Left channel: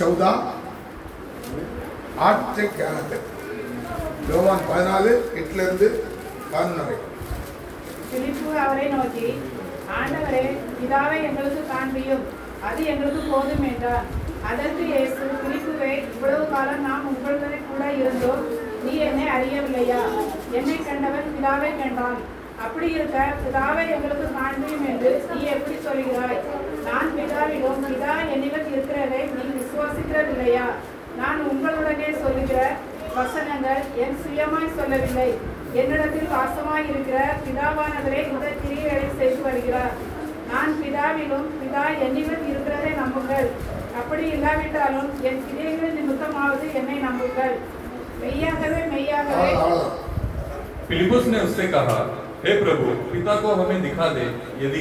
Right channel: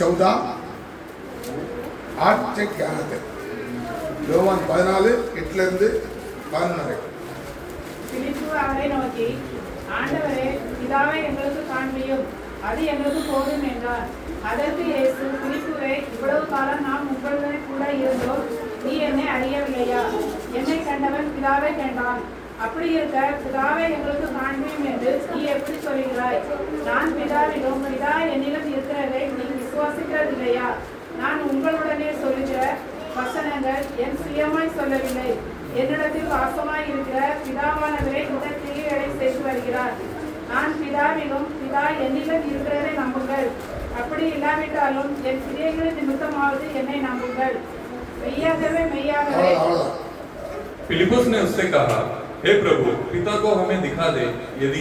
14 8 से 11 तक யோவான் 14 8 இருந்து 11 வரை. பிலிப்பு அவரை நோக்கி, ஆண்டவரே, பிதாவை எங்களுக்கு காண்பியும், அது எங்களுக்கு போதும் என்றார். அதற்கு இயேசு, பிலிப்புவே, இவ்வளவு காலம் நாம் உங்களுடனே கூட இருந்தோம், நீ என்னை அறியவில்லையா? என்னை கண்டவன் பிதாவை கண்டான். அப்படி இருக்க பிதாவை எங்களுக்கு காண்பியும் என்று நீ எப்படி சொல்கிறாய்? நான் பிதாவிலும் பிதா என்னிடம் இருக்கிறதை நீ விசுவாசிக்கிறதில்லையா? நான் உங்களுடனே சொல்லுகிற வசனங்கள் என் சுயமாய் சொல்லவில்லை, என்னிடத்தில் வாசமாய் இருக்கிற பிதாவானவரே இந்த கிரியைகளை செய்து வருகிறார். நான் பிதாவிலும் பிதா என்னிடம் இருக்கிறதை நம்புங்கள். அப்படி இல்லாவிட்டாலும் என் கிரியைகளின் நிமித்தமாவது என்னை நம்புங்கள். மெய்யாகவே மெய்யாகவே. फिलिपुस ने उससे कहा, हे प्रभु, पिता को हमें दिखा दे, यदि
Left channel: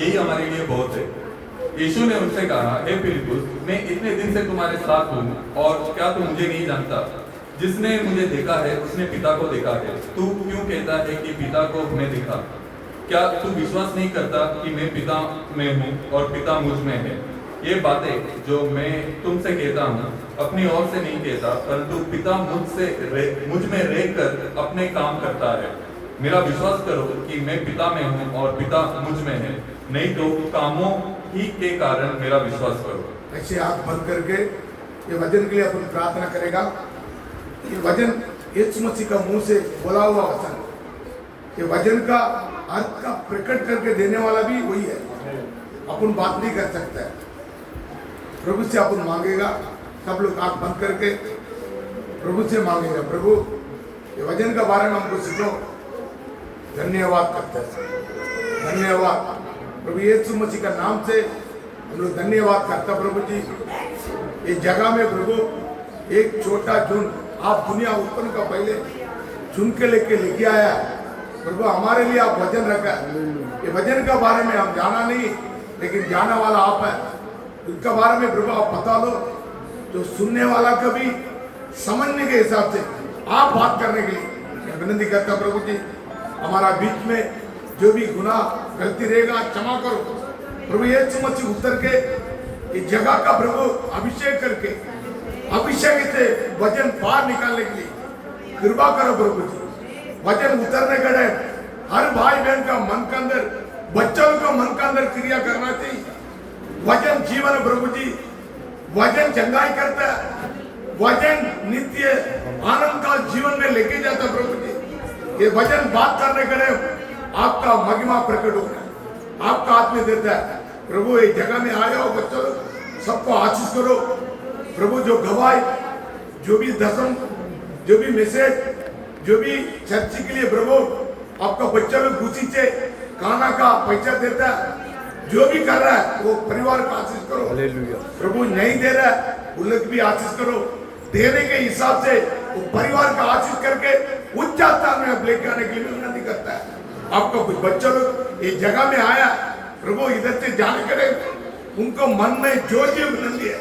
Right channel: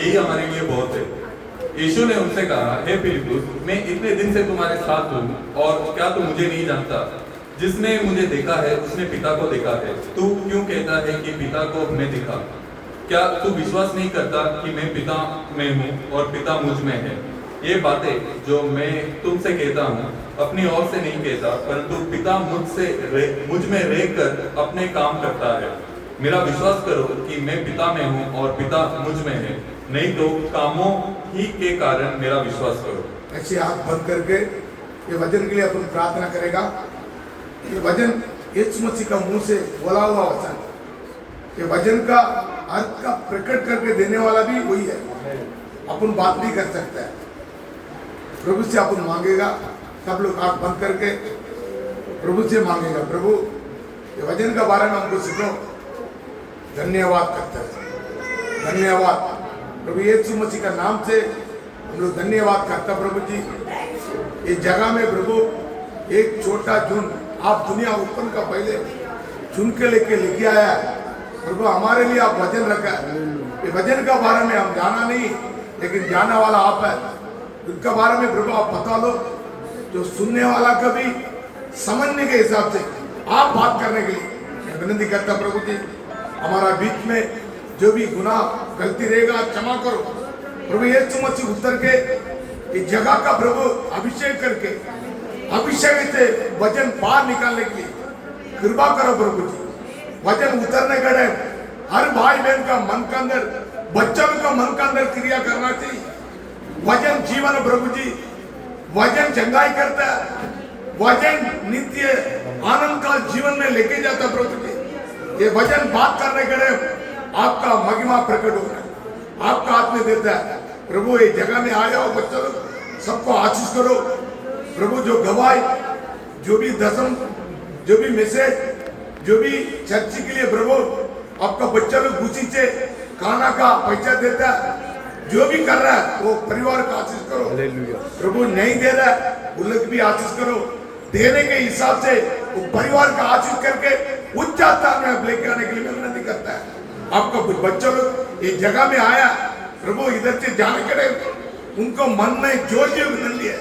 यही हमारे लिए बहुत है। यीशु ने उनसे कहा, हे फिलिपुस, मैं इतने दिन से तुम्हारे साथ हूँ और क्या तू मुझे नहीं जानता? जिसने मुझे देखा है उसने पिता को देखा है। तू क्यों कहता है कि पिता को हमें दिखा? क्या तू विश्वास नहीं करता कि मैं पिता में हूँ और पिता मुझ में है? ये बातें जो मैं तुमसे कहता हूँ अपनी ओर से नहीं कहता, परंतु पिता मुझ में रहकर अपने काम करता है। मेरा विश्वास करो कि मैं पिता में हूँ और पिता मुझ में है, नहीं तो कामों ही के कारण मेरा विश्वास करो। ऐसे आंख बंद करके ये वचन के लिए अपन प्रार्थना करेगा। ये वचन यीशु मसीह का मुंह से बोला हुआ वचन, ये वचन का अर्थ का प्रकट करके देने वाला भी वही है। अपन बात नहीं कर सकते हैं, प्रभु से अपन मांगेगा। सब लोग आंख बंद करके प्रभु से मांगेगा, प्रभु ये वचन का बारे में हमको सिखो। धन्यवाद करते हैं, धन्यवाद प्रभु यीशु मसीह का नाम से हम लोग धन्यवाद करता। प्रभु जी, ये जगह में प्रभु एक छोटा झुंड आप दुनिया उत्पन्न का पहले चुन के लेके आया है। प्रभु हमारे लिए आप वचन रखा है। ये वचन का बारे में हम जाना नहीं, लेकिन जाना वाला आप है। उनका बारे में प्रभु आप बता लो, जो सुनने वाला का भी समझने के हिसाब से आप बात करने के लिए मैं विनती करता। प्रभु जी, हमारा बीच में जो भी गुनाह गलती रहेगा क्षमा करो। प्रभु यीशु मसीह उतर के इस जगह का प्रभु अभिषेक करके अभिषेक से वचन बाहर निकालने के लिए कृपा करो। प्रभु जी, वचन उतरने का टाइम हर भाई बहन का मन का अंदर, बच्चों का मन का अंदर क्रिया करना चाहिए। वचन जीवन है प्रभु जी, वचन चंगाई करता है, वचन नित्य आनंद का जीवन में लेके जाता है। प्रभु जी, ये वचन बात करने का टाइम आपका महिमा प्रकट होना है, आपका आत्मा देता है। प्रभु ये जगह में आए हो बच्चों लोग सबको आशीष करो। प्रभु जो गवाही, जो भी दसम, जो भी मैसेज, जो भी चर्च के लिए प्रभु आपका बच्चा लोग खुशी से खाना का पैसा देता है, जो भी कर रहा है वो परिवार का आशीष करो। प्रभु नहीं दे रहा है उन लोग भी आशीष करो। देने के हिसाब से वो परिवार का आशीष करके उच्च स्थान में लेके आने के लिए मैं विनती करता है। आपका कुछ बच्चा लोग इस जगह में आया, प्रभु इधर से जाने के लिए उनको मन में जो विनती है,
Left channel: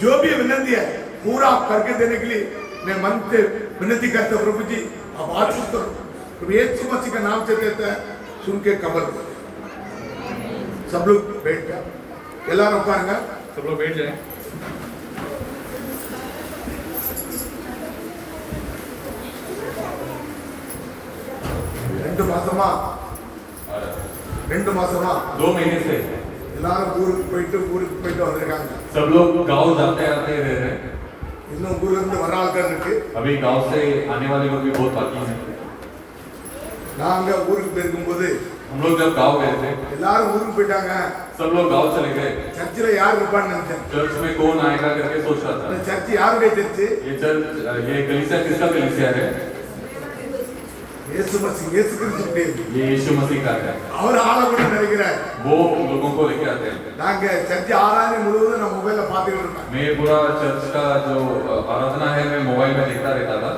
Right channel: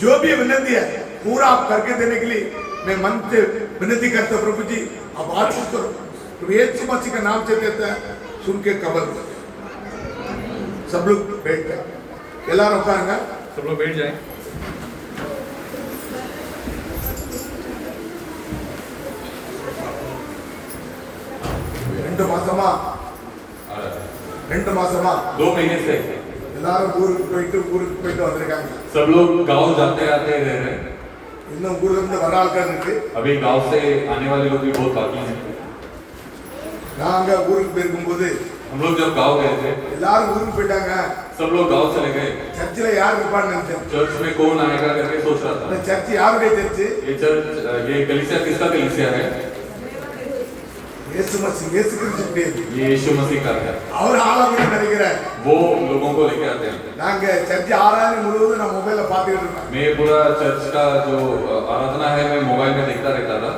जो भी विनती है पूरा आप करके देने के लिए मैं मन से विनती करता हूँ। प्रभु जी आप आशीष करो। प्रभु यीशु मसीह का नाम से देता है, सुन के कबल करो। सब लोग बैठ जाओ, எல்லாரும் உட்காருங்க, सब लोग बैठ जाएं। ரெண்டு மாசமா 2 महीने से எல்லாரும் ஊருக்கு போயிட்டு வந்திருக்காங்க। सब लोग गांव जाते आते रह रहे हैं। இன்னும் ஊர்ல இருந்து வர ஆட்கள் இருக்கு। अभी गांव से आने वाले लोग भी बहुत बाकी हैं। நாங்க ஊருக்கு போயிருக்கும்போது हम लोग जब गांव गए थे எல்லாரும் ஊருக்கு போயிட்டாங்க। सब लोग गांव चले गए। சர்ச்சில் யார் இருப்பான்னு நினைச்சேன்। चर्च में कौन आएगा करके सोच रहा था। சர்ச் யாருடைய சர்ச்? ये चर्च, ये कलीसिया किसका कलीसिया है? இயேசு மसीह, இயேசு கிறிஸ்துவுடையது। ये यीशु मसीह का है। அவர் ஆளை கூட நினைக்கிறார்। वो लोगों को लेके आते हैं। நாங்க சர்ச் ஆராதனை முழுவதும் நான் மொபைல்ல பார்த்துக்கிட்டு இருப்பேன்। मैं पूरा चर्च का जो आराधना है मैं मोबाइल में देखता रहता था।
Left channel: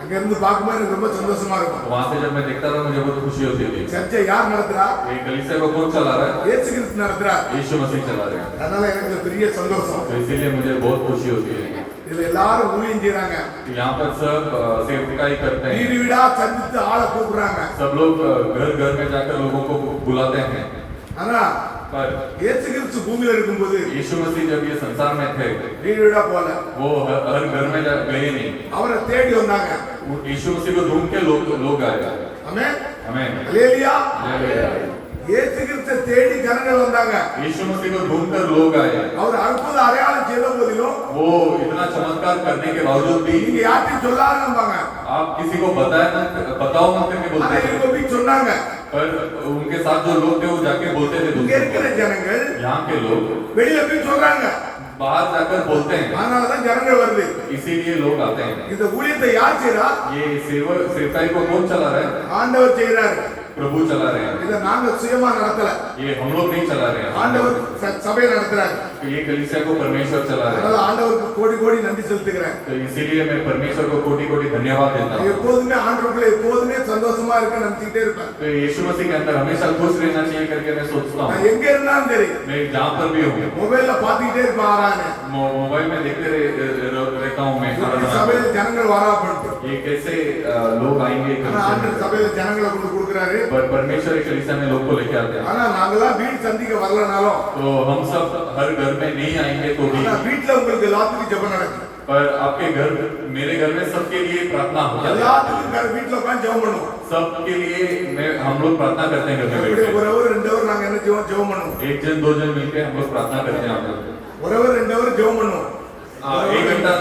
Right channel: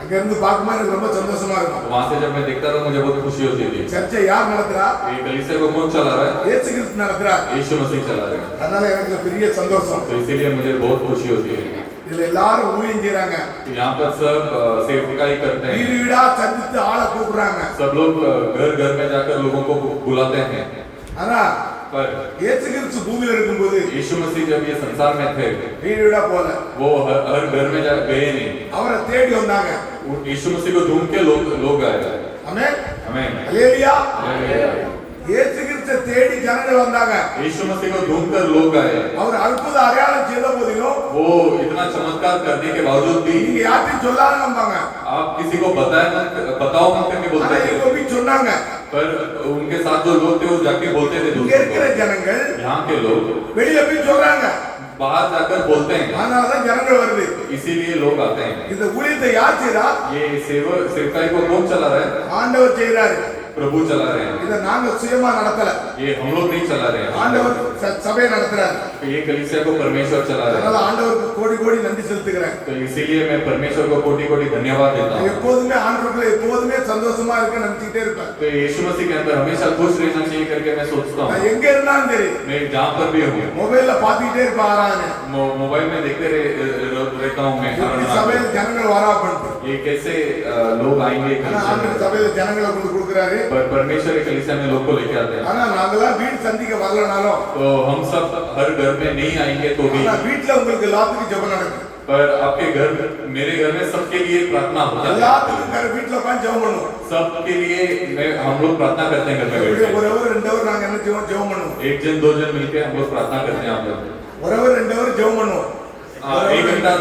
அங்க இருந்து பார்க்கும்போது எனக்கு ரொம்ப சந்தோஷமா இருக்கும்। वहाँ से जब मैं देखता था मुझे बहुत खुशी होती थी। சர்ச்சை யார் நடத்துறா? ये कलीसिया को कौन चला रहा है? இயேசு கிறிஸ்து நடத்துறா। यीशु मसीह चला रहे हैं। அதனால எனக்கு பெரிய சந்தோஷம்। तो इसीलिए मुझे बहुत खुशी होती है। இதுல எல்லாரும் ஊழியம் செய்றாங்க। यहाँ पर सब सेवकाई करते हैं। வீடு வீடா சந்தித்து ஆளை கூப்பிடுறாங்க। सब लोग घर घर में जाकर लोगों को बुलाते हैं। ஆனா पर இயேசு கிறிஸ்து பூமியில இருக்கும்போது यीशु मसीह जब ये संसार में थे வீடு வீடா போல वो हर घर में गए नहीं। அவரை தேடி வந்தாங்க यीशु मसीह को ढूंढ के लोग आए। ஆமென் आमीन। அல்லேலூயா हालेलुया। இயேசு கிறிஸ்து தேடி ஜனங்கள் வந்தாங்க यीशु मसीह को ढूंढकर लोग आए। அவர் அற்புத அடையாளம் செய்த போதிலும் वो इतना चमत्कार करने के बावजूद भी நீங்க யார்ட்டையும் சொல்லாத நம்பாங்க आप किसी को बताओ मत करके ஆனா बोलते थे। இவங்க போய் சொன்னாங்க पर उनके साथ जो लोग थे वो जाके बोलते थे இங்க दूसरों இருக்கிற को। ஜனங்கள் यहाँ के लोग வெளியில போய் சொல்றாங்க बाहर जाकर बोलते हैं, அதனாலதான் ஜனங்கள் வருது इसीलिए लोग आते हैं। இந்த ஊழியத்தை யார் செய்றா ये सेवकाई को कौन चला रहा है? ஆண்டவர் செய்றாரு प्रभु चला रहे हैं। இத நாங்க சுயமா நடத்தல ये हम लोग नहीं चला रहे हैं। ஆண்டவர் சபையை நடத்துறாரு ये कलीसिया को परमेश्वर चला रहे அதனால हैं। ஆண்டவருக்கு கோடி கோடி நன்றி செலுத்துகிறேன் तो इसीलिए मैं परमेश्वर को कोटि कोटि धन्यवाद देता हूँ। எப்போதுமே ஆண்டவருக்குள்ள எப்போதுமே சந்தோஷமா இருக்கு நினைச்சிட்டே இருப்பேன் तो यीशु मसीह के अंदर हमेशा खुश रहना चाहिए करके मैं सोचता நான் हूँ। எங்க இருந்தாலும் சரி मैं जहाँ पर भी हूँ மொபைல்ல பாத்துக்கிட்டே இருப்பேன் ஆராதனை मोबाइल में देखते रहता हूँ मैं। எப்படி சபையில ஜனங்கள் வரா பண்ணிட்டு ये कैसे लोग आएंगे ஆனா कलीसिया ஆண்டவர் में। சபையில ஜனங்களை கொண்டு கொடுக்குறாரு परमेश्वर के कलीसिया में लोग को लेके आते हैं। ஆனா நாங்கெல்லாம் வீடு சந்திக்க வரலனாலும் तो हम सब हर घर में नहीं आएंगे तो भी, ஆனா வீட்டுல உங்களுக்கு எல்லாத்துக்கும் ஜெபம் நடக்கும் पर आपके घर मेरे घर में सबके लिए प्रार्थना हो जाती है। எல்லாத்துக்கும் வீட்டுல உட்காந்து ஜெபம் பண்ணுவோம் सबके लिए हम लोग प्रार्थना करते हैं घर में எப்படி बैठ ஒரு அவர் 2 அவர் नाங்க என்ன ஜெபம் பண்ணுவோம் के। एक जन दो जन मिलकर हम लोग प्रार्थना करते हैं। हम लोग ஒரு அவர் 2 அவர் ஜெபம் பண்ணுவோம் एक घंटा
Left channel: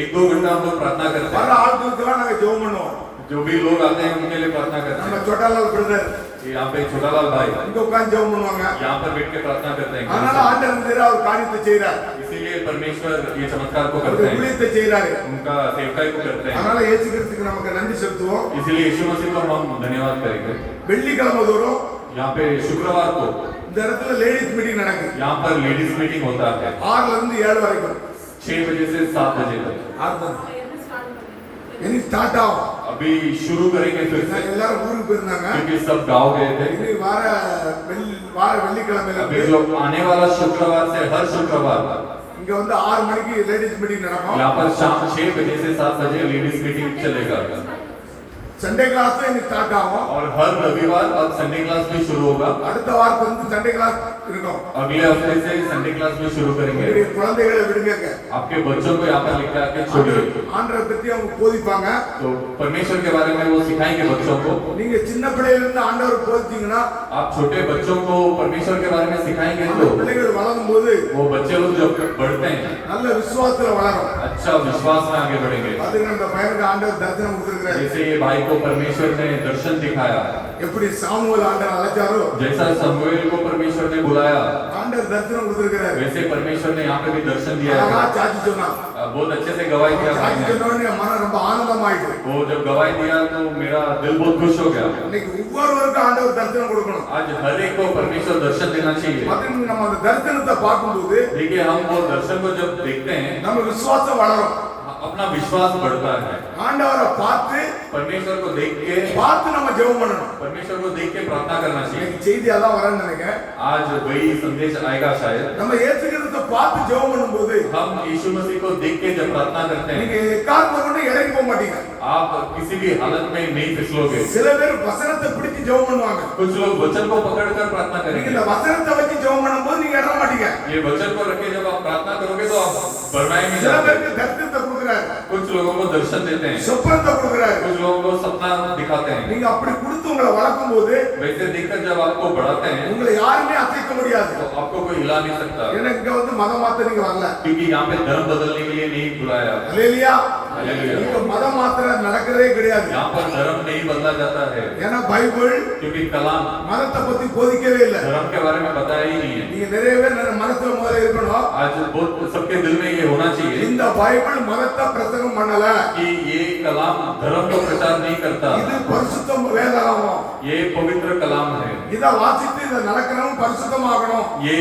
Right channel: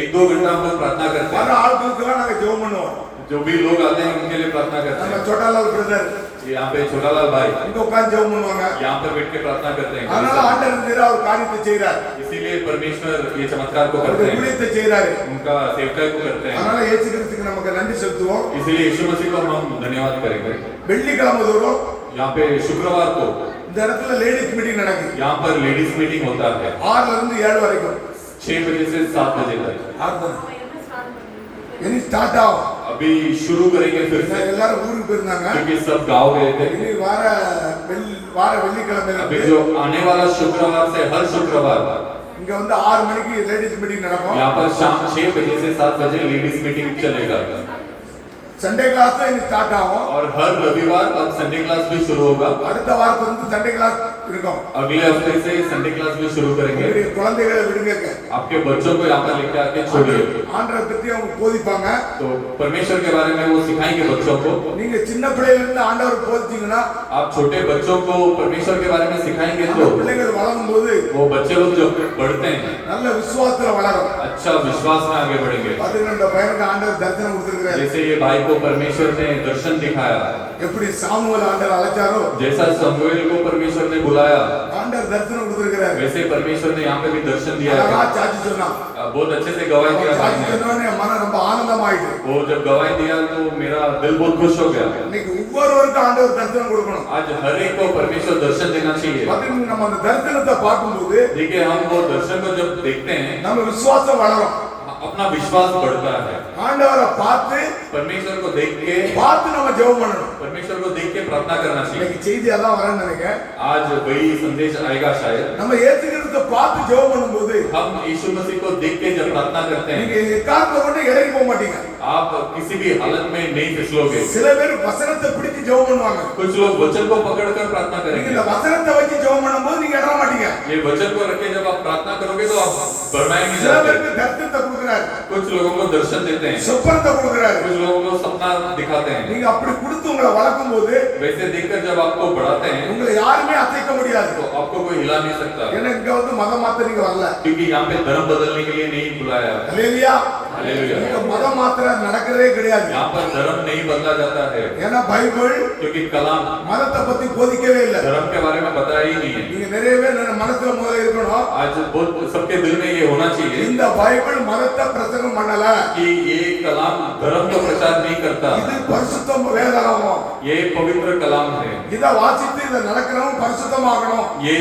एक दो घंटा हम लोग प्रार्थना करते வர हैं। ஆட்களுக்கெல்லாம் நாங்க ஜெபம் பண்ணுவோம் जो भी लोग आते हैं उनके लिए प्रार्थना करते நம்ம हैं। छोटालाल பிரதர் यहाँ पे छोटा लाल भाई இங்க உட்காந்து ஜெபம் பண்ணுவாங்க यहाँ पर बैठ के प्रार्थना करते அதனால हैं। ஆண்டவர் செய்ற அவர் காரியத்தை செய்றார் इसीलिए परमेश्वर ये चमत्कार को அவருடைய करते हैं, ஊழியத்தை செய்றாரு उनका सेवकाई को करते हैं। அதனால இயேசு கிறிஸ்துக்கு நமக்கு நன்றி செலுத்துவோம் इसीलिए यीशु मसीह को हम धन्यवाद करेंगे। வெள்ளிக்கிழமை தோறும் यहाँ पे शुक्रवार को இந்த இடத்துல லேடிஸ் மீட்டிங் நடக்குது यहाँ पर लेडीज मीटिंग होता है 6 ல இருந்து 7 வரைக்கும் 6 बजे से 7 बजे तक। இனி ஸ்டார்ட் ஆகும் अभी शुरू करेंगे फिर से, எல்லாரும் ஊருக்கு போயிருந்தாங்க क्योंकि सब गाँव गए थे। இனி வார வெள்ளிக்கிழமையில अभी இருந்து जो आने वाला शुक्रवार से हर शुक्रवार இங்க வந்து 6 மணிக்கு லேடிஸ் மீட்டிங் நடக்கும் यहाँ पर शाम 6 बजे से 7 बजे लेडीज मीटिंग चलेगा। சண்டே கிளாஸ் இனி ஸ்டார்ட் ஆகும் और हर रविवार अब संडे क्लास भी शुरू होगा। அடுத்த வாரத்துல இருந்து சண்டே கிளாஸ் இருக்கும் अगले हफ्ते से संडे क्लास भी शुरू करेंगे। உங்களுடைய குழந்தைகளை விடுங்க आपके बच्चों को यहाँ पर लेकर आके छोड़िए। ஆண்டவரை பத்தி அவங்க போதிப்பாங்க तो परमेश्वर के बारे में वो सिखाएंगे बच्चों को। நீங்க சின்ன பிள்ளையில இருந்து ஆண்டவர் போதிச்சீங்கன்னா आप छोटे बच्चों को परमेश्वर के बारे में सिखाएंगे அந்த तो பிள்ளைகள் வளரும் போது वो बच्चे लोग जब बढ़ते हैं நல்ல விசுவாசத்துல வளரும் अच्छा विश्वास में आगे बढ़ेंगे। அதுக்கு அந்த பையனுக்கு ஆண்டவர் தரிசனம் கொடுத்திருக்கிறார் जैसे ये भाई को परमेश्वर ने दर्शन दिखाया, எப்படி சாமுவேல் ஆண்டவர் அழைச்சாரோ जैसा समूएल को परमेश्वर ने बुलाया, ஆண்டவர் தரிசனம் கொடுத்திருக்கிறார் वैसे परमेश्वर ने यहाँ पे भी दर्शन दिया அழகா है। சாட்சி சொன்னான் बहुत अच्छे से गवाही दिया भाई சாட்சி ने। சொன்னோடனே மனம் ரொம்ப ஆனந்தமாயிட்டு वो जब गवाही दिया तो मेरा दिल बहुत खुश हो गया। இன்னைக்கு ஒவ்வொருவருக்கும் ஆண்டவர் தரிசனம் கொடுக்கணும் आज हर एक को परमेश्वर दर्शन देना चाहिए। மற்றும் நம்ம அந்த தரிசனத்தை பார்க்கும்போது देखिए हम वो दर्शन को जब देखते हैं நம்ம விசுவாசம் வளரும் अपना विश्वास बढ़ता है। ஆண்டவரை பார்த்து परमेश्वर को देख के நம்ம ஜெபம் பண்ணணும் परमेश्वर को देख के प्रार्थना करना चाहिए। இன்னைக்கு செய்தி அதான் வரேன்னு நினைக்கிறேன் आज वही संदेश आएगा शायद। நம்ம இயேசு கிறிஸ்துவை பார்த்து ஜெபம் பண்ணும்போது हम यीशु मसीह को देख के जब प्रार्थना करते நீங்க हैं எக்காரணத்தை கொண்டு இறங்கி போக மாட்டீங்க आप किसी भी हालत में नहीं फिसलोगे। சில பேர் வசனத்தை பிடிச்சு ஜெபம் பண்ணுவாங்க कुछ लोग वचन को पकड़कर प्रार्थना நீங்க करेंगे। இந்த வசனத்தை வச்சு ஜெபம் பண்ணும்போது நீங்க இடற மாட்டீங்க ये वचन को रख के जब आप प्रार्थना करोगे तो आप भरमाएंगे சில जाते। பேருக்கு தரிசனத்தை கொடுக்குறாரு कुछ लोगों को दर्शन देते हैं, சொப்பனத்தை கொடுக்குறாரு कुछ लोगों को सपना दिखाते हैं। நீங்க அப்படி கொடுத்து உங்களை வளர்க்கும் போது वैसे देखकर जब आपको बढ़ाते हैं உங்களை யாருமே அசைக்க முடியாது तो आपको कोई हिला नहीं सकता, ஏன்னா இங்க வந்து மதம் மாத்த நீங்க வரல क्योंकि यहाँ पे धर्म बदलने के लिए नहीं बुलाया। அல்லேலூயா हालेलुया। இங்க மதம் மாத்திர நடக்கிறதே கிடையாது यहाँ पर धर्म नहीं बदला जाता है, ஏன்னா பைபிள் क्योंकि कलाम மதத்தை பத்தி போதிக்கவே இல்லை धर्म के बारे में बताया ही नहीं है। நீங்க நிறைய பேர் மனசுல முதல்ல இருக்கணும் आज बहुत सबके दिल में ये होना चाहिए இந்த பைபிள் மதத்தை பிரசங்கம் பண்ணல कि ये कलाम धर्म का प्रचार नहीं करता, இது பரிசுத்த வேதாகமம் ये पवित्र कलाम है। இத வாசித்து இத நடக்கணும் பரிசுத்தமாகணும் ये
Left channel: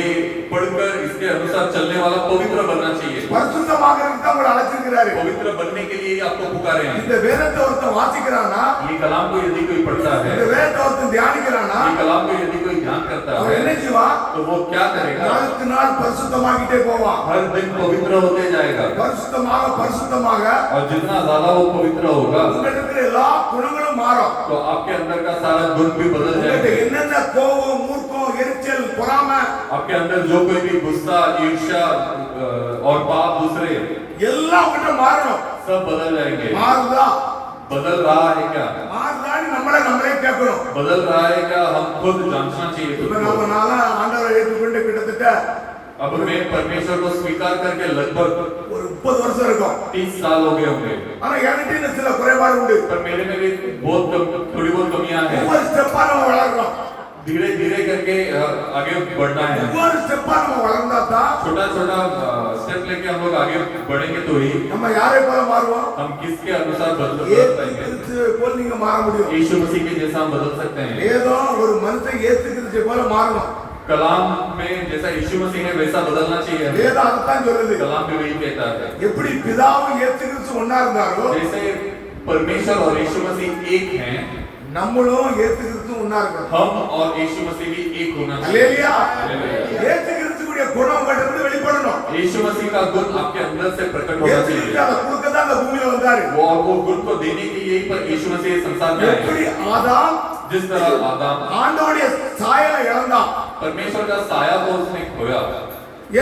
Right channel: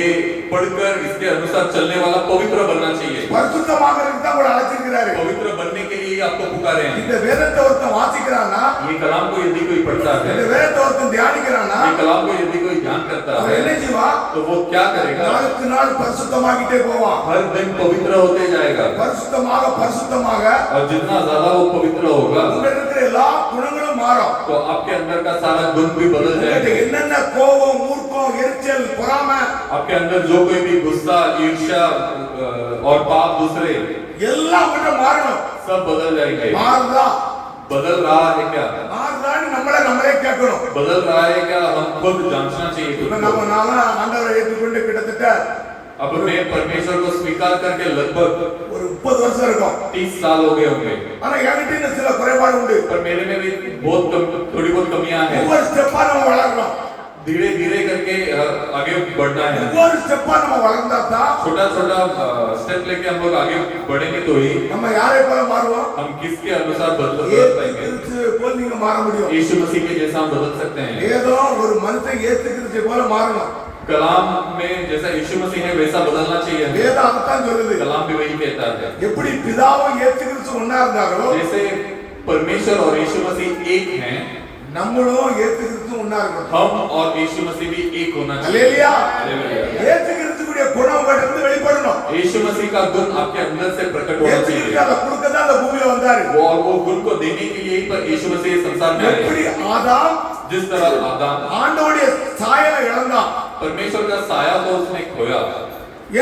पढ़कर इसके अनुसार चलने वाला पवित्र बनना चाहिए। பரிசுத்தமாகறதுக்கு தான் உங்களை அழைச்சிருக்கிறாரு पवित्र बनने के लिए आपको पुकारे हैं। இந்த வேதத்தை ஒருத்தன் வாசிக்கிறானா ये कलाम को यदि कोई पढ़ता है, இந்த வேதத்தை ஒருத்தன் தியானிக்கிறானா ये कलाम को यदि कोई ध्यान करता அவன் है என்ன செய்வான் तो वो क्या करेगा? நாளுக்கு நாள் பரிசுத்தமாகிட்டே போவான் हर दिन पवित्र होते जाएगा, பரிசுத்தமாக और जितना ज्यादा वो पवित्र होगा உங்க இருக்கிற எல்லா குணங்களும் மாறும் तो आपके अंदर का सारा गुण भी बदल உங்கள்ட்ட जाएगा। என்னென்ன கோபம் மூர்க்கம் எரிச்சல் எரிச்சல் பொறாமை आपके अंदर जो कोई भी गुस्सा ईर्ष्या और पाप दूसरे எல்லாம் கிட்ட மாறணும். सब बदल जाएंगे। மாறுதா बदल रहा है क्या? மாறுதான்னு நம்மளே கேட்கணும். बदल रहा है क्या? हम खुद जांचना चाहिए खुद இப்ப को। நம்ம நாளா ஆண்டவரை ஏற்றுக்கொண்டு கிட்டத்தட்ட अब मैं परमेश्वर को स्वीकार करके लगभग ஒரு 30 வருஷம் இருக்கும். 30 साल हो गए होंगे, ஆனா என்கிட்ட சில குறைபாடு உண்டு. पर मेरे में भी थोड़ी बहुत कमियां हैं। ஒவ்வொரு ஸ்டெப்பா நம்ம வளர்றோம். धीरे धीरे करके आगे बढ़ना है। ஒவ்வொரு ஸ்டெப்பா நம்ம வளர்ந்தா தான் छोटा छोटा स्टेप लेके हम लोग आगे बढ़ेंगे तो ही நம்ம யாரை போல மாறுவோம்? हम किसके अनुसार बदल ஏத்து पाएंगे? கிறிஸ்து போல நீங்க மாற முடியும். यीशु मसीह के जैसा हम बदल सकते हैं। ஏதோ ஒரு மனுஷன் ஏத்து கிறிஸ்து போல மாறணும். कलाम में जैसा यीशु मसीह है वैसा बदलना चाहिए। வேதம் அதைத்தான் சொல்லுது. कलाम भी वही कहता है। எப்படி பிதாவும் ஏத்து கிறிஸ்து ஒண்ணா இருந்தாரோ जैसे परमेश्वर और यीशु मसीह एक हैं, நம்மளும் ஏத்து கிறிஸ்து ஒண்ணா இருக்கணும். हम और यीशु मसीह भी एक होना चाहिए। அல்லேலூயா. हालेलुया। ஏத்து கிறிஸ்துவுடைய குணம் கிட்ட வெளிப்படணும். यीशु मसीह का गुण आपके अंदर से प्रकट होना ஏத்து கிறிஸ்து चाहिए। அதை கொடுக்க தான் அந்த பூமியில வந்தாரு. वो गुण को देने के लिए ही पर यीशु मसीह संसार में எப்படி आए। ஆதாம் जिस तरह आदम ஆண்டவருடைய சாயலை இழந்தான். परमेश्वर का साया को उसने खोया।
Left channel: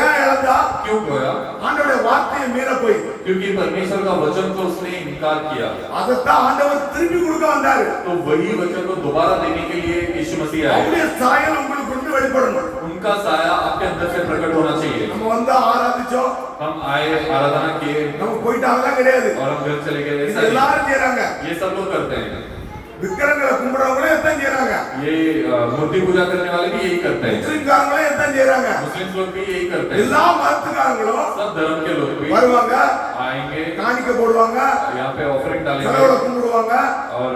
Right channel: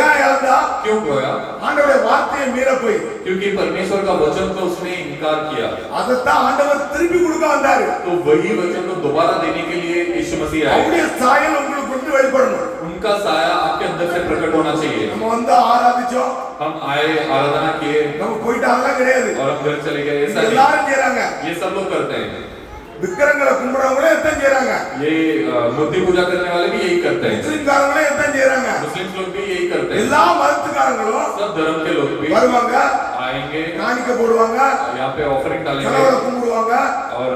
ஏன் இழந்தா? क्यों खोया? ஆண்டவருடைய வார்த்தையை மீற போய். क्योंकि परमेश्वर का वचन को उसने इनकार किया। அதைத்தான் ஆண்டவர் திருப்பி கொடுக்க வந்தாரு. तो वही वचन को दोबारा देने के लिए यीशु मसीह आए। அவருடைய சாயல் உங்களுக்கு கொண்டு வெளிப்படணும். उनका साया आपके अंदर से प्रकट होना चाहिए। நம்ம வந்து ஆராதிச்சோம், हम आए, आराधना किए நம்ம போயிட்டு அதெல்லாம் கிடையாது. और हम घर चले गए, இது ऐसा नहीं। எல்லாரும் செய்றாங்க. ये सब लोग करते हैं। விக்கிரங்களை கும்பிடுறவங்களே எத்தான் செய்றாங்க. ये मूर्ति पूजा करने वाले भी यही करते हैं। முஸ்லிம்காரங்களே எத்தான் செய்றாங்க. मुस्लिम लोग भी यही करते हैं। எல்லா மதத்துக்காரங்களும் सब धर्म के लोग भी வருவாங்க, आएंगे, காணிக்கை போடுவாங்க, यहाँ पे ऑफरिंग डालेंगे கடவுளை கும்பிடுவாங்க, और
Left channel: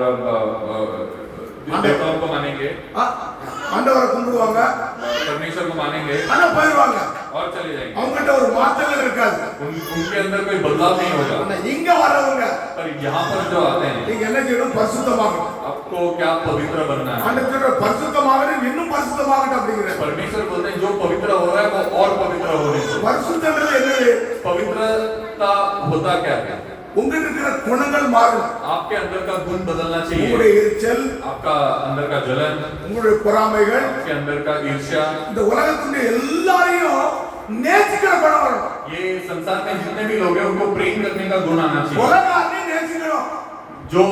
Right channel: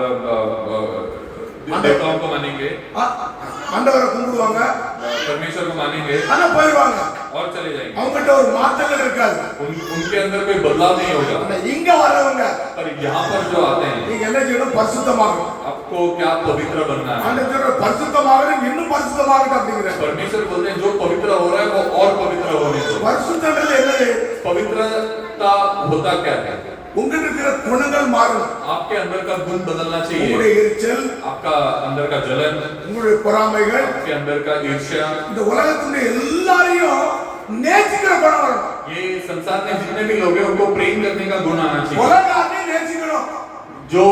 देवताओं को मानेंगे, ஆண்டவரை கும்பிடுவாங்க, परमेश्वर को मानेंगे ஆனா போயிடுவாங்க. और चले जाएंगे। அவங்ககிட்ட ஒரு மாற்றங்கள் இருக்காது. उनके अंदर कोई बदलाव नहीं होगा। ஆனா இங்க வரவங்க पर यहाँ पर जो आते हैं, நீங்க என்ன செய்யணும்? பரிசுத்தமாகணும். आपको क्या पवित्र बनना है। ஆண்டவர் பரிசுத்தமாகணும், இன்னும் பரிசுத்தமாகணும் அப்படிங்கிறார். परमेश्वर बोलते हैं जो पवित्र हो रहा है वो और पवित्र होने दो। பரிசுத்தன்றது என்னது? पवित्रता होता क्या है? உங்களுக்கு இருக்கிற குணங்கள் மாறணும். आपके अंदर का गुण बदलना चाहिए। உங்களுடைய எரிச்சல், आपका अंदर का जलन, உங்களுடைய பொறாமைகள், आपके अंदर का ईर्ष्या, இந்த உலகத்துடைய எல்லாரையும் நேசிக்கிற குணம் வரணும். ये संसार में जितने भी लोग हैं उनको प्रेम करने का गुण आना चाहिए। உலகாரையும் நேசிக்கணும். जो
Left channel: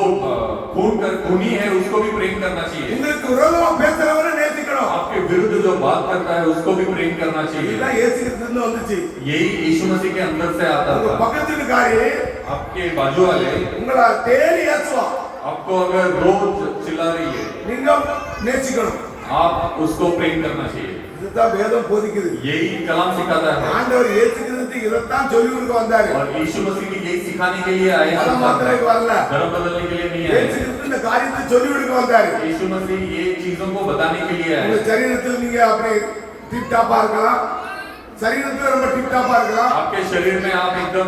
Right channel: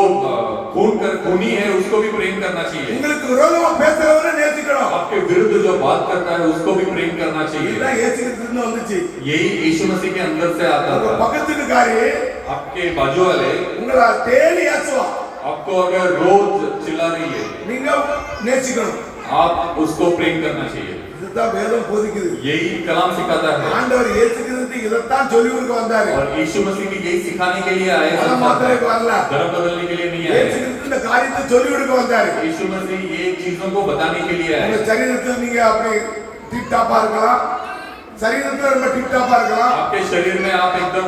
खूनी है उसको भी प्रेम करना चाहिए। உங்களுக்கு விரோதமா பேசுறவரை நேசிக்கணும். आपके विरुद्ध जो बात करता है उसको भी प्रेम करना चाहिए। இதுதான் இயேசுகிறிஸ்துல வந்துச்சு. यही यीशु मसीह के अंदर से आता உங்க था। பக்கத்துக்காரி आपके बाजू वाले உங்களை தேடி ஏசுவா. आपको अगर रोज चिल्ला रही है, நீங்க நேசிக்கணும். आप उसको प्रेम करना चाहिए। இதுதான் வேதம் போதிக்குது. यही कलाम सिखाता है। ஆண்டவர் இயேசுகிறிஸ்து இதைத்தான் சொல்லி கொடுக்க வந்தாரு. और यीशु मसीह भी यही सिखाने के लिए आए। மதம் மாத்திரக்கு வரல. धर्म बदलने के लिए नहीं आए। இயேசுகிறிஸ்து இந்த காரியத்தை சொல்லி கொடுக்க வந்தாரு. यीशु मसीह ये चीजों को बताने के लिए உங்க आए। சரீரத்தில் நீங்க அப்படி டிப் டாப்பா இருக்கலாம், சரீரத்துல ரொம்ப டிப் டாப்பா இருக்கலாம், आपके शरीर में आप एकदम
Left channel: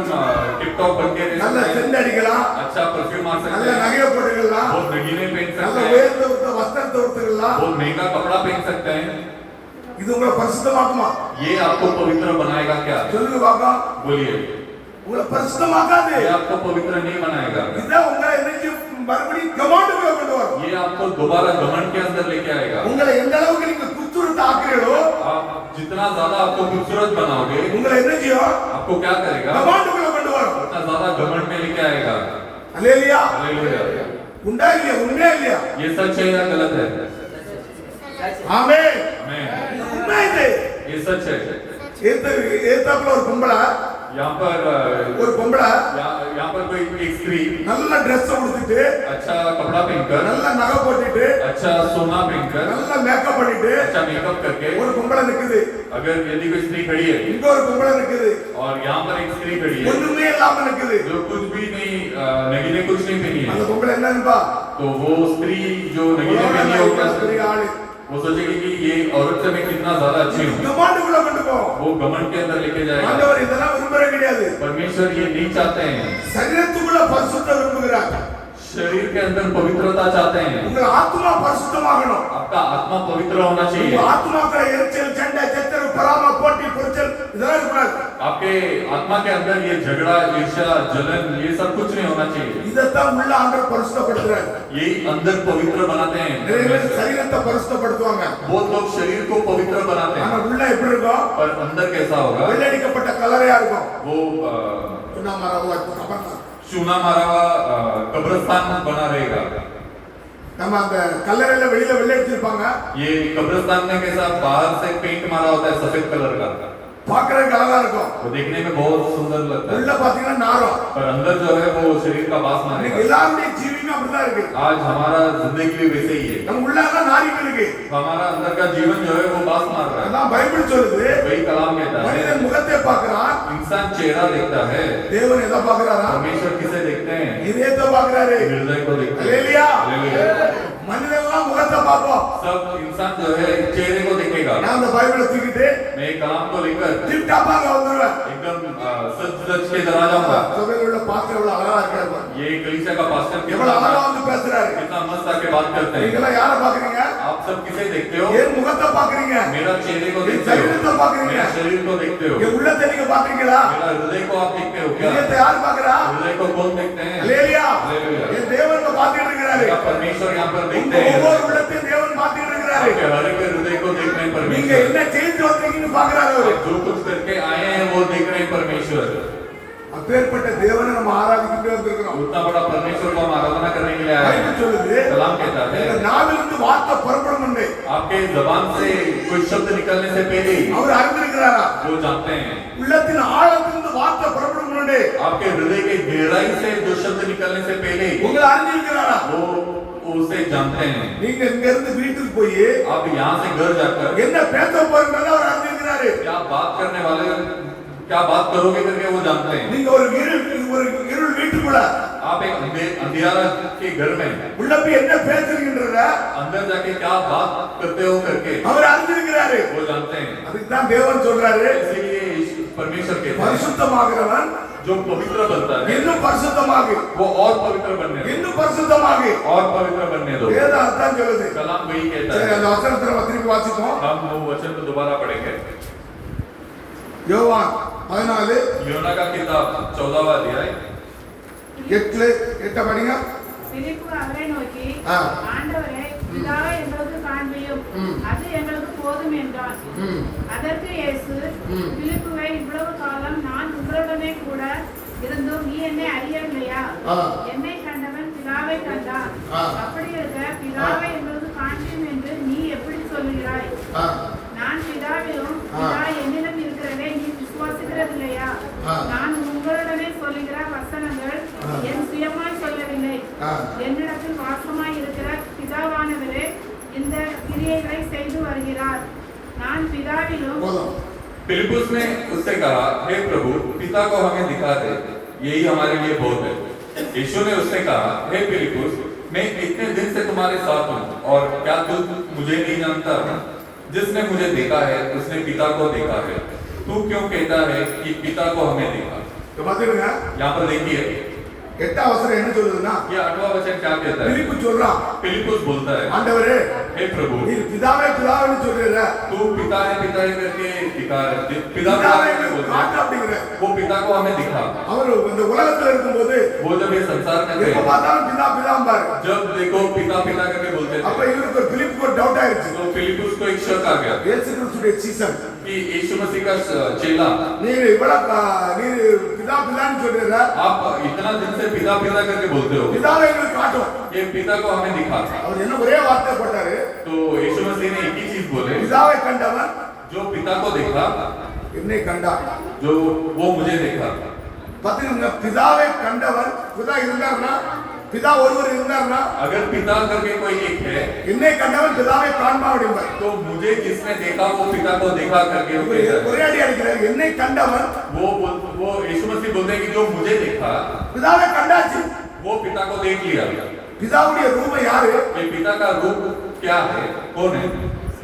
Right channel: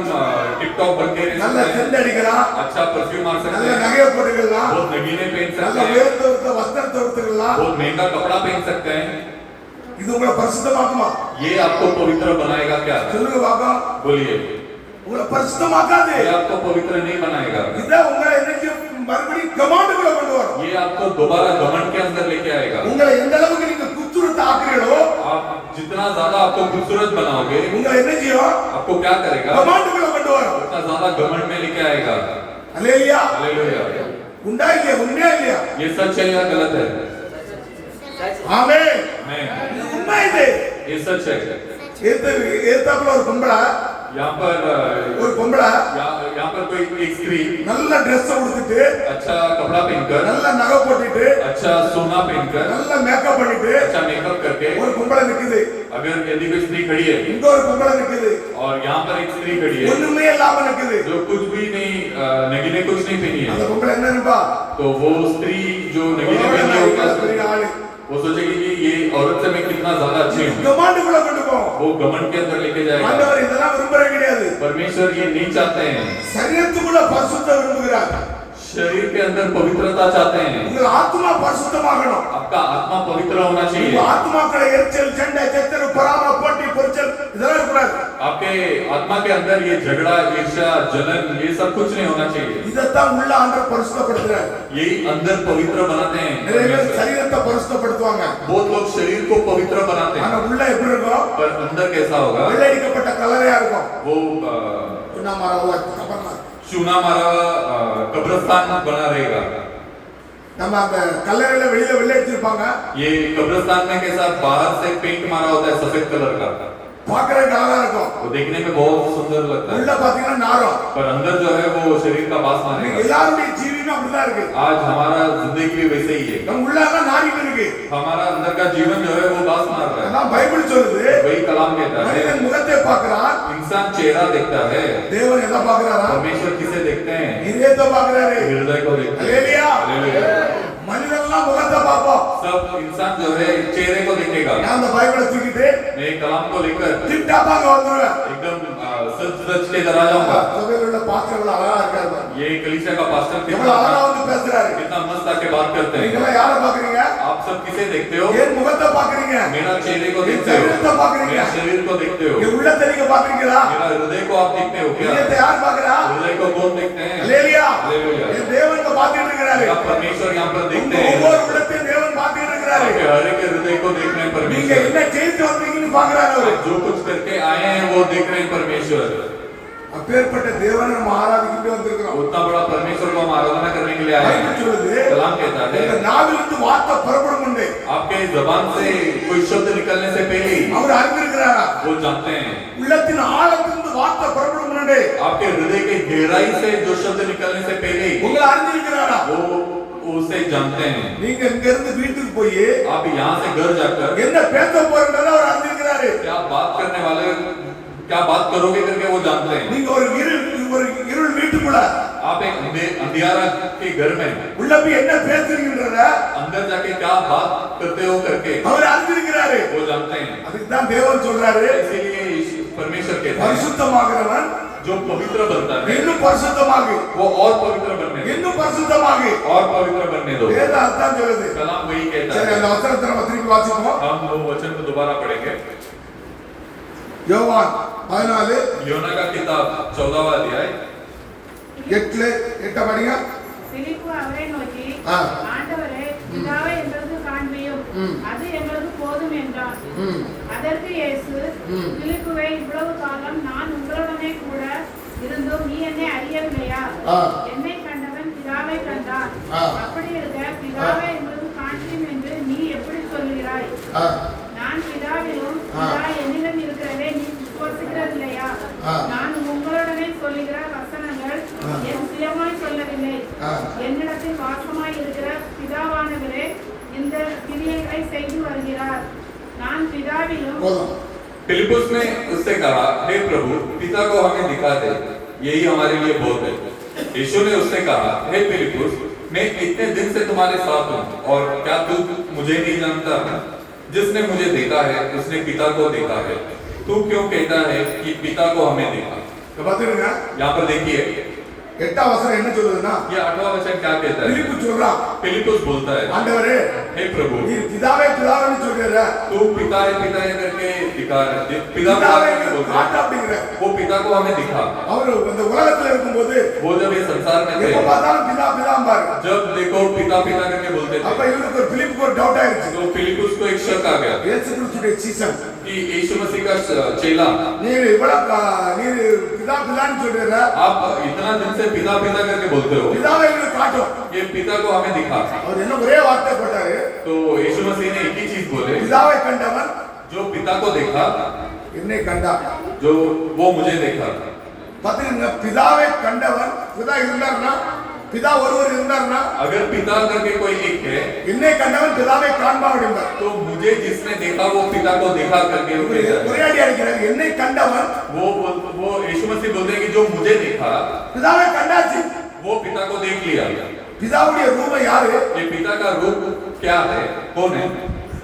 टिप टॉप बन के रह நல்ல सकते हैं। சென்ட் அடிக்கலாம், अच्छा परफ्यूम मार सकते நல்ல हैं, நகையை போட்டுக்கலாம், बहुत नगीने पहन நல்ல सकते हैं, உயர்ந்த வஸ்திரத்தை உடுத்துக்கலாம். बहुत महंगा कपड़ा पहन सकते हैं। இது உங்களை பரிசுத்தமாக்குமா? ये आपको पवित्र बनाएगा क्या? சொல்லுங்க பாப்பா. बोलिए। உங்களை பரிசுத்தமாக்காது. ये आपको पवित्र नहीं बनाएगा। இதான் உங்களை என்னைக்கு மறுபடியும் கமாண்டுக்குள்ள கொண்டு வரும். ये आपको दोबारा घमंड के अंदर लेके आएगा। உங்களை எந்த அளவுக்கு நீங்க குத்துருட்டு ஆக்குறீங்களோ आप जितना ज्यादा आपको खूबसूरत बनाओगे, உங்களை என்ன செய்யும்? आपको क्या करेगा? கமாண்டுக்குள்ள கொண்டு வரும். उतना ज्यादा घमंड में लेके आएगा। அல்லேலூயா. हालेलुया। உண்டா இல்லையா? உண்மையா இல்லையா? ये सच है या गलत है? ஆமென். मैं உண்மை இது. ये सच है। ஏத்தாப்புல ஒரு பொம்பளை, यहाँ पर ஒரு பொம்பளை यहाँ पर कोई एक स्त्री நல்ல ட்ரெஸ் உடுத்திட்டு, अच्छा कपड़ा पहनकर, நல்ல நகை போட்டுட்டு, अच्छा सोना पहनकर, நல்ல மேக்கப் பண்ணிட்டு अच्छा मेकअप करके ஒரு பொம்பளை நிக்குது. अगर यदि कोई स्त्री खड़ी है இங்க ஒரு பொம்பளை நிக்குது. और यहाँ पर एक स्त्री खड़ी है ஒண்ணுமே இல்லாம நிக்குது. जो कुछ भी नहीं नगीने कुछ नहीं पहनी அந்த है, பொம்பளை என்ன நினைப்பா? तो वो स्त्री जो नगीने உலகம் पहनी நான் होगा இவ்வளவு பெரிய ஆளு. वो सोचेगी कि ये औरत से मैं कितना ज्यादा अच्छी हूँ। கமாண்டுக்குள்ள கொண்டு போ. वो घमंड के अंदर लेके जाएगा। ஆண்டவர் இதெல்லாம் விரும்புறது கிடையாது. परमेश्वर ये नहीं चाहते हैं। சரீரத்துக்குள்ள பரிசுத்தம் விரும்புகிறார். शरीर के अंदर पवित्रता चाहते हैं। உங்க ஆத்மா பரிசுத்தமாகணும். आपका आत्मा पवित्र होना உங்க चाहिए। ஆத்மாக்களை எரிச்சல், சண்டை, சச்சரவு, பொறாமை, போட்டி, பொறிச்சல் இதெல்லாம் இருக்கக்கூடாது. आपके आपके आत्मा के अंदर ये झगड़ा, ईर्ष्या, जलन, ये सब कुछ नहीं होना चाहिए। இதைத்தான் உள்ள ஆண்டவர் பரிசுத்தப்படுத்துறார். यही अंदर पवित्र बनाते हैं। நிறைய பேர் சரீரத்தை பரிசுத்தப்படுத்துவாங்க. बहुत लोग शरीर को पवित्र बनाते ஆனா हैं, உள்ள எப்படி இருக்கும்? पर अंदर कैसा होगा? வெள்ளடிக்கப்பட்ட கல்லறையா இருக்கும். वो என்ன மரவோ கபர்னா. चूना मारा हुआ कब्रिस्तान बना रहेगा। நம்ம அந்த கல்லறையில வெளியில வெள்ளடிச்சிருப்பாங்க. ये कब्रिस्तान में कैसा बाहर से पेंट मारा होता है सफेद कलर का, பார்க்கறதுக்கு அழகா இருக்கும். वो देखने में बहुत सुंदर लगता உள்ள है, பாத்தீங்கன்னா நாரம். पर अंदर जो है वो शरीर का बास இன்னைக்கு मारेगा। எல்லாருடைய ஜீவனும் அப்படிதான் இருக்கு. आज हमारा जिंदगी भी वैसे ही है, நம்ம உள்ளாக நாரிகள் இருக்கு. हमारा अंदर का जीवन जो है वो बास मार रहा है। அதான் பைபிள் சொல்லுது. वही कलाम कहता है, மனிதன் முகத்தை பார்க்கறான், इंसान चेहरा देखता है, தேவன் எதை பார்க்கறாரா? परमेश्वर किसे देखते हैं? இதயத்தை பார்க்கறாரு. हृदय को देखते हैं। அல்லேலூயா. हालेलुया। மனிதன்லாம் முகத்தை பார்ப்போம். सब इंसान जो है चेहरे को देखेगा। நான் அந்த பைபிளை தூக்கிட்டு मैं एक कलाम को लेकर டிப் டாப்பாங்க வந்துருவேன். एकदम सच सच के इधर आ जाऊंगा। சபையில உள்ள பாஸ்டர் எவ்வளவு அழகா இருக்காரு பாருங்க. ये कलीसिया का पास्टर எவ்வளவு அழகா कितना வந்து பேசுறாரு. कितना मस्त आके बात करते நீங்க हैं। எல்லாம் யாரை பாக்குறீங்க? आप सब किसे देखते हो? என் முகத்தை பாக்குறீங்க. मेरा चेहरे को என் देखते हो, சரீரத்தை பாக்குறீங்க. मेरे शरीर को देखते हो, என் உள்ளத்தை நீங்க பாக்குறீங்களா? मेरा हृदय को आप देखते हो क्या? இதயத்தை யார் பாக்குறா? हृदय को कौन देखते हैं? அல்லேலூயா. हालेलुया। என் தேவன் பாத்துட்டு இருக்காரு. आप परमेश्वर यहाँ पर உங்க देखते हैं। ஒவ்வொரு உள்ளத்தையும் தேவன் பாத்துட்டு இருக்காரு. आपके हर एक हृदय को देख रहे हैं நீங்க परमेश्वर। என்ன செய்து வந்தீங்கன்னு பாக்குறாரு அவரு. आप जो कुछ करके आए हैं वो देख रहे हैं परमेश्वर। அப்பேற்பட்ட தேவனை நம்ம ஆராதிக்கிட்டே வந்திருக்கிறோம். उतना बड़ा परमेश्वर को हम आराधना करने के लिए आए हैं। பைபிள் சொல்லுது. कलाम कहता இந்த है, நாவிலிருந்து வார்த்தை புறப்படும் முன்னே आपके जबान से कोई शब्द निकलने से पहले ही அவர் அறிந்திருக்கிறாரா? वो जानते हैं। உள்ளத்தின் ஆழத்திலிருந்து வார்த்தை புறப்படும் முன்னே आपके हृदय के गहराई से जो शब्द निकलने से पहले ही உங்களை அறிந்திருக்கிறாரா? वो उसे जानते हैं। நீங்க இங்க இருந்து வீட்டுக்கு போய் आप यहाँ से घर जाकर என்ன பேச போறீங்கன்னு அவர் அறிந்திருக்கிறாரு. क्या बात करने वाले, क्या बात करोगे करके वो जानते हैं। நீங்க ஒரு இருள் வீட்டுக்குள்ள आप एक अंधियारा के घर में உள்ள போய் என்ன பேசுறீங்கன்றத अंदर जाके क्या बात करते हो करके அவர் அறிந்திருக்கிறாரு. वो जानते हैं। அதுக்கு தான் தேவன் சொல்றாரு, इसीलिए परमेश्वर कहते हैं, பரிசுத்தமாகிறவன் जो पवित्र बनता है இன்னும் பரிசுத்தமாகு, वो और पवित्र बनने दो, இன்னும் பரிசுத்தமாகு. और पवित्र बनने दो। வேதம் அதான் சொல்லுது. कलाम वही कहता சரி, है। அந்த வசனத்தை நம்ம திருப்பி வாசிப்போம். हम वो वचन को दोबारा पढ़ेंगे। யோவான் 14 योना का किताब 14वां अध्याय 8 படிங்க. பிலிப்பு அவரை நோக்கி, ஆ. ஆண்டவரே, பிதாவை எங்களுக்கு காண்பியும், அது எங்களுக்கு போதும் என்றார். ம். அதற்கு இயேசு, பிலிப்புவே, இவ்வளவு காலம் நான் உங்களுடனே கூட இருந்தும் நீ என்னை அறியவில்லையா? ஆ. என்னை கண்டவன் பிதாவை கண்டார். ஆ. அப்படி இருக்க பிதாவை எங்களுக்கு காண்பியும் என்று நீ எப்படி சொல்கிறாய்? ஆ. நான் பிதாவிலும் ஆ. பிதா என்னிடம் இருக்கிறதே நீ விசுவாசிக்கிறதில்லையா? ஆ. நான் உங்களுடனே சொல்லுகிற வசனங்கள் ஆ. என் சுயமாய் சொல்லவில்லை. ஆ. என்னிடத்தில் வாசமாய் இருக்கிற பிதாவானவரே இந்த கிரியைகளை செய்து வருகிறார். நான் பிதாவிலும் போதும். फिलिप्पुस ने उससे कहा, हे प्रभु, पिता को हमें दिखा दे, यही हमारे लिए बहुत है। यीशु ने उससे कहा, हे फिलिप्पुस, मैं इतने दिन से तुम्हारे साथ हूँ और क्या तू मुझे नहीं जानता? जिसने मुझे देखा है उसने पिता को देखा है। तू क्यों कहता है कि पिता को हमें देखा? இப்ப பாத்துருங்க, यहाँ पर देखिए, 8ஆம் வசனம் என்ன சொல்லுதுன்னா, ये 8वां वचन क्या कहता है? பிலிப்பு சொல்றான், फिलिप्पुस बोलता है, ஆண்டவரே, हे प्रभु, நீர் பிதாவே பிதாவேன்னு சொல்றீங்க. तू पिता है करके दिखा, पिता பிதாவே करके बोलता காட்டு है, அப்படிங்கிற. वो पिता को हमें दिखा। அவர் இந்த உலகத்துல இருக்கும்போது वो जब ये संसार में எப்ப थे, பார்த்தாலும் பிதா பிதாம்பாரு. जब देखो पिता पिता करके बोलते அப்ப थे, இவருக்கு ஒரு பிலிப்புக்கு ஒரு டவுட் ஆயிருச்சு. तो फिलिप्पुस को एक शक आ गया இயேசு கிறிஸ்துடைய சீசன், कि यीशु मसीह का चेला, நீர் இவ்வளவு நீர் பிதா பிதான்னு சொல்றீங்க, आप इतना दिन से पिता पिता करके बोलते हो, பிதாவை எங்களுக்கு காட்டும். ये पिता को हमें दिखा। அவர் என்ன ஒரே வார்த்தை போட்டாரு, तो यीशु मसीह ने एक ही चीज बोले, பிதாவை கண்டவன் जो पिता को देखा, என்னை கண்டார். जो वो मुझे देखा। பாத்தீங்கன்னா பிதாவை கண்டவன், பிதா இருந்தார்னா, பிதா ஒருவர் இருந்தார்னா, अगर पिता करके कोई एक है, என்னை கண்டவன் பிதாவை காண்பா அப்படிம்பார். तो मुझे जिसने देखा वो पिता को देखा करके वो कहता है। ஒரே அடி அடிக்கிறார், என்னை கண்டவன் वो यीशु मसीह बोलते हैं कि जो मुझे देखा பிதாவை கண்டாச்சு. वो पिता को देख लिया। பிதாவுடைய ரூபம் யாரு? ये पिता का रूप क्या है, कौन है?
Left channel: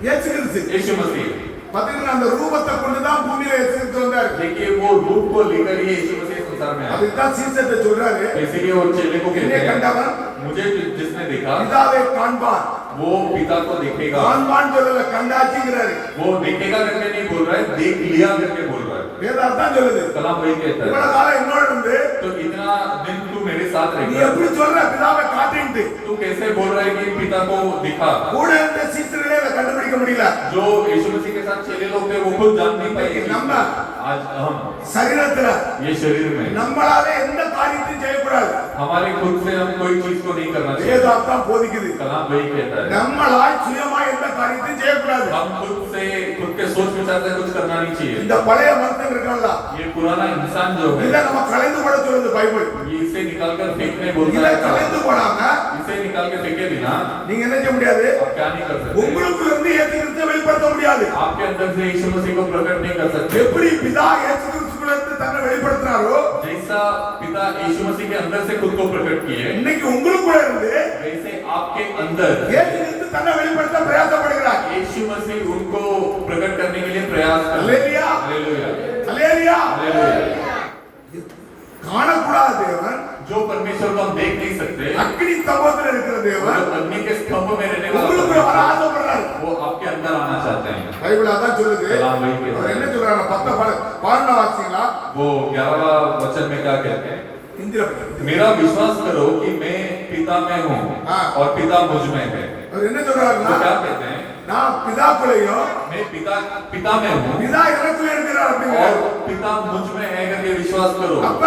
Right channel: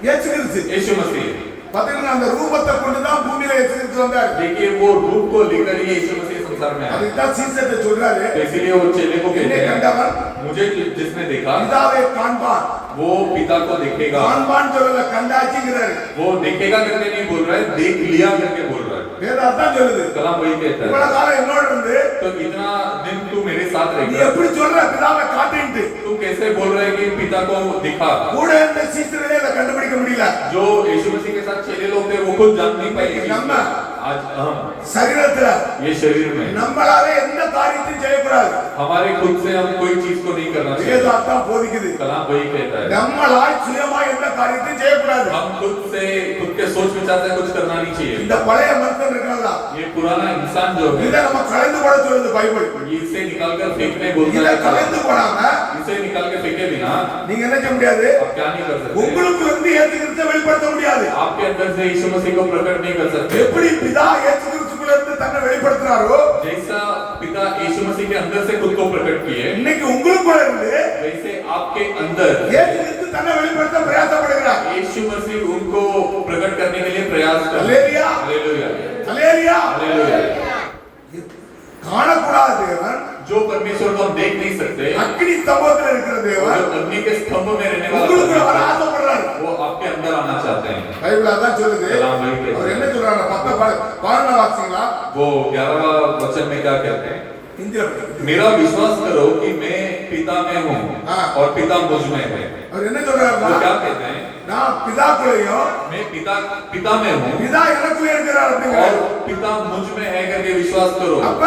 இயேசு கிறிஸ்து. यीशु मसीह। பாத்தீங்கன்னா அந்த ரூபத்தை கொண்டுதான் பூமியில இயேசு கிறிஸ்து வந்தார். देखिए वो रूप को लेकर ही यीशु मसीह संसार में आया। அதுதான் சீசத்தை சொல்றாரு, तो इसीलिए वो चेले को कहते என்னை हैं, கண்டவன் मुझे जिसने देखा பிதாவை காண்பான். वो पिता को देखेगा। காண்பான் சொல்லல, கண்டாச்சுங்கிறாரு. वो देखेगा करके नहीं बोल रहा है, देख लिया करके बोल रहा है। வேதம் அதான் சொல்லுது. कलाम वही कहता है। இவ்வளவு காலம் என்னோட இருந்து तो इतना दिन तू मेरे साथ நீ रहेगा, எப்படி சொல்ற பிதாவை காட்டுன்ட்டு? तू कैसे बोल रहा है कि पिता को दिखा? கூட இருந்த சீசர்களே அதை கண்டுபிடிக்க முடியல. जो यीशु मसीह के साथ चेले लोग थे वो खुद जान नहीं पाए कि நம்ம आज हम சரீரத்துல ये शरीर में நம்மளால எந்த காரியத்தையும் செய்யக்கூடாது. हमारे खुद से हम कोई चीज को नहीं करना चाहिए। வேதம் அதான் போதிக்குது. कलाम वही कहता है, நம்மளால் சுயமா எந்த காரியத்தையும் செய்யக்கூடாது. हम खुद से खुद के सोच विचार से कुछ करना नहीं चाहिए। இந்த பழைய மனுஷன் இருக்காங்களா, ये पुराना इंसान जो है இதை நம்ம கலைந்து போட சொல்லுது பைபிள். ये इसे निकाल कर फेंकने बोलता இதை है। கலைந்து போடாம इसे निकाल के फेंके बिना நீங்க என்ன செய்ய முடியாது? आप क्या नहीं कर सकते? உங்களுக்கு இருந்து இயேசு கிறிஸ்துவை வெளிப்படுத்த முடியாது. आपके अंदर से यीशु मसीह को प्रकट नहीं कर सकते। எப்படி பிதா இயேசு கிறிஸ்துக்குள்ள இருந்து தன்னை வெளிப்படுத்தினாரோ, जैसा पिता यीशु मसीह के अंदर से खुद को प्रकट किए, இன்னைக்கு உங்களுக்குள்ள இருந்து वैसे आपके अंदर இயேசு கிறிஸ்து தன்னை வெளிப்படுத்த பிரயாசப்படுகிறார். यीशु मसीह उनको प्रकट करने के लिए प्रयास कर रहे हैं। Hallelujah, hallelujah, hallelujah. हालेलुया। காணக்கூடாத தேவன், जो परमेश्वर को हम देख नहीं सकते, அக்கினி ஸ்தம்பத்துல இருக்கிற वो தேவன் जो अग्नि के स्तंभ में रहने உங்களுக்குள்ள வர वाला ஆசைப்படுறாரு. वो आपके अंदर आना चाहते हैं। பைபிள் அதான் சொல்லுது. कलाम वही कहता அவர் है। என்ன சொல்றாங்க? 11 வாசிங்களா? वो 11वां वचन में क्या कहते हैं? இந்திர பத்தி. मेरा विश्वास करो कि मैं पिता में हूँ हाँ। और पिता मुझ में है। அவர் என்ன சொல்றாருன்னா, वो क्या कहते हैं? நான் பிதாக்குள்ளேயும் मैं पिता में हूँ பிதா எனக்குள்ள இருக்கிறார் அப்படிங்கிறார். और पिता मुझ में है करके विश्वास करो। அப்ப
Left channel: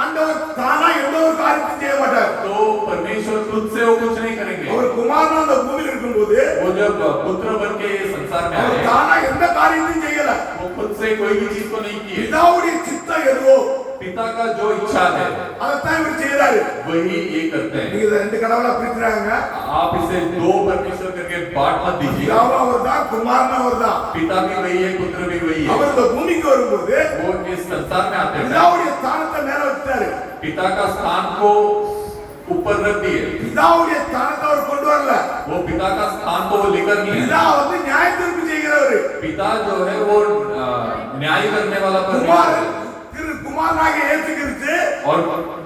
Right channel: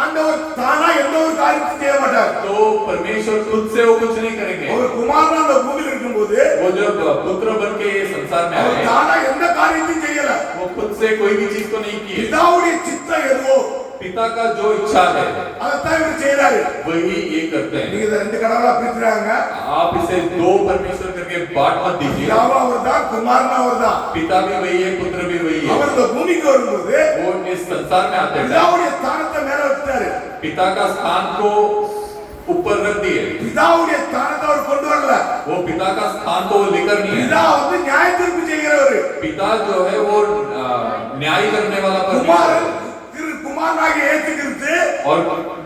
ஆண்டவர் தானா எந்த ஒரு காரியத்தையும் செய்ய மாட்டார். तो परमेश्वर खुद से वो कुछ नहीं करेंगे। அவர் குமாரனா அந்த பூமியில் இருக்கும்போது वो जब पुत्र बन के संसार में அவர் आए, தானா எந்த காரியத்தையும் செய்யல. वो खुद से कोई भी चीज को नहीं की। பிதாவுடைய சித்தம் எதுவோ पिता का जो इच्छा है அதைத்தான் இவர் செய்யறாரு. वही ये करते हैं। நீங்க இதை ரெண்டு கடவுளா பிரிக்கிறாங்க. आप इसे दो परमेश्वर करके बांट मत दीजिए। பிதாவா அவர்தான், குமாரனா அவர்தான். पिता भी वही है, पुत्र भी वही है। அவர் இந்த பூமிக்கு வரும்போது वो इस संसार में आते हैं, பிதாவுடைய ஸ்தானத்தை மேல வச்சாரு. पिता का स्थान को ऊपर रख दिए। பிதாவுடைய ஸ்தானத்தை அவர் கொண்டு வரல. वो पिता का स्थान को वो लेकर नहीं है। பிதா வந்து நியாய தீர்ப்பு செய்கிறவர். पिता जो है वो न्याय करने वाला குமாரன் परमेश्वर है। குமாரனாகிய இயேசு கிறிஸ்து और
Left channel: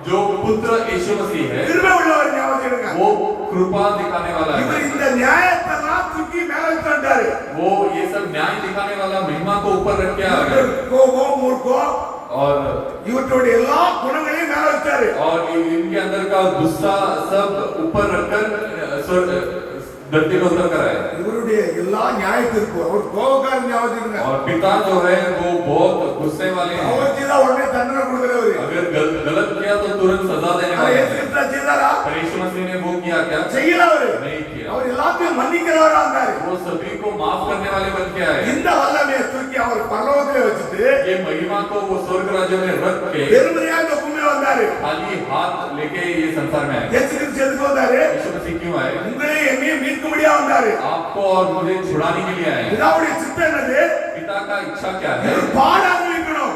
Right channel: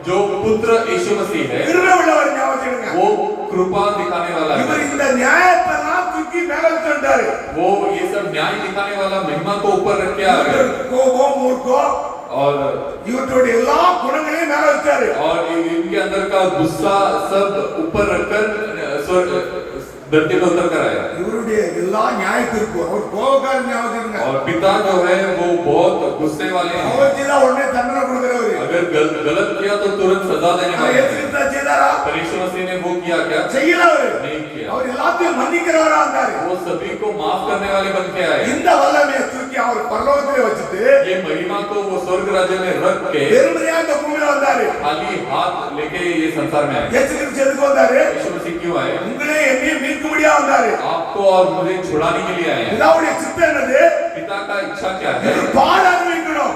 जो पुत्र यीशु मसीह है கிருபை உள்ளவர். ஞாபகம் வச்சுக்கோங்க. वो कृपा दिखाने वाला இவர் है। இந்த நியாயத்தெல்லாம் தூக்கி மேல வச்சுட்டாரு. वो ये सब न्याय दिखाने वाला महिमा को ऊपर रख के आ गए கோபம், மூர்க்கம், और இவற்றுடைய எல்லா குணங்களையும் மேல வச்சாரு. इनके अंदर का गुस्सा सब ऊपर रखकर धरती में उतर कर आया। இவருடைய எல்லா நியாயத்திற்கு அவர் கோபக்கார. ஞாபகம் வச்சுக்கோங்க. और पिता जो है वो बहुत गुस्से वाले हैं। அவர் செய்தா உடனே தண்டனை கொடுக்கிறவர். अगर गलत किया तो तुरंत सजा देने அவர் वाले இயேசு हैं। கிறிஸ்து செய்தாரா? पर यीशु मसीह ने वो किया क्या? செய்யல. அவரு नहीं किया। அவர் எல்லாத்தையும் மன்னிக்கிறவரா இருந்தாரு. वो सभी को माफ करने वाले बन के आए। இந்த வல்லமையை தூக்கி அவர் பரலோகத்திலே வச்சுட்டு ये महिमा को वो स्वर्ग राज्य में रख के பெருமையா இந்த பூமியில வந்தாரு. खाली हाथ लेके ये संसार में आए। இயேசு கிறிஸ்து எதுக்கு வந்தாரு? यीशु मसीह क्यों आए? உங்களே என்னையும் மீட்கும்படியா வந்தாரு. आपको और मुझे छुड़ाने के लिए आए हैं। பிதாவுடைய சித்தம் என்னது? पिता का इच्छा क्या है? இது பாட அனுபவிக்கணும்.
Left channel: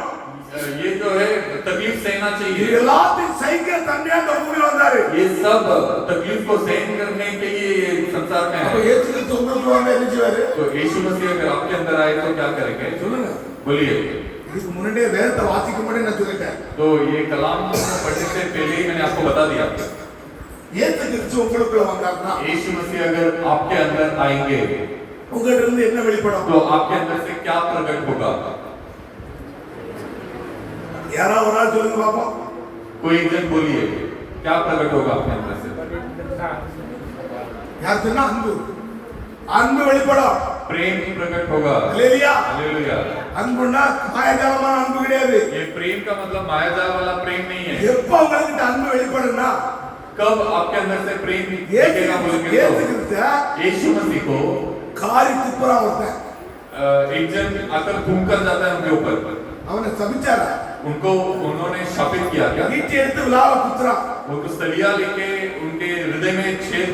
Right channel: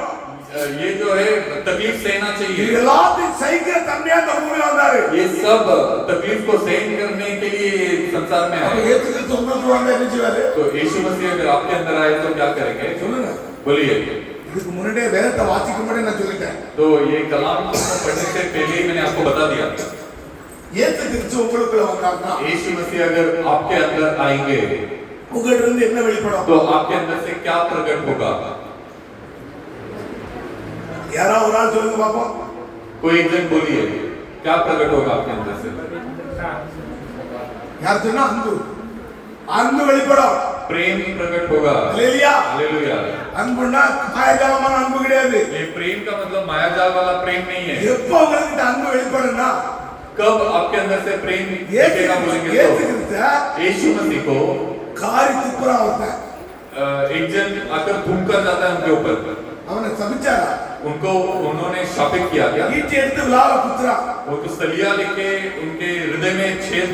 ये जो है तकलीफ सहना இது चाहिए। எல்லாத்தையும் சகிக்கிற தன்மையா இந்த பூமியில வந்தாரு. ये सब तकलीफ को सहन करने के लिए संसार में அப்ப आए। இயேசு கிறிஸ்து உங்களுக்கு வந்தா என்ன செய்வாரு? तो यीशु मसीह अगर आपके अंदर आए तो क्या करेंगे? சொல்லுங்க. बोलिए। இதுக்கு முன்னாடியே வேதத்தை வாசிக்க முன்னாடி நான் சொல்லிட்டேன். तो ये कलाम पढ़ने से पहले ही मैंने आपको बता दिया। இயேசு கிறிஸ்து உங்களுக்குள்ள வந்தாருன்னா यीशु मसीह अगर आपके अंदर आएंगे உங்கள்ட்ட இருந்து என்ன வெளிப்படும்? तो आपके अंदर से क्या प्रकट होगा? யாராவது ஒரு ஆள் சொல்லுங்க பாப்போம். कोई एक जन बोलिए, क्या प्रकट होगा आपके अंदर से? யார் சொன்னா? அன்பு. அன்பு வெளிப்படும். प्रेम प्रकट होगा। அல்லேலூயா. हालेलुया। அன்புன்னா மாயாஜாலமான அன்பு கிடையாது. ये प्रेम का मतलब मायाजाल वाला प्रेम नहीं है। எப்போ உங்களுக்கு அன்பு வெளிப்படும்னா कब आपके अंदर से प्रेम இயேசு दिखेगा बोलेंगे இயேசு तो கிறிஸ்து यीशु मसीह को காரி துப்புறா ஒருத்தன். एक जन आकर घूम कर जाता है उनके ऊपर, அவனை சபிச்சாரா? उनको उन्होंने शापित किया क्या? ஈட்டி எடுத்து விழாவ குத்துறான். वो तो सलिया लेके उनके हृदय में छेद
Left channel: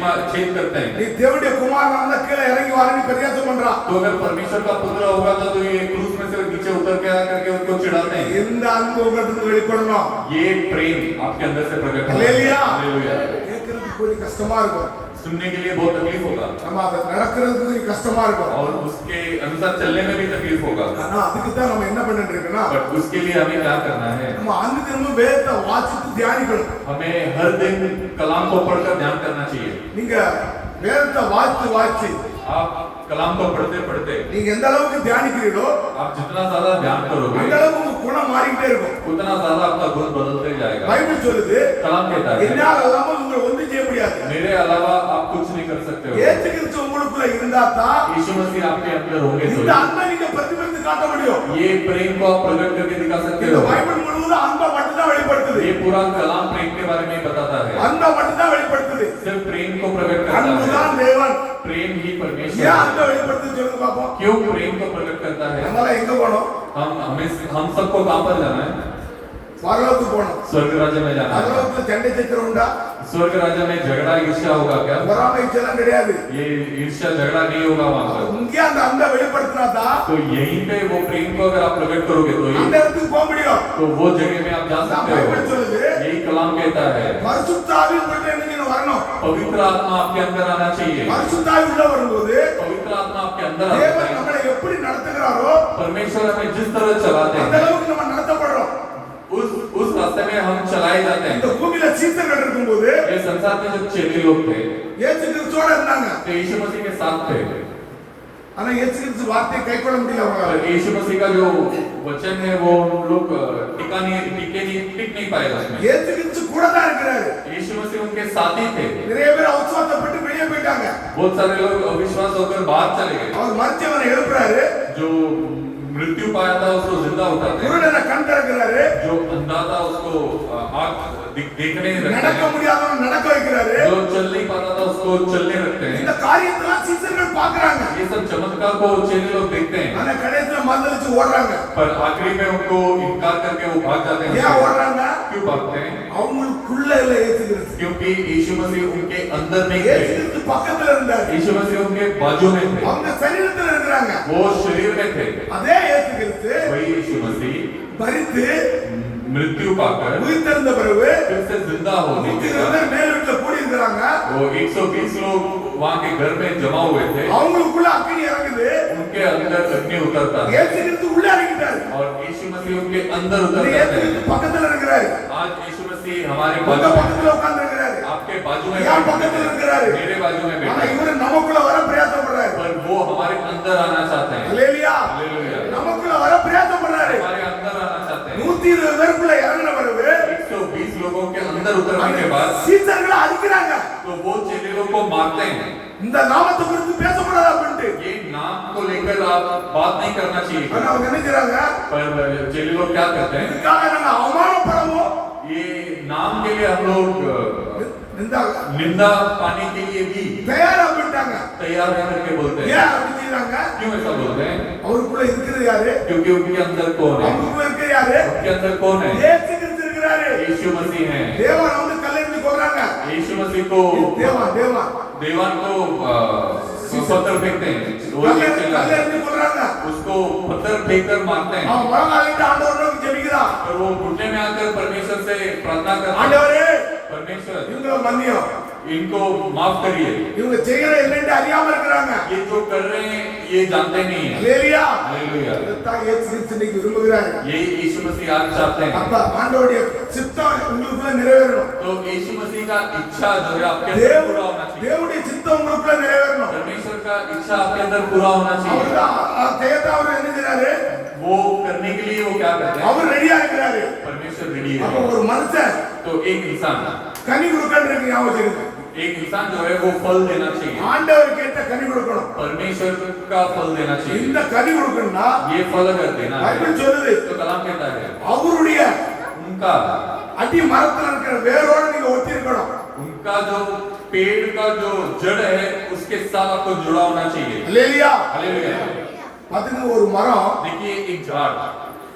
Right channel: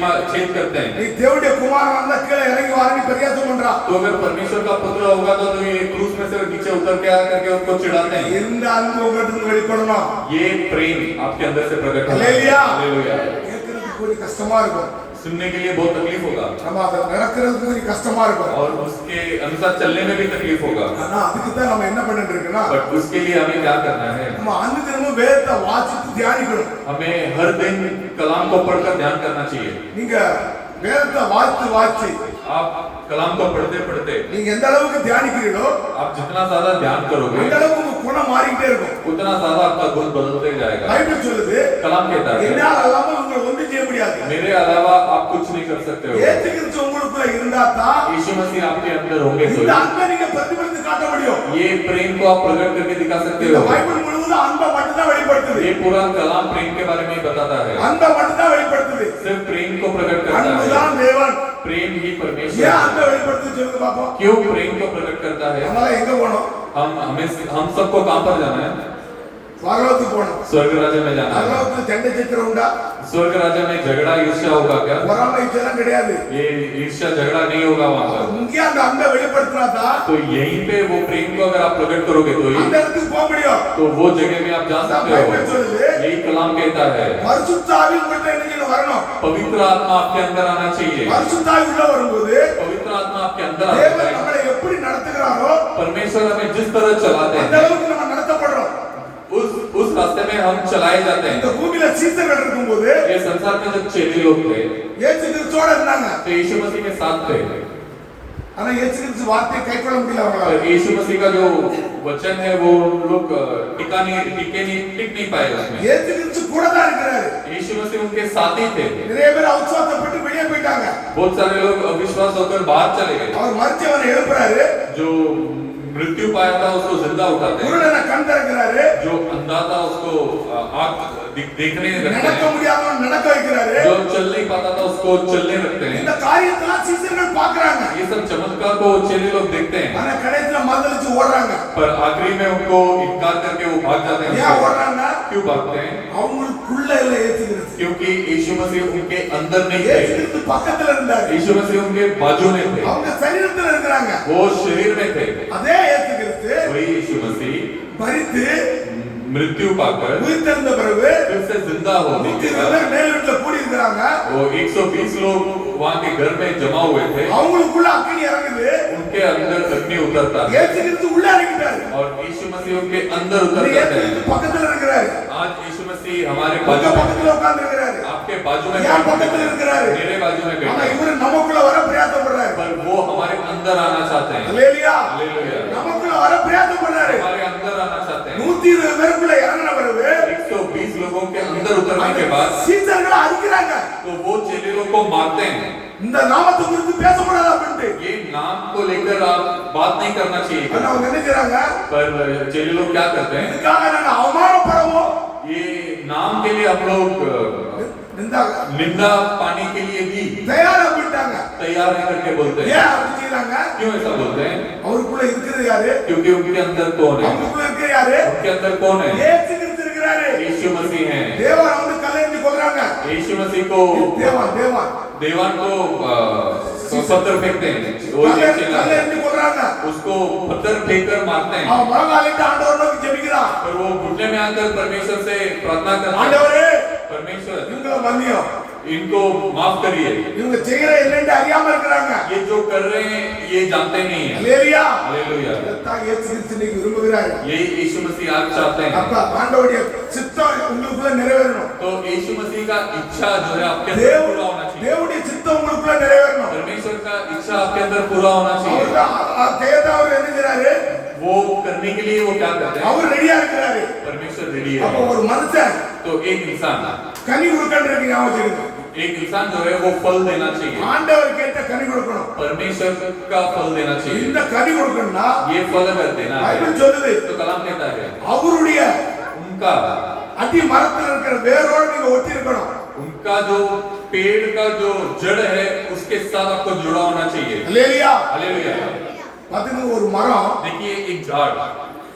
करते हैं। நீ தேவனுடைய குமாரனா இருந்தா கீழே இறங்கி வாரேன்னு பரியாசம் பண்றான். तो अगर परमेश्वर का पुत्र होगा तो ये क्रूस में से नीचे उतर के आकर के उनको चिढ़ाते हैं। இந்த அன்பு உங்களுக்கு வெளிப்படணும். ये प्रेम आपके अंदर से प्रकट होगा। हालेलुया। हालेलुया। கேட்கறதுக்கு கொஞ்சம் கஷ்டமா இருக்கும். सुनने के लिए बहुत तकलीफ होगा நம்ம அதை நடக்கிறதுக்கு கொஞ்சம் கஷ்டமா இருக்கும். और उसके अनुसार चलने में भी तकलीफ होगा। ஆனா அதுக்கு தான் நம்ம என்ன பண்ணிட்டு இருக்கோம்னா बट उसके लिए हमें क्या करना है? நம்ம அன்பு தினமும் வேதத்தை வாசித்து தியானிக்கணும். हमें हर दिन कलाम को पढ़कर ध्यान करना चाहिए। நீங்க வேதத்தை வாசித்து आप कलाम को पढ़ते पढ़ते நீங்க எந்த அளவுக்கு தியானிக்கிறீங்களோ आप जितना ज्यादा ध्यान करोगे அந்த அளவுக்கு உங்க குணம் மாறிக்கிட்டே இருக்கும். उतना ज्यादा आपका गुण बदलते जाएगा। பைபிள் சொல்லுது कलाम कहता है என்னால் அல்லாமல் உங்களை ஒன்றும் செய்ய முடியாது. मेरे अलावा आप कुछ नहीं कर सकते हो। இயேசு கிறிஸ்து உங்களுக்குள்ள இருந்தா தான் यीशु मसीह आपके अंदर होंगे இந்த तो அன்பை நீங்க பிரதிபலித்து காட்ட முடியும். ये प्रेम को आप प्रकट करके दिखा सकते இந்த हो। பைபிள் முழுவதும் அன்பை மட்டும் தான் வெளிப்படுத்துது. ये पूरा कलाम प्रेम के बारे में बताता है। அன்பை மட்டும் தான் வெளிப்படுத்துது. सिर्फ प्रेम को प्रकट करता அன்புதான் है। தேவன். प्रेम ही ஏன் परमेश्वर அன்பை है। வெளிப்படுத்துது சொல்லுங்க பாப்போம். क्यों प्रेम को प्रकट करता है? அதனால எங்க போனோம்? हम सबको कहां पर जाना है? பரலோகத்துக்கு போனோம். स्वर्ग राज्य में जाना है। பரலோகத்துல சண்டை சச்சரவு உண்டா? स्वर्ग राज्य में झगड़ा ईर्ष्या होगा क्या? பொறாமை இதெல்லாம் கிடையாது. ये ईर्ष्या झगड़ा नहीं होगा वहां पर। இங்கே அந்த அன்பை வெளிப்படுத்தினா தான் तो यहीं पे वो प्रेम को अगर आप प्रकट करोगे तो அந்த இடத்துக்கு போக முடியும். तो वो जगह पे आप जा सकते बाइबल हो। சொல்லுது यही कलाम कहता है பரிசுத்த ஆவி உங்கள்ட்ட என்ன வரணும்? पवित्र आत्मा आपके अंदर आना चाहिए। பரிசுத்த ஆவி உள்ள வரும்போது पवित्र आत्मा आपके अंदर आता தேவன் है। நம்மளை எப்படி நடத்துகிறாரோ परमेश्वर हमें जिस तरह चलाते அந்த हैं அளவுக்கு நம்ம நடத்தப்படுறோம். उस रास्ते में हम चलाए जाते இந்த हैं। பூமியில சீசர்கள் இருக்கும்போது ये संसार में जब चेले लोग थे இயேசு கிறிஸ்துவோட இருந்தாங்க. तो यीशु मसीह के साथ थे। ஆனா இயேசு கிறிஸ்து வார்த்தையை கைக்கொள்ள முடியல அவங்களால. पर यीशु मसीह का जो वचन है वो लोग टिक नहीं पाए उसमें। இயேசு கிறிஸ்து கூட தான் இருக்கிறாரு. यीशु मसीह उनके साथ ही थे। நிறைய பேர் அவிசுவாசப்பட்டு வெளியே போயிட்டாங்க. बहुत सारे लोग अविश्वास होकर बाहर चले गए। அவர் மரிச்சவனை எழுப்புறாரு. जो मृत्यु पाया था उसको जिंदा उठाते हैं। குருடனை கண் திறக்கிறாரு. जो अंधा था उसको आँख देखने நடக்க रखते हैं। முடியாதவன் நடக்க வைக்கிறாரு. जो चल नहीं पाता था उसको चलने रखते இந்த हैं। காரியத்தெல்லாம் சீசர்கள் பார்க்கறாங்க. ये सब चमत्कार को चेले लोग देखते हैं। ஆனா கடைசில மறுதலிச்சு ஓடுறாங்க. पर आखिरी में उनको इनकार करके वो भाग जाते ஏன் हैं। ஓடுறாங்க? क्यों भागते हैं? அவங்களுக்குள்ள இல்ல இயேசு கிறிஸ்து. क्योंकि यीशु मसीह उनके अंदर नहीं இயேசு थे। கிறிஸ்து பக்கத்துல இருந்தாரு. यीशु मसीह उनके बाजू में थे। அவங்க சரீரத்துல இருக்கிறாங்க. वो शरीर में थे। அதே இயேசு கிறிஸ்து वही यीशु मसीह மரித்து मृत्यु पाकर உயிர்த்தெழுந்த பிறகு फिर से जिंदा होने के 120 बाद பேர் மேல் வீட்டுல கூடி இருக்கிறாங்க. वो 120 लोग वहाँ के घर में जमा हुए थे। அவங்களுக்குள்ள அக்கினி இறங்குது. उनके अंदर अग्नि उतरता है இயேசு கிறிஸ்து உள்ள இறங்கிட்டாரு. और यीशु मसीह उनके अंदर இயேசு उतर जाते கிறிஸ்து हैं। பக்கத்துல இருக்கிறாரு. आज यीशु मसीह हमारे உங்க बाजू में, பக்கத்துல உட்கார்ந்து இருக்கிறாரு. आपके बाजू में என் பக்கத்துல இருக்கிறாரு. मेरे बाजू में ஆனா बैठे हैं। இவரு நமக்குள்ள வர பிரயாசப்படுறாரு. पर वो हमारे अंदर आना चाहते हैं। அல்லேலூயா. हालेलुया। நமக்குள்ள வர பிரயாசப்படுறாரு. हमारे अंदर आना चाहते हैं। 120 பேருக்குள்ள இறங்கின பிறகு 120 लोगों के अंदर उतरने के बाद சீசர்களை அடிக்கிறாங்க. तो वो चेले लोग को मारते हैं। இந்த நாமத்தை குறித்து பேசக்கூடாது அப்படின்ட்டு. ये नाम को लेकर आप बात नहीं करना चाहिए। ஆனா அவங்க என்ன செய்றாங்க? पर चेले लोग क्या करते हैं? இதுக்காக நாங்க அவமானப்படவும் ये नाम के लिए हम लोग निंदा पाने के लिए भी தயாரா போயிட்டாங்க. तैयार है करके बोलते हैं। ஏன் அப்படி செய்றாங்க? क्यों ऐसा बोलते हैं? அவருக்குள்ள இருக்கிறது யாரு? क्योंकि उनके अंदर कौन है? அவருக்குள்ள இருக்கிற யாரு? उनके अंदर कौन है? இயேசு கிறிஸ்து இருக்கிறாரு. यीशु मसीह है। தேவன் வந்து கல்லெறிஞ்சு கொல்றாங்க. यीशु मसीह को தேவன் देवान को पत्थर फेंकते हैं। वो ये चिल्लाते हैं। கல்லெறிஞ்சு கொல்றாங்க. उसको पत्थर फेंककर मारते हैं। அவன் முழங்காலிட்டு ஆண்டவரை நோக்கி ஜெபிக்கிறான். पर वो घुटने में आकर परमेश्वर से प्रार्थना करते हैं। ஆண்டவரே परमेश्वर இவங்களை மன்னியும். इनको माफ करिए। இவங்க செய்யற என்னன்னு அறியாம இருக்கிறாங்க. ये जो कर रहे हैं ये जानते नहीं हैं। அல்லேலூயா. हालेलुया। இதைத்தான் இயேசு கிறிஸ்து இன்னைக்கு விரும்புகிறாரு. यही यीशु मसीह आज चाहते हैं। அப்ப ஆண்டவருடைய சித்தம் உங்களுக்குள்ள நிறைவேறணும். तो यीशु मसीह का इच्छा जो है आपके अंदर पूरा होना चाहिए। தேவனுடைய சித்தம் உங்களுக்குள்ள நிறைவேறணும். परमेश्वर का इच्छा आपके अंदर पूरा होना चाहिए। அவர்தான் செய்யத்தான் அவர் என்ன செய்றாரு? वो करने के लिए वो क्या करते हैं? அவர் ரெடியா இருக்கிறாரு. परमेश्वर रेडी அப்ப है। ஒரு மனுஷன் तो एक इंसान கனி கொடுக்கறதுக்கு ஞாபகம் வச்சிருங்க. एक इंसान जो है वो फल देना चाहिए। ஆண்டவர் கேட்ட கனி கொடுக்கணும். परमेश्वर का फल देना चाहिए। இந்த கனி கொடுக்கணும்னா ये फल अगर देना है பைபிள் சொல்லுது तो कलाम कहता है அவருடைய उनका அடி மரத்துல இருக்கிற வேரோட நீங்க ஒட்டி இருக்கணும். उनका जो पेड़ का जो जड़ है उसके साथ आपको जुड़ा होना चाहिए। அல்லேலூயா. हालेलुया। பாத்தீங்க ஒரு மரம் देखिए एक झाड़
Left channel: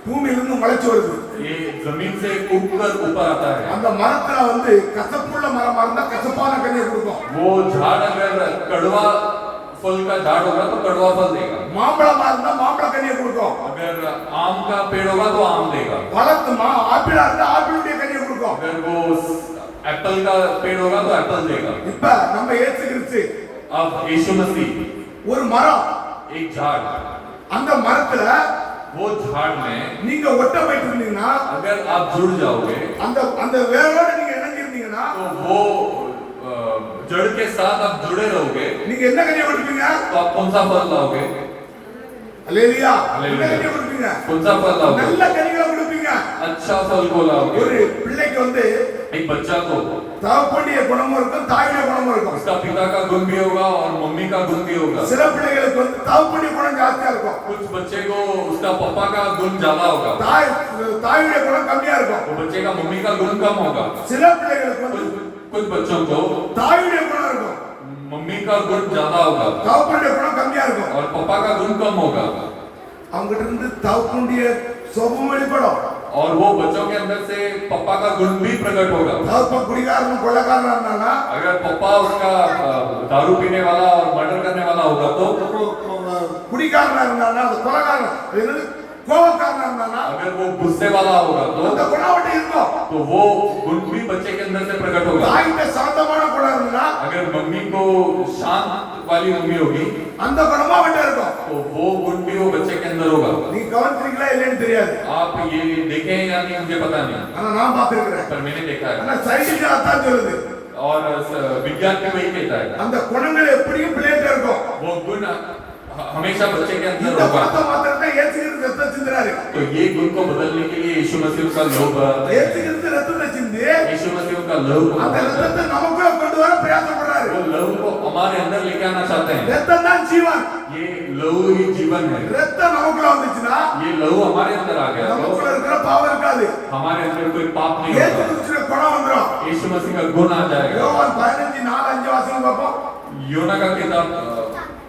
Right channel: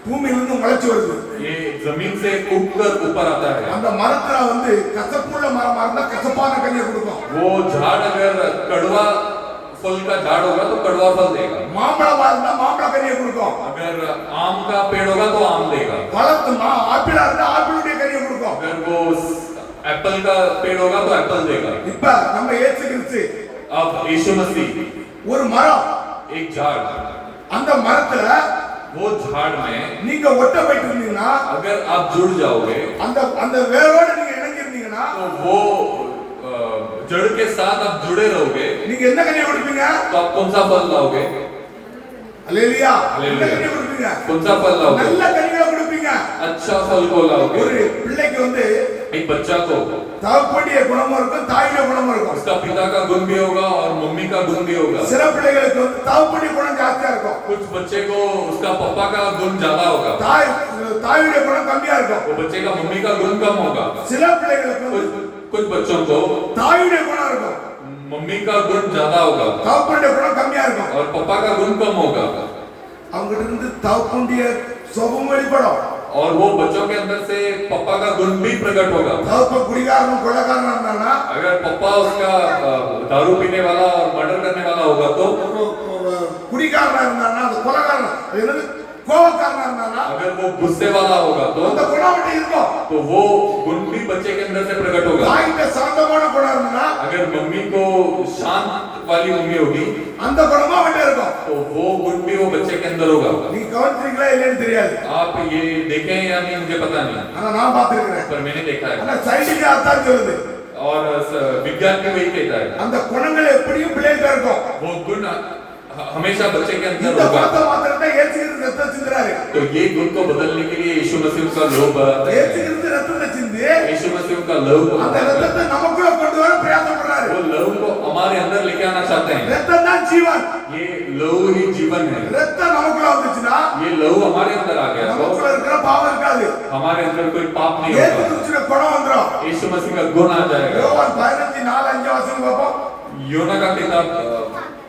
பூமியிலிருந்து முளைச்சு வருது. ये जमीन से उगकर ऊपर आता है। அந்த மரத்துல வந்து கசப்புள்ள மரமா இருந்தா கசப்பான கனியை கொடுக்கும். वो झाड़ अगर कड़वा फल का झाड़ होगा तो कड़वा फल देगा। மாம்பழமா இருந்தா மாம்பழ கனியை கொடுக்கும். अगर आम का पेड़ होगा तो आम देगा। பழத்துமா ஆப்பிளா இருந்தா ஆப்பிளுடைய கனியை கொடுக்கும். अगर वो एप्पल का पेड़ होगा तो एप्पल देगा। இப்ப நம்ம இயேசு கிறிஸ்து अब यीशु मसीह ஒரு மரம். एक झाड़, அந்த மரத்துல वो झाड़ में நீங்க ஒட்ட போயிட்டு இருந்தீங்கன்னா अगर आप जुड़ जाओगे அந்த அந்த வேரோட நீங்க இணைஞ்சிருந்தீங்கன்னா तो वो जड़ के साथ आप जुड़े रहोगे நீங்க என்ன கனியை கொடுப்பீங்க? तो आप कौन सा फल लाओगे? அல்லேலூயா. என்ன हालेलुया। கனியை கொடுப்பீங்க? कौन सा फल लाओगे? நல்ல கனிகளை கொடுப்பீங்க. अच्छा फल को लाओगे। ஒரு பிள்ளைக்கு வந்து एक बच्चा को தகப்பனுடைய குணமும் இருக்கும், தாயுடைய குணமும் இருக்கும். उसका पिता का गुण भी होगा और मम्मी का गुण भी होगा। சில பிள்ளைகளுக்கு வந்து தகப்பனுடைய குணம் ஜாஸ்தியா இருக்கும், कुछ बच्चे को उसका पापा का गुण ज्यादा होगा, தாயுடைய குணம் கம்மியா இருக்கும். वो बच्चे का मम्मी का गुण कम होगा। சில பிள்ளைகளுக்கு வந்து कुछ बच्चों को தாயுடைய குணம் இருக்கும், मम्मी का गुण ज्यादा होगा தகப்பனுடைய குணம் கம்மியா இருக்கும். और पापा का गुण कम होगा। அவங்க கிட்ட இருந்து தகப்பனுடைய சுபம் வெளிப்படும். और वो बच्चों के अंदर से पापा का गुण भी प्रकट होगा। தகப்பன் குடிகாரனும் கொலைகாரனா இருந்தானா, अगर पापा उसका दारू पीने वाला और मर्डर करने वाला होगा तो குடிகாரனா இருந்தானா, அது கொலைகாரன், அது என்னது கோபக்காரனா இருந்தானா, अगर वो गुस्से वाला होगा அந்த तो குணம் அவன்கிட்ட இருக்கும். वो गुण भी बच्चे के अंदर से प्रकट होगा। தாய்கிட்ட சாந்தமான குணம் இருந்தா अगर मम्मी को शांत वाली मम्मी होगी அந்த குணமும் அவன்கிட்ட இருக்கும். तो वो गुण भी वो बच्चे के अंदर होगा। நீ கவனிச்சீங்களா இல்லைன்னு தெரியாது, आप ये देखे हैं या नहीं मुझे पता नहीं, ஆனா நான் பார்த்திருக்கிறேன். पर मैंने देखा है ஆனா சயின்டிஸ்ட் அதான் சொல்லுது, और विज्ञान भी वही कहता है। அந்த குணங்கள் எப்படியும் பிள்ளைகிட்ட இருக்கும். वो गुण हमेशा बच्चे के अंदर இந்த होगा। குணத்தை மாத்திரத்தை ஏசுகிறது ரத்தம் சிந்துறாரு. तो ये गुण को बदलने के लिए यीशु मसीह का लहू बहाता है। ஏசுகிறது ரத்தத்தை சிந்தி यीशु मसीह का लहू அந்த बहाता है। ரத்தத்தை நமக்குள்ள கொண்டு வர பிரயாசப்படுறாரு. वो लहू को हमारे अंदर लेके आना चाहते हैं। ரத்தம் தான் ஜீவன். ये लहू ही जीवन है। ரத்தம் நமக்குள்ள வந்துச்சுன்னா ये लहू हमारे अंदर आ गया तो நமக்குள்ள இருக்கிற பாவம் இருக்காது. हमारे अंदर कोई पाप नहीं ஏசு होगा। கிறிஸ்துவின் குணம் வந்துரும். यीशु मसीह का गुण आ जाएगा। யோவான் 15:4-5 வாசிங்க பாப்போம். योना का किताब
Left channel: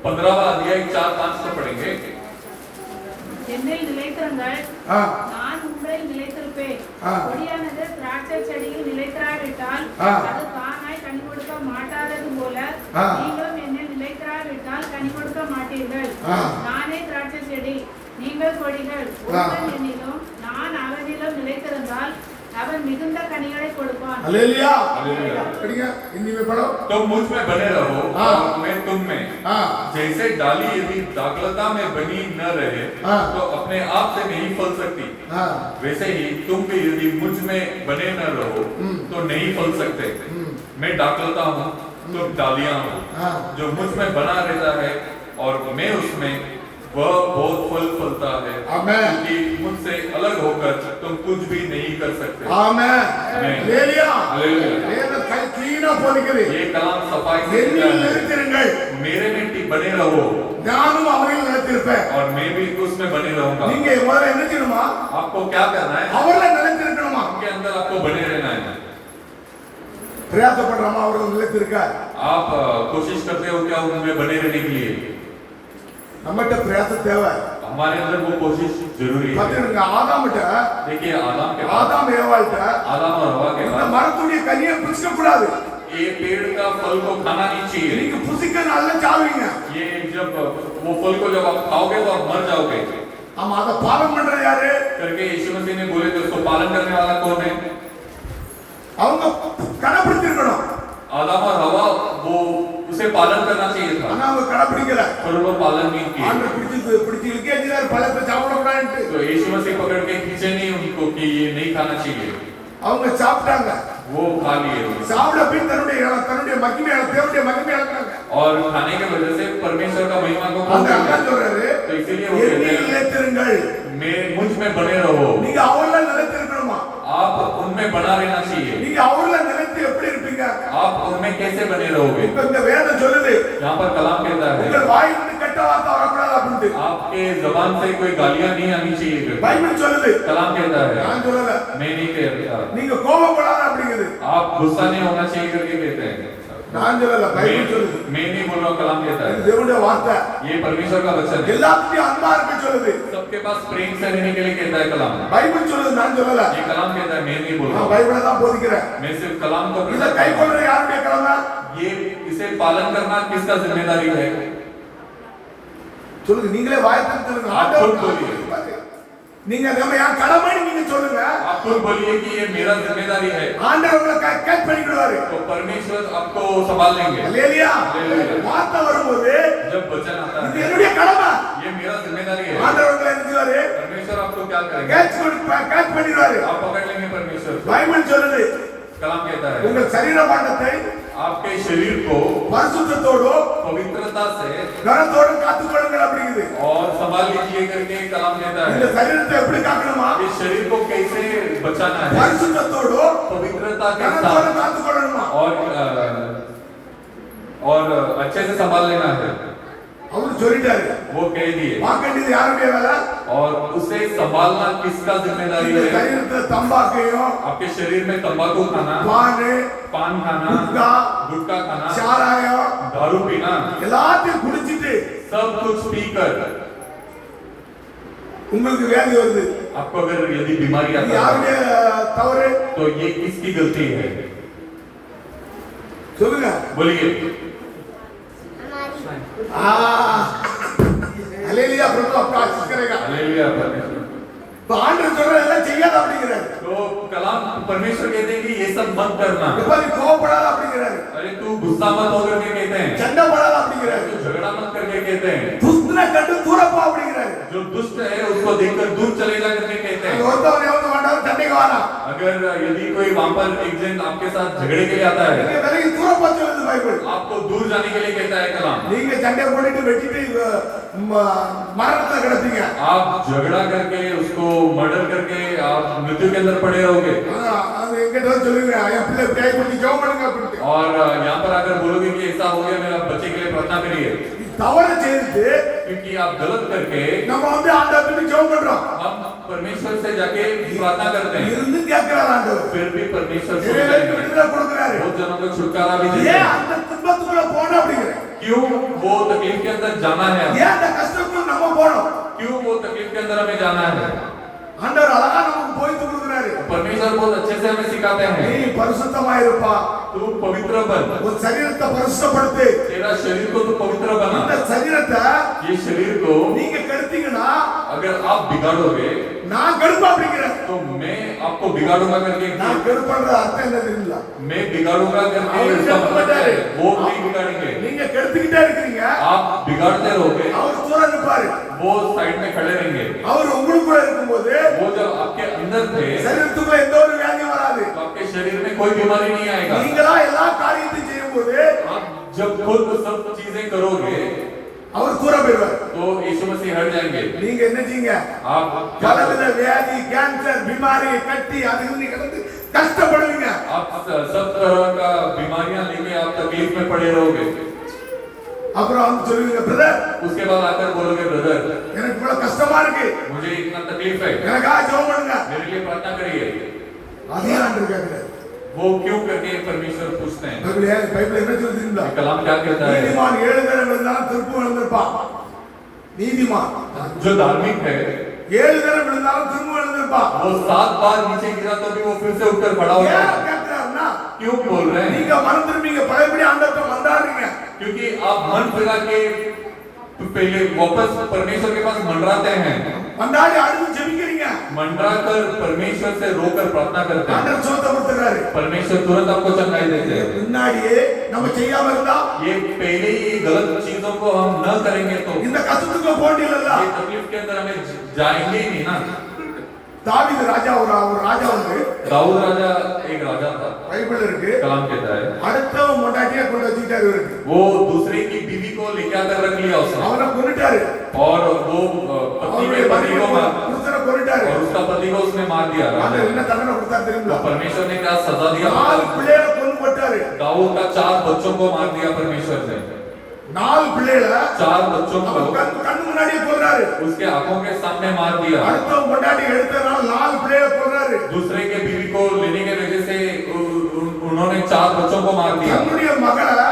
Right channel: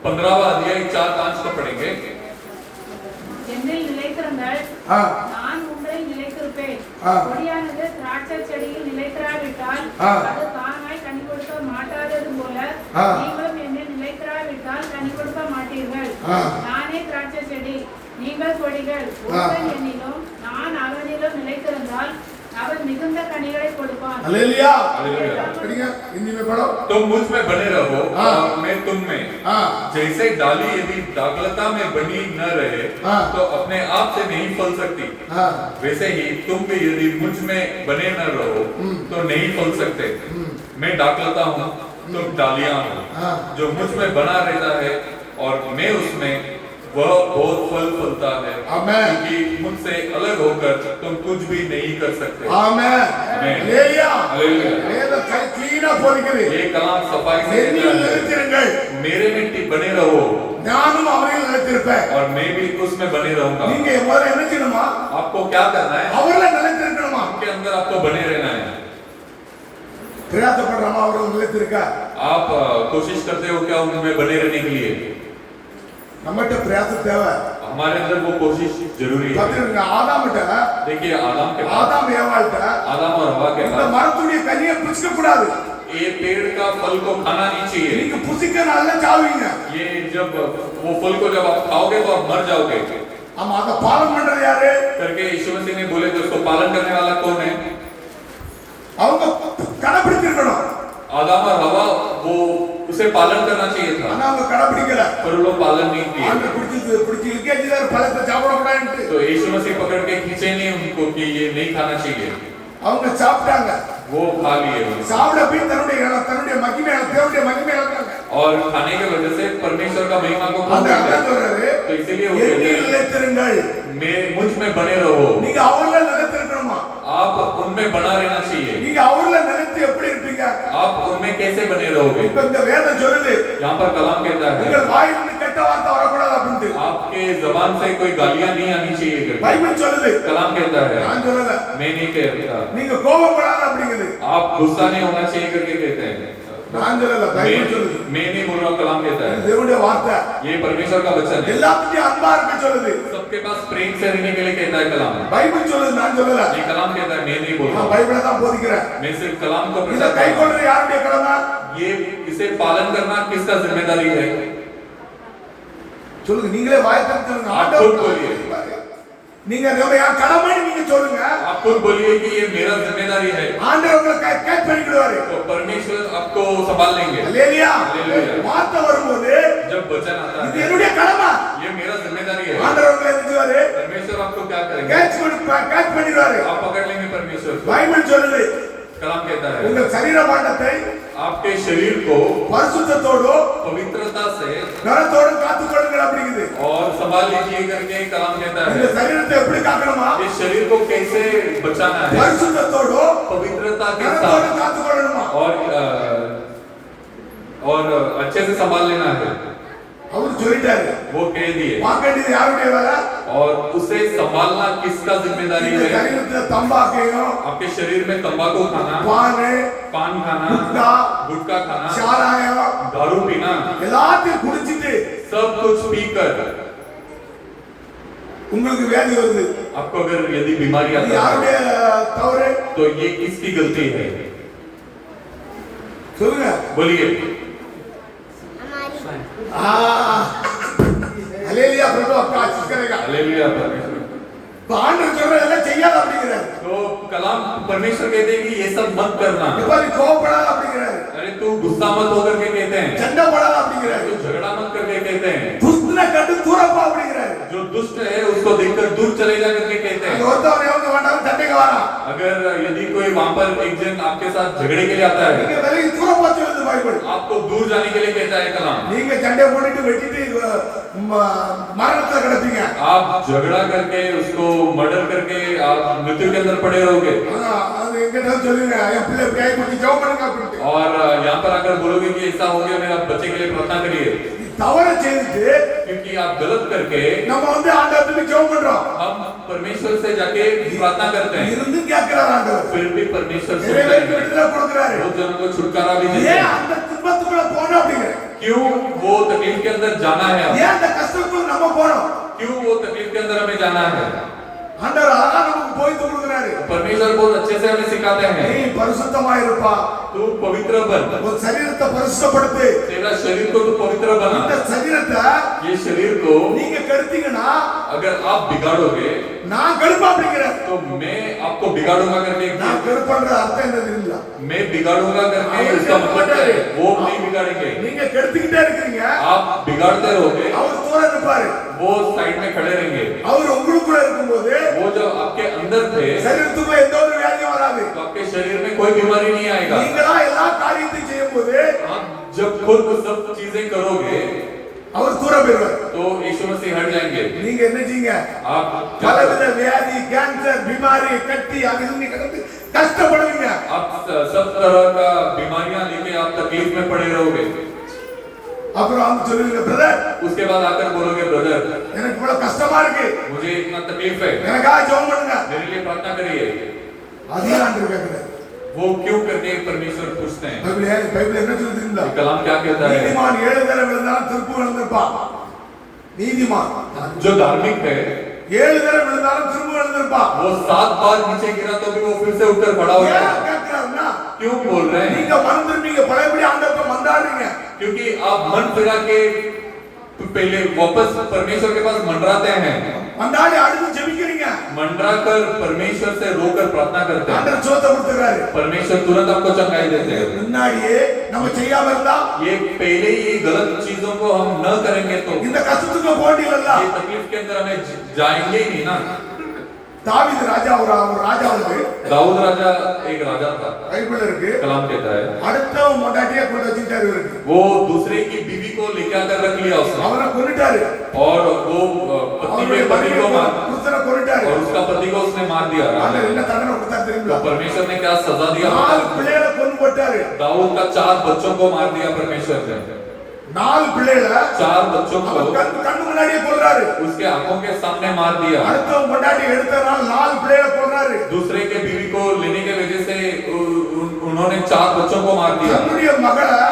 15वां अध्याय 4-5 को पढ़ेंगे। என்னில் நிலைத்திருங்கள், ஆ, நான் உங்களில் நிலைத்திருப்பேன். ஆ. கொடியானது திராட்சை செடியில் நிலைத்திராவிட்டால் ஆ. அது தானாய் கனி கொடுக்க மாட்டாதது போல ஆ. நீங்களும் என்னில் நிலைத்திராவிட்டால் கனி கொடுக்க மாட்டீர்கள். ஆ. நானே திராட்சை செடி, நீங்கள் கொடிகள். ஆ. ஒருவன் என்னிலும் நான் அவனிலும் நிலைத்திருந்தால் அவன் மிகுந்த கனிகளை கொடுப்பான். அல்லேலூயா. हालेलुया। படிங்க இந்திமே படம். तुम मुझ में बने रहो हाँ। और मैं तुम में। हाँ। जैसे डाली यदि दाखलता में बनी न रहे हाँ। तो अपने आप से नहीं फल सकती, ஆ, वैसे ही तुम भी यदि मुझ में बने न रहो तो नहीं फल सकते। मैं दाखलता हूँ, तुम डालियां हो। हाँ। जो मुझ में बना रहता है और मैं उसमें, वह बहुत फल फलता है, आमेन। क्योंकि मुझसे अलग होकर तुम कुछ भी नहीं कर सकते। ஆமென். ஆமென். அல்லேலூயா. हालेलुया। வேதம் க்ளீனா போதிக்குது. ये कलाम सफाई से என்னில் लिखा है। நிலைத்திருங்கள், मेरे में बने रहो நானும் அவரில் நிலைத்திருப்பேன். और मैं भी उसमें बने रहूंगा। நீங்க முதல்ல என்ன செய்யணுமா? आपको क्या करना है? அவர்ல நிலைத்திருக்கணுமா? उनके अंदर आपको बने रहना है। பிரயாசப்படுறோமா அவர்கள் நிலைத்திருக்க? आप कोशिश करते हो क्या उनमें बने रहने के लिए? நம்மகிட்ட பிரயாசம் தேவை. हमारे अंदर वो कोशिश जरूरी है। பாத்தீங்க ஆதாம்கிட்ட, देखिए आदम के पास, ஆதாம் ஏவாள்கிட்ட आदम और हवा के இந்த पास மரத்துடைய கனியை புசிக்க கூடாது. ये पेड़ का फल को खाना नहीं चाहिए। நீங்க புசிக்க நல்லா சாவீங்க. ये जब वो फल को जब आप खाओगे तो आप मर जाओगे ஆமா, அத பாலன் பண்றது யாரு? करके यीशु मसीह ने बोले थे। उसको पालन करने वाला कौन है? அவங்க கடைபிடிச்சிருக்கணும். आदम और हवा, वो उसे पालन करना चाहिए था, ஆனா அவங்க கடைபிடிக்கல. पर वो पालन नहीं किए। ஆண்டு பிடிச்சி இழுக்கேஜிதார் பழத்தை சாப்பிடக்கூடாதுன்ட்டு तो यीशु मसीह पकड़ के खींचे नहीं उनको कि ये नहीं खाना चाहिए। அவங்க சாப்பிட்டாங்க. वो खा लिए उन्होंने। சாப்பிட பின் தன்னுடைய மகிமை, தேவனுடைய மகிமை இழந்தாங்க. और खाने के वजह से परमेश्वर का महिमा को खो அந்த दिया। அண்ணன் சொல்றாரு, तो इसीलिए वो कहते என்னில் हैं, நிலைத்திருங்கள். मैं मुझ में बने रहो। நீங்க அவர்ல நிலைத்திருக்கணுமா? आप उनमें बना रहना चाहिए। நீங்க அவர்ல நிலைத்து எப்படி இருப்பீங்க? आप उनमें कैसे बने रहोगे? இப்ப இந்த வேதம் சொல்லுது, यहाँ पर कलाम कहता है உங்கள் வாயிலிருந்து கெட்ட வார்த்தை வரக்கூடாது அப்படின்ட்டு. आपके जबान से कोई गालियां नहीं आनी चाहिए करके। பைபிள் சொல்லுது, कलाम कहता है, நான் சொல்லல. मैं नहीं कहता। நீங்க கோபப்படாத அப்படிங்குது. आप गुस्सा नहीं होना चाहिए करके कहते हैं। நான் சொல்லல, பைபிள் சொல்லுது. मैं नहीं बोल रहा हूँ, कलाम कहता இது है। தேவனுடைய வார்த்தை. ये परमेश्वर का वचन है। எல்லாத்துக்கும் அன்பா இருக்க சொல்லுது. सबके पास प्रेम से रहने के लिए कहता है कलाम। பைபிள் சொல்லுது, நான் சொல்லல. ये कलाम कहता है, मैं नहीं बोल रहा நான் हूँ। பைபிளை தான் போதிக்கிறேன். मैं सिर्फ कलाम को இத प्रचार கை कर रहा हूँ। கொள்றது யாருடைய கடமை? ये इसे पालन करना किसका जिम्मेदारी है? சொல்லுங்க, நீங்களே வாய் திறந்து சொல்லுங்க. आप ஆண்டவர் खुद बोलिए। நீங்க நம்ம என் கடமைன்னு நீங்க சொல்லுங்க. आप खुद बोलिए कि ये मेरा जिम्मेदारी है, ஆண்டவர் உங்களை கேட்ச் பண்ணிடுவாரு. तो परमेश्वर आपको संभाल लेंगे। அல்லேலூயா. அல்லேலூயா। வார்த்தை வரும்போது जब वचन आता இது है, என்னுடைய கடமை. ये मेरा जिम्मेदारी है। ஆண்டவர் உங்களை என்ன செய்வாரு? परमेश्वर आपको क्या करेंगे? கேட்ச் பண்ணிடுவாரு. आप पकड़ लेंगे परमेश्वर को। பைபிள் சொல்லுது, कलाम कहता है உங்கள் சரீர மண்டத்தை आपके शरीर को பரிசுத்தத்தோடு पवित्रता से கனத்தோடு காத்துக்கொள்ளுங்கள் அப்படிங்குது. और संभाल लीजिए करके कलाम कहता இந்த है சரீரத்தை எப்படி காக்கணுமா? इस शरीर को कैसे बचाना है பரிசுத்தத்தோடு पवित्रता के கனத்தோடு साथ காத்துக்கொள்ளணுமா? और अच्छे से संभाल लेना है அவர் சொல்லிட்டாரு. वो कह दिए பார்க்கண்டியது யாருடைய வேலை? और उसे संभालना किसका जिम्मेदारी இந்த है சரீரத்தை தம்பாக்கையும் आपके शरीर में तंबाकू खाना பானு पान खाना गुटखा गुटखा खाना சாராயம் दारू पीना எல்லாத்தையும் குடிச்சிட்டு सब कुछ पीकर உங்களுக்கு வியாதி வருது. आपको अगर यदि बीमारी இது आता है யாருடைய தவறு? तो ये किसकी गलती है சொல்லுங்க. बोलिए हालेलुया, प्रभु आपका आशीष करेगा. हालेलुया परमेश्वर तो ஆண்டவர் சொல்றதெல்லாம் செய்யாத அப்படிங்கிறாரு. तो कलाम परमेश्वर कहते हैं कि ये सब मत करना இப்ப நீ கோவப்படாத அப்படிங்கிறாரு. अरे तू गुस्सा मत होकर के कहते हैं சண்டை போடாத அப்படிங்கிறாரு. तू झगड़ा मत करके कहते हैं துஷ்டனை கண்டு தூரப்பா அப்படிங்கிறாரு. जो दुष्ट है उसको देखकर दूर चले जा करके कहते அந்த हैं ஒருத்தவன் எவனுக்கு வேண்டாம் சண்டைக்கு வரான். अगर यदि कोई वहां पर एक जन आपके साथ झगड़े के लिए आता है நீங்க விலகி தூரப்பா சொல்லுது பைபிள். आपको दूर जाने के लिए कहता है कलाम நீங்க சண்டை போட்டுட்டு வெட்டிட்டு மரணத்துல கிடப்பீங்க. आप झगड़ा करके उसको मर्डर करके आप मृत्यु के अंदर पड़े रहोगे அது எங்கிட்ட சொல்லுங்க என் பிள்ளை கை பிடிச்சி ஜெபம் பண்ணுங்க அப்படின்ட்டு. और यहाँ पर आकर बोलोगे कि ऐसा हो गया मेरा बच्चे के लिए प्रार्थना करिए தவறு செய்து क्योंकि आप गलत करके நம்ம வந்து ஆண்டவருக்கு ஜெபம் பண்றோம். हम परमेश्वर से जाके प्रार्थना करते हैं இருந்து கேட்கிறார் ஆண்டவர். फिर भी परमेश्वर நிறைய सुनते பேருக்கு हैं விடுதலை கொடுக்கிறாரு. बहुत जनों को छुटकारा भी देते ஏன் हैं அந்த துன்பத்துக்குள்ள போனோம் அப்படிங்கிற? क्यों वो तकलीफ के अंदर जाना है ஏன் அந்த கஷ்டத்துக்குள்ள நம்ம போனோம்? क्यों वो तकलीफ के अंदर हमें जाना है ஆண்டவர் அழகா நமக்கு போய் கொடுக்கிறாரு. परमेश्वर बहुत अच्छे से हमें सिखाते நீ हैं பரிசுத்தமாயிருப்பா. तू पवित्र बन உன் சரீரத்தை பரிசுத்தப்படுத்து. तेरा शरीर को तू पवित्र இந்த बना சரீரத்தை ये शरीर को நீங்க கெடுத்தீங்கன்னா अगर आप बिगाड़ोगे நான் கெடுப்பா அப்படிங்கிற. तो मैं आपको बिगाड़ूंगा करके நான் கெடுப்பன்ற அர்த்தம் என்ன தெரியுங்களா? मैं बिगाड़ूंगा करके इसका मतलब है वो नहीं बिगाड़ेंगे நீங்க கெடுத்துக்கிட்டே இருக்கீங்க. आप बिगाड़ते रहोगे அவர் தூரம் இருப்பாரு. वो साइड में खड़े रहेंगे அவர் உங்களுக்குள்ள இருக்கும்போது वो जब आपके अंदर थे சரீரத்துக்குள்ள எந்த ஒரு வியாதியும் வராது. तो आपके शरीर में कोई बीमारी नहीं आएगा நீங்களா எல்லா காரியத்தையும் செய்யும்போது आप जब खुद सब चीजें करोगे அவர் தூரம் போயிடுவார். तो यीशु मसीह हट जाएंगे நீங்க என்ன செய்யுங்க? आप பலவித வியாதி, கேன்சர், बीमारी, கட்டி அது இது கடந்து கஷ்டப்படுவீங்க. आप सब तरह का बीमारियां लेके आप तकलीफ में पड़े रहोगे அப்புறம் வந்து சொல்லுவீங்க, பிரதர் उसके बाद आकर बोलोगे ब्रदर எனக்கு இவ்வளவு கஷ்டமா இருக்கு, मुझे इतना तकलीफ है எனக்காக ஜெபம் பண்ணுங்க. मेरे लिए प्रार्थना करिए அதே ஆண்டவர் கேக்குறாரு. वो क्यों करके परमेश्वर पूछते हैं பைபிள் என்ன சொல்லுதுங்களா? कलाम क्या कहता है நீதிமான் 7 தடவை விழுந்தாலும் திரும்ப எழுந்திருப்பான். நீதிமான் जो धार्मिक है 7 தடவை விழுந்தாலும் திரும்ப எழுந்திருப்பான். वो 7 बार नीचे गिरा तो भी वो फिर से उठकर खड़ा हो ஏன் जाएगा கேக்குறாருன்னா, क्यों बोल रहे हैं நீங்க மனம் திரும்பிங்க பழையபடி ஆண்டவரை மன்றாடுறீங்க. क्योंकि आप मन फिरा के पहले वापस परमेश्वर के पास मंडराते हैं மன்றாடி அழுது ஜெபிக்கிறீங்க. मंडरा कर परमेश्वर से रोकर प्रार्थना करते हैं ஆண்டவர் சுகத்தை கொடுத்துறாரு. परमेश्वर तुरंत आपको चंगाई देते हैं முன்னாடியே நம்ம செய்யாம இருந்தா ये पहले ही गलत चीजों को हम न करेंगे तो இந்த கஷ்டத்துக்கு போண்டியல்ல. ये तकलीफ के अंदर हमें जाएंगे ही नहीं ना தாவீது ராஜா ஒரு ராஜா வந்து दाऊद राजा एक राजा था பைபிள் இருக்கு. कलाम कहता है அடுத்தவன் முன்னாடியே கொண்டு வச்சுட்டாரு இவருக்கு. वो दूसरे की बीवी को लेके आकर रख लिया उसने அவனை கொன்னுட்டாரு. और वो पति அவனுடைய के पति को मार புருஷனை கொன்னுட்டாரு. और उसका पति को उसने मार दिया ஆண்டவர் என்ன தண்டனை கொடுத்தாரு तो தெரியுமா? परमेश्वर ने क्या सजा दिया 4 பிள்ளைகளை கொன்னு போட்டாரு. दाऊद का 4 बच्चों को मार दिया परमेश्वर ने 4 பிள்ளைகளை 4 बच्चों அவன் को கண்ணு முன்னாடியே கொல்றாரு. उसके आंखों के सामने मार दिया அடுத்தவன் முன்னாடி எடுத்தனால 4 பிள்ளைகளை கொல்றாரு. दूसरे के बीवी को लेने के वजह से उन्होंने 4 बच्चों को मार दिया தன்னுடைய மகளை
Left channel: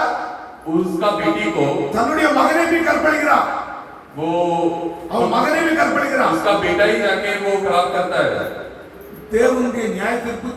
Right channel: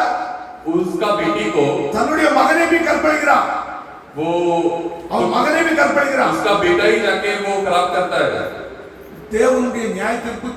उसका बेटी को தன்னுடைய மகனை भी கற்பழிக்கிறான். वो அவன் மகனை भी கற்பழிக்கிறான். उसका बेटा ही जाके वो खराब करता है தேவனுடைய நியாய தீர்ப்பு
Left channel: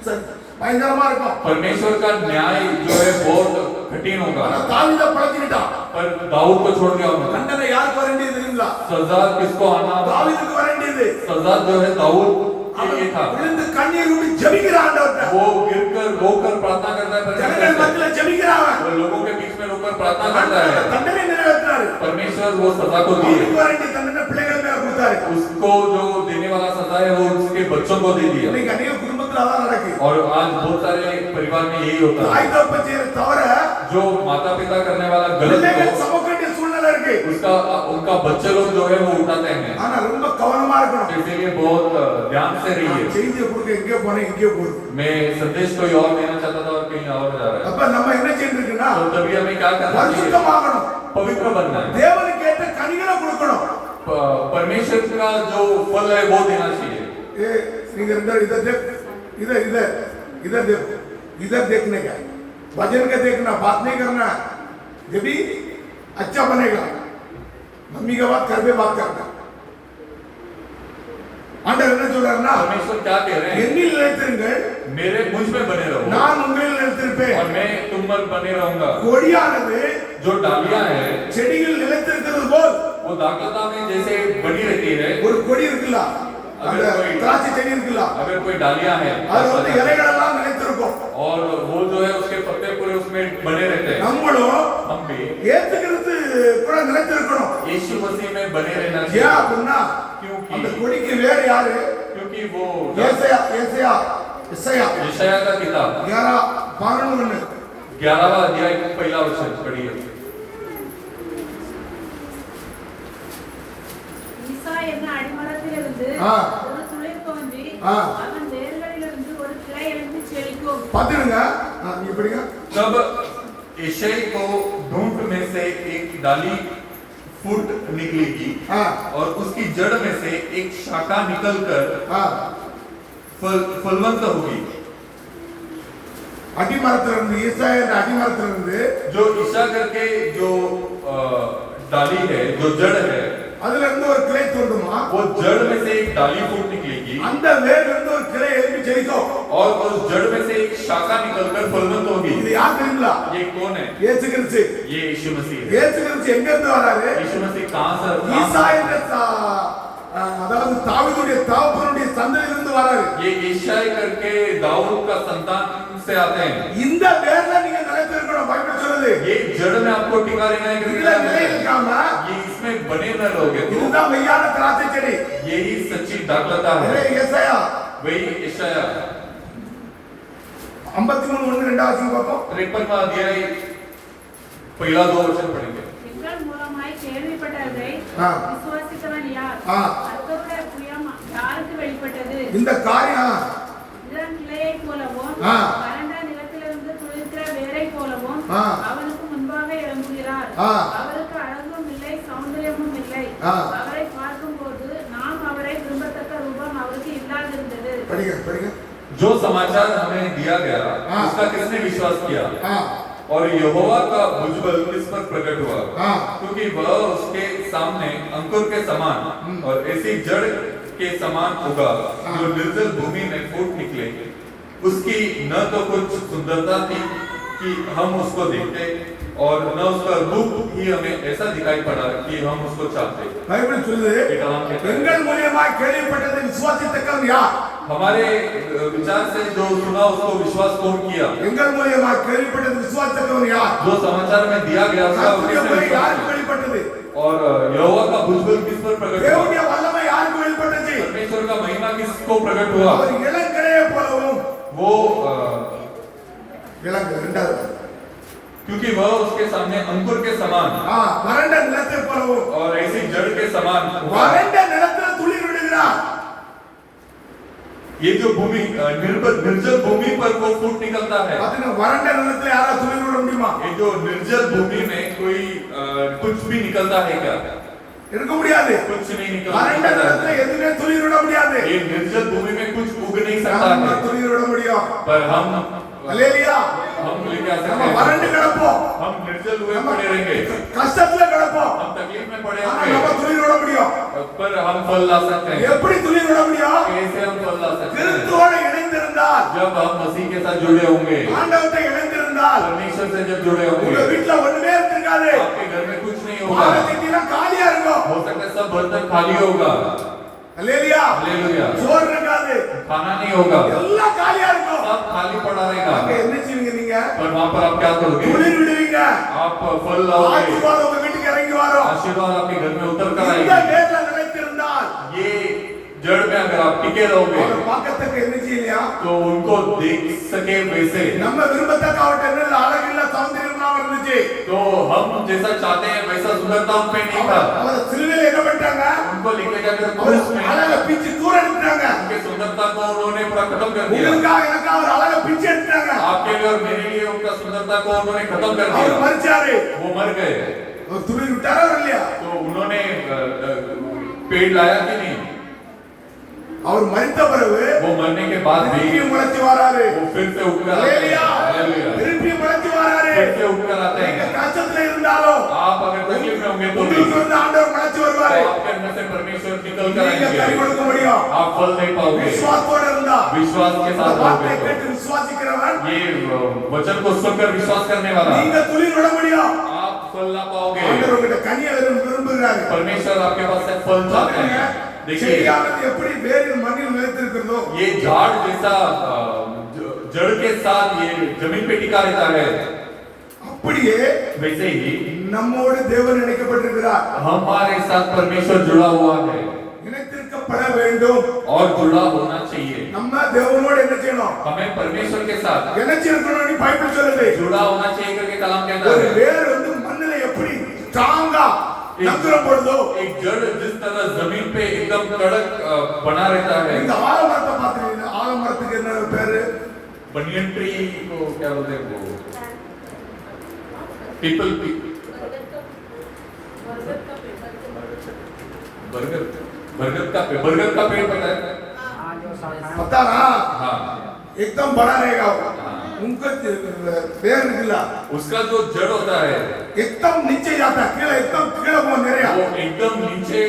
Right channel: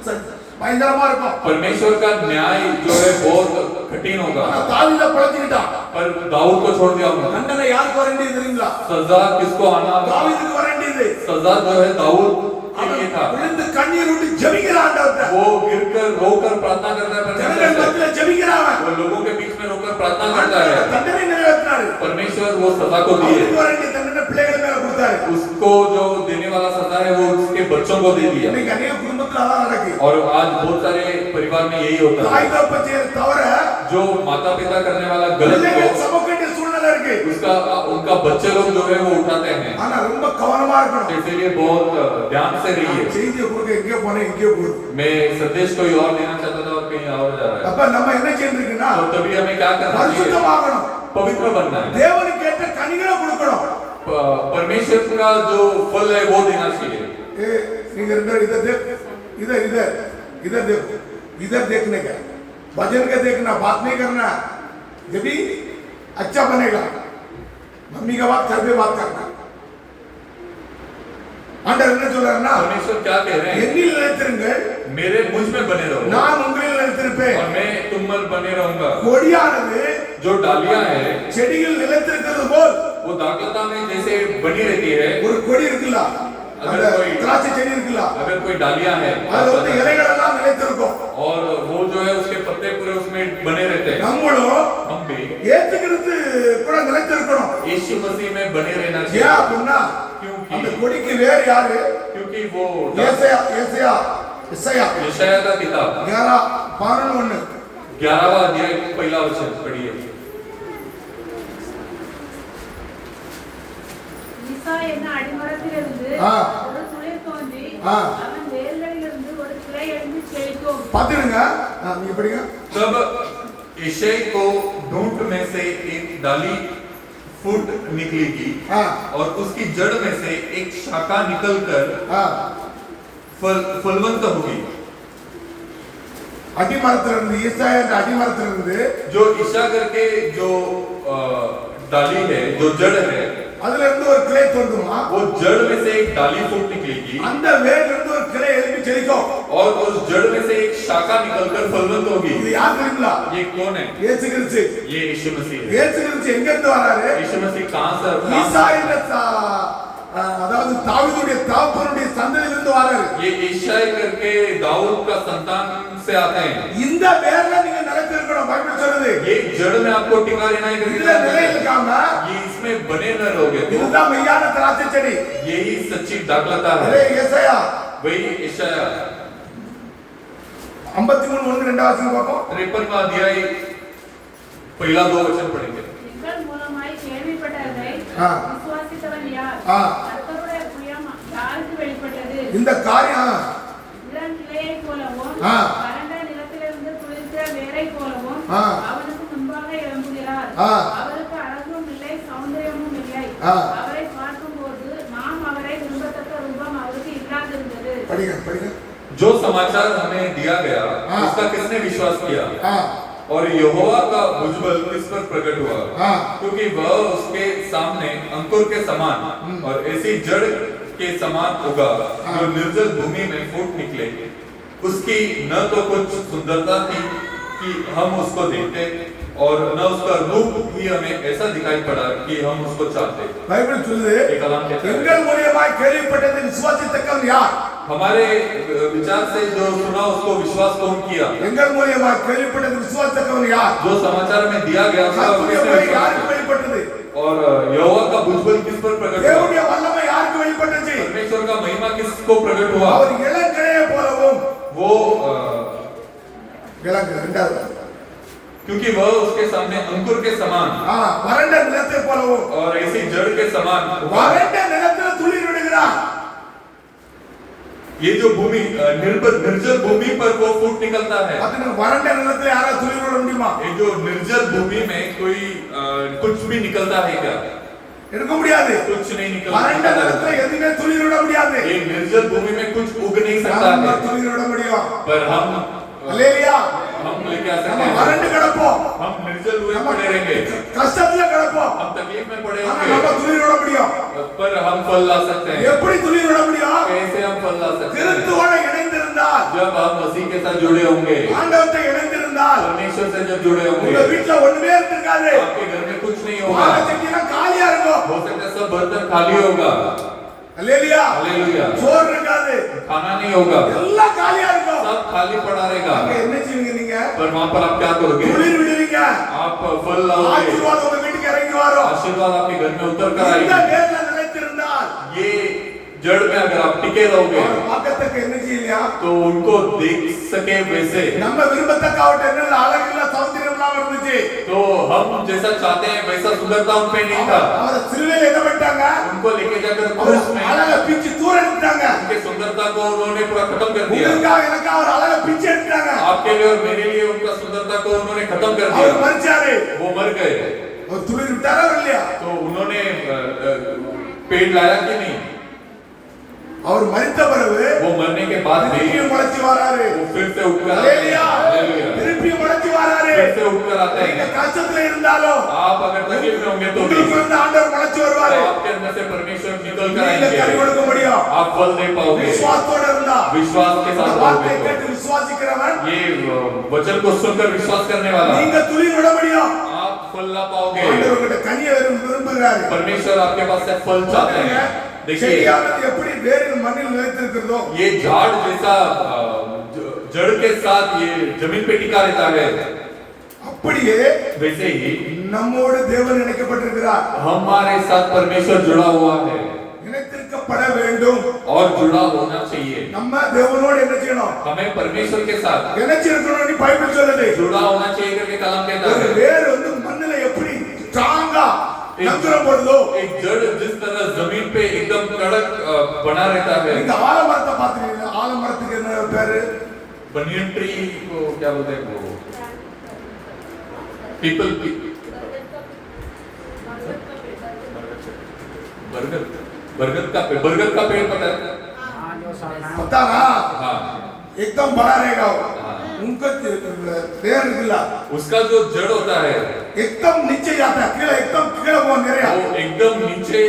பயங்கரமா இருக்கும். परमेश्वर का न्याय जो है बहुत कठिन होगा ஆனா தாவீதை பழச்சிக்கிட்டான். पर दाऊद को छोड़ दिया उन्होंने தண்டனை யாருக்கு வர வேண்டியது தெரியுங்களா? सजा किसको आना தாவீதுக்கு வர வேண்டியது. सजा जो है दाऊद के लिए था விழுந்து கண்ணீர் விட்டு ஜெபிக்கிறான் ஆண்டவர்ட்ட. वो गिरकर रोकर प्रार्थना करता है ஜனங்கள் परमेश्वर மத்தியில ஜெபிக்கிறான் அவன். वो लोगों के बीच में रोकर प्रार्थना करता ஆண்டவர் है தண்டனை நிறைவேற்றினாரு. परमेश्वर वो सजा को दिए அவனுக்கு வர வேண்டிய தண்டனை பிள்ளைகள் மேல கொடுத்தாரு. उसको जो देने वाला सजा है वो उसके बच्चों को दे दिया இன்னைக்கு அநேக குடும்பத்துல குடும்பத்துல அதான் நடக்கு. और आज बहुत सारे परिवार में यही होता है, தாய் தகப்பன் செய்யற தவிர जो माता पिता करने वाला गलत பிள்ளைகள் को சமக்க வேண்டிய சூழ்நிலை இருக்கு. उसका उनका बच्चे लोग जो है वो उठाते हैं। ஆனா ரொம்ப கவனமா तो இருக்கணும். इसलिए बहुत ध्यान से रहिए। செய்தியை கொடுக்க எங்கே போனேன் இங்கே போகுது. मैं संदेश कोई और देना चाहता था और कहीं और जा रहा है। அப்ப நம்ம என்ன செய்யணும்னா तो तभी हमें क्या करना चाहिए? பரிசுத்தமாகணும். पवित्र बनना है। தேவனுக்கு ஏற்ற கனிகளை கொடுக்கணும். परमेश्वर का जो फल है वो देना चाहिए। ए நீங்க इधर देख इधर देखने का भजन का देखना, बात नहीं करना। जब भी अच्छा बनेगा मम्मी का बात घर पे बात करना। ஆண்டவர் என்ன சொல்றாருன்னா, परमेश्वर क्या कह रहे हैं? என்னில் நிலைத்திருங்கள், मेरे मुझ में बने रहो, நான் உங்களில் நிலைத்திருப்பேன். और मैं तुम पर बने रहूंगा। கொடியானது जो डालियां हैं செடியில் நிலைத்திருக்கிறது போல், वो दाखलता में जैसे बनी रहती है। ஒரு கொடி இருக்குல்ல, அந்த திராட்சை செடி இருக்குல்ல, अगर कोई डालियां है அது வந்து இலைகள் எல்லாம் நிலைத்திருக்கும். और वो जो है उसके पत्ते पूरे उसमें बने रहते हैं। நம்மளும் हम भी ஏத்துக்கிறது கூட நிலைத்திருக்கணும். यीशु मसीह में बने रहना ஏன் चाहिए। அப்படின்னா क्योंकि அந்த கொடிக்கு வேர் யாரு? क्योंकि वो ஏசாயா यशायाह का किताब 11:11 11वां अध्याय पहला वचन पढ़िए। ஈசா என்ன அடிமரத்திலிருந்து ஆ. ஒரு துளிர் தோன்றி ஆ. அவன் வேர்களிலிருந்து ஒரு கிளை எழுந்து செழிக்கும். பாத்துடுங்க. நீங்க படிங்க. तब यशायाह को ढूंढ में से एक डाली फूट निकलेगी हाँ। और उसकी जड़ में से एक शाखा निकलकर फलवंत होगी। அடிமரத்திலிருந்து ஈசாயா அடிமரத்திலிருந்து जो ईशा करके जो डाली है, जो जड़ है, அதுல இருந்து ஒரு கிளை தோன்றுமா, वो जड़ में से एक डाली फूट निकलेगी அந்த வேர்ல இருந்து ஒரு கிளை எழும்பி செழிக்கும். और उस जड़ में से एक शाखा निकलकर फलवंत होगी। இது யார் தெரியுங்களா? ये कौन है? இயேசு கிறிஸ்து. ये यीशु मसीह है। இயேசு கிறிஸ்து எங்க இருந்து வராரு? यीशु मसीह कहां से? ஈசாயா அதாவது தாவீதுடைய தகப்பனுடைய சந்ததியிலிருந்து வராரு. ये ईशाई करके दाऊद का संतान से आते हैं। இந்த வேர்ல நீங்க நிலைத்திருக்கணும். பைபிள் சொல்லுது. ये जड़ में आपको टिका रहना है। இதுல நிலையிருக்காம ये इसमें बने न रहोगे तो இதுதான் மெய்யான திராட்சை செடி. यही सच्ची दाखलता அதே है। ஏசாயா वही ईशाया 53:1 வாசிங்க பாப்போம். 53वां अध्याय पहला 2 वचन पढ़ेंगे। எங்கள் மூலமாய் கேள்விப்பட்டதை ஆ. விசுவாசித்தவன் யார்? ஆ. கர்த்தருடைய புயம் யாருக்கு வெளிப்பட்டது? இந்த காரியம் இளம் கிளையைப் போலவும் ஆ. வறண்ட நிலத்திலிருந்து துளிர்த்த வேரைப் போலவும் ஆ. அவனுக்கு முன்பாக எழும்புகிறார். ஆ. அவருக்கு அழகும் இல்லை, சௌந்தரியமும் இல்லை. ஆ. அவரை பார்க்கும்போது நாம் அவரை விரும்பத்தக்க ரூபம் அவருக்கு இல்லாதிருந்தது. படிங்க. जो समाचार हमें दिया गया हाँ। उसका किसने विश्वास किया? ஆ. और यहोवा का भुजबल किस पर प्रकट हुआ? हाँ। क्योंकि वह उसके सामने अंकुर के समान और ऐसी जड़ के समान उगा जो निर्जल भूमि में फूट निकले। उसकी न तो कुछ सुंदरता थी कि हम उसको देखते और न उसका रूप ही हमें ऐसा दिखाई पड़ा कि हम उसको चाहते। பைபிள் சொல்லுது, ये कलाम कहता है, எங்கள் மூலியமாய் கேள்விப்பட்டதை விசுவாசித்தக்கவன் யார்? हमारे विचार से जो सुना उसको विश्वास कौन किया? எங்கள் மூலியமாய் கேள்விப்பட்டதை விசுவாசித்தக்கவன் யார்? जो समाचार में दिया गया उसका கர்த்தருடைய किसने வழி विश्वास யாருக்கு किया? வெளிப்பட்டது? और यहोवा का भुजबल किस पर प्रकट हुआ? தேவனுடைய வல்லமை யாருக்கு வெளிப்பட்டது? परमेश्वर का महिमा किसको प्रकट हुआ? அவர் இளங்கிளையை போலவும், वो இளங்கிளை இரண்டாவது, क्योंकि वह उसके सामने अंकुर के समान வறண்ட நிலத்தை போலவும், और ऐसी जड़ के समान उगा। வறண்ட நிலத்தில் துளிர் விடுகிறார். ये जो भूमि निर्जल भूमि पर वो फूट निकलता है। பாத்தீங்கன்னா வறண்ட நிலத்தில் யாராவது துளிர் விட முடியுமா? ये जो निर्जल भूमि में कोई कुछ भी निकलता है क्या? இருக்க முடியாது. कुछ नहीं வறண்ட निकलता। நிலத்தில் எதுவுமே துளிர் விட முடியாது. ये निर्जल भूमि में कुछ उग नहीं सकता நம்ம है, துளிர் விட முடியும். पर हम அல்லேலூயா. लेके आ सकते நம்ம हैं। வறண்டு கிடப்போம், हम निर्जल हुए पड़े रहेंगे, கஷ்டத்துல கிடப்போம், हम तकलीफ में पड़े ஆனா होंगे, நம்ம துளிர் விட முடியும். पर हम फल ला सकते हैं। எப்படி துளிர் விட முடியும்? कैसे हम फल ला सकते हैं? கிறிஸ்துவோட இணைந்திருந்தால், जब हम मसीह के साथ जुड़े होंगे, ஆண்டவர்கிட்ட இணைந்திருந்தால், परमेश्वर से जब जुड़े உங்க होंगे, வீட்ல ஒண்ணுமே இருக்காது. आपके घर में कुछ नहीं பானை होगा, சட்டிலாம் காலியா இருக்கும். हो सकता है सब बर्तन खाली होगा, அல்லேலூயா. हालेलुया, சோறு இருக்காது, खाना नहीं होगा, எல்லாம் காலியா இருக்கும். सब खाली पड़ा அங்க रहेगा। என்ன செய்வீங்க நீங்க? पर वहां पर आप क्या करोगे? துளிர் விடுவீங்க. आप फल लाओगे, ஆசீர்வாதம் உங்க வீட்டுக்கு இறங்கி வரும். आशीर्वाद आपके घर में उतर कर இந்த आएगी। நேர்ல நிலைத்திருந்தால் ये जड़ में अगर आप टिके रहोगे, அவர் பக்கத்துக்கு என்ன செய்யலையா तो उनको देख सके वैसे। நம்ம விரும்பத்தக்க அவட்ட அழகில்ல சௌந்தரியம் எல்லாம் இருந்துச்சு तो हम जैसा चाहते हैं वैसा सुंदरता उन पे नहीं था। அவர சிலுவையில என்ன பண்ணிட்டாங்க उनको लेके जाकर அவர் क्रूस में அழக பிச்சு தூர எடுத்துட்டாங்க उनके सुंदरता को उन्होंने पूरा खत्म कर दिया। உங்களுக்காக எனக்கு அவர் அழக பிச்சு எடுத்துட்டாங்க आपके लिए और मेरे लिए उनका सुंदरता को उन्होंने खत्म कर அவர் दिया। மரிச்சாரு वो मर गए அவர் துளி விட்டாரா இல்லையா तो उन्होंने पेड़ लाया कि नहीं? அவர் மரித்த பிறகு वो मरने के बाद भी திருப்பி முளைச்சு வராரு वो फिर से उठकर आते ஹalleluya हैं। हालेलुया। திருப்பி முளைச்சு வராரு फिर से उठकर आते நீங்க हैं। கஷ்டத்துல இருந்தாலும் आप अगर तकलीफ में होंगे तो உங்களுக்கு வந்து ஆண்டவர் முளைச்சு வருவாரு तो आपके अंदर से परमेश्वर निकल कर நீங்க கனி आएंगे। கொடுக்க முடியும் आप फल दे पाओगे விசுவாசத்தோட இருந்தா विश्वास के இந்த साथ வார்த்தை रहोगे। கேட்டு விசுவாசிக்கிறவன் ये वचन को सुनकर विश्वास करने वाला நீங்க துளி விட முடியும் आप फल ला पाओगे। ஆண்டவர் உங்ககிட்ட கனியை விரும்புகிறாரு परमेश्वर आपके पास से फल चाहते हैं। देखिए செடியானது எப்படி வேரில் மண்ணில் நிலைத்திருக்கிறதோ ये झाड़ जैसा जड़ के साथ ये जमीन पे टिका रहता है, அப்படியே वैसे ही நம்மோடு தேவன் இணைக்கப்பட்டிருக்கிறார் हमारे साथ परमेश्वर जुड़ा हुआ है இணைத்திருக்கப்பட வேண்டும் और जुड़ा होना चाहिए। நம்ம தேவனோடு என்ன செய்யணும் हमें परमेश्वर के साथ இணைச்சிருக்கணும்னு பைபிள் சொல்லுது जुड़ा होना चाहिए करके कलाम कहता ஒரு है। வேர் வந்து மண்ணில எப்படி ஸ்ட்ராங்கா நங்கரம் போடுதோ एक जड़ जिस तरह जमीन पे एकदम कड़क बना रहता है। இந்த ஆலமரத்தை பாத்துறீங்க ஆலமரத்துக்கு என்ன பேரு बनियन ट्री को क्या बोलते हैं वो पीपल बरगद बरगद का पेड़ पता है? पता ना हाँ एकदम बड़ा रहेगा वो उनका पेड़ निकला उसका जो जड़ होता है एकदम नीचे जाता है कीड़ा एकदम कीड़ा बहुत நிறையா वो एकदम नीचे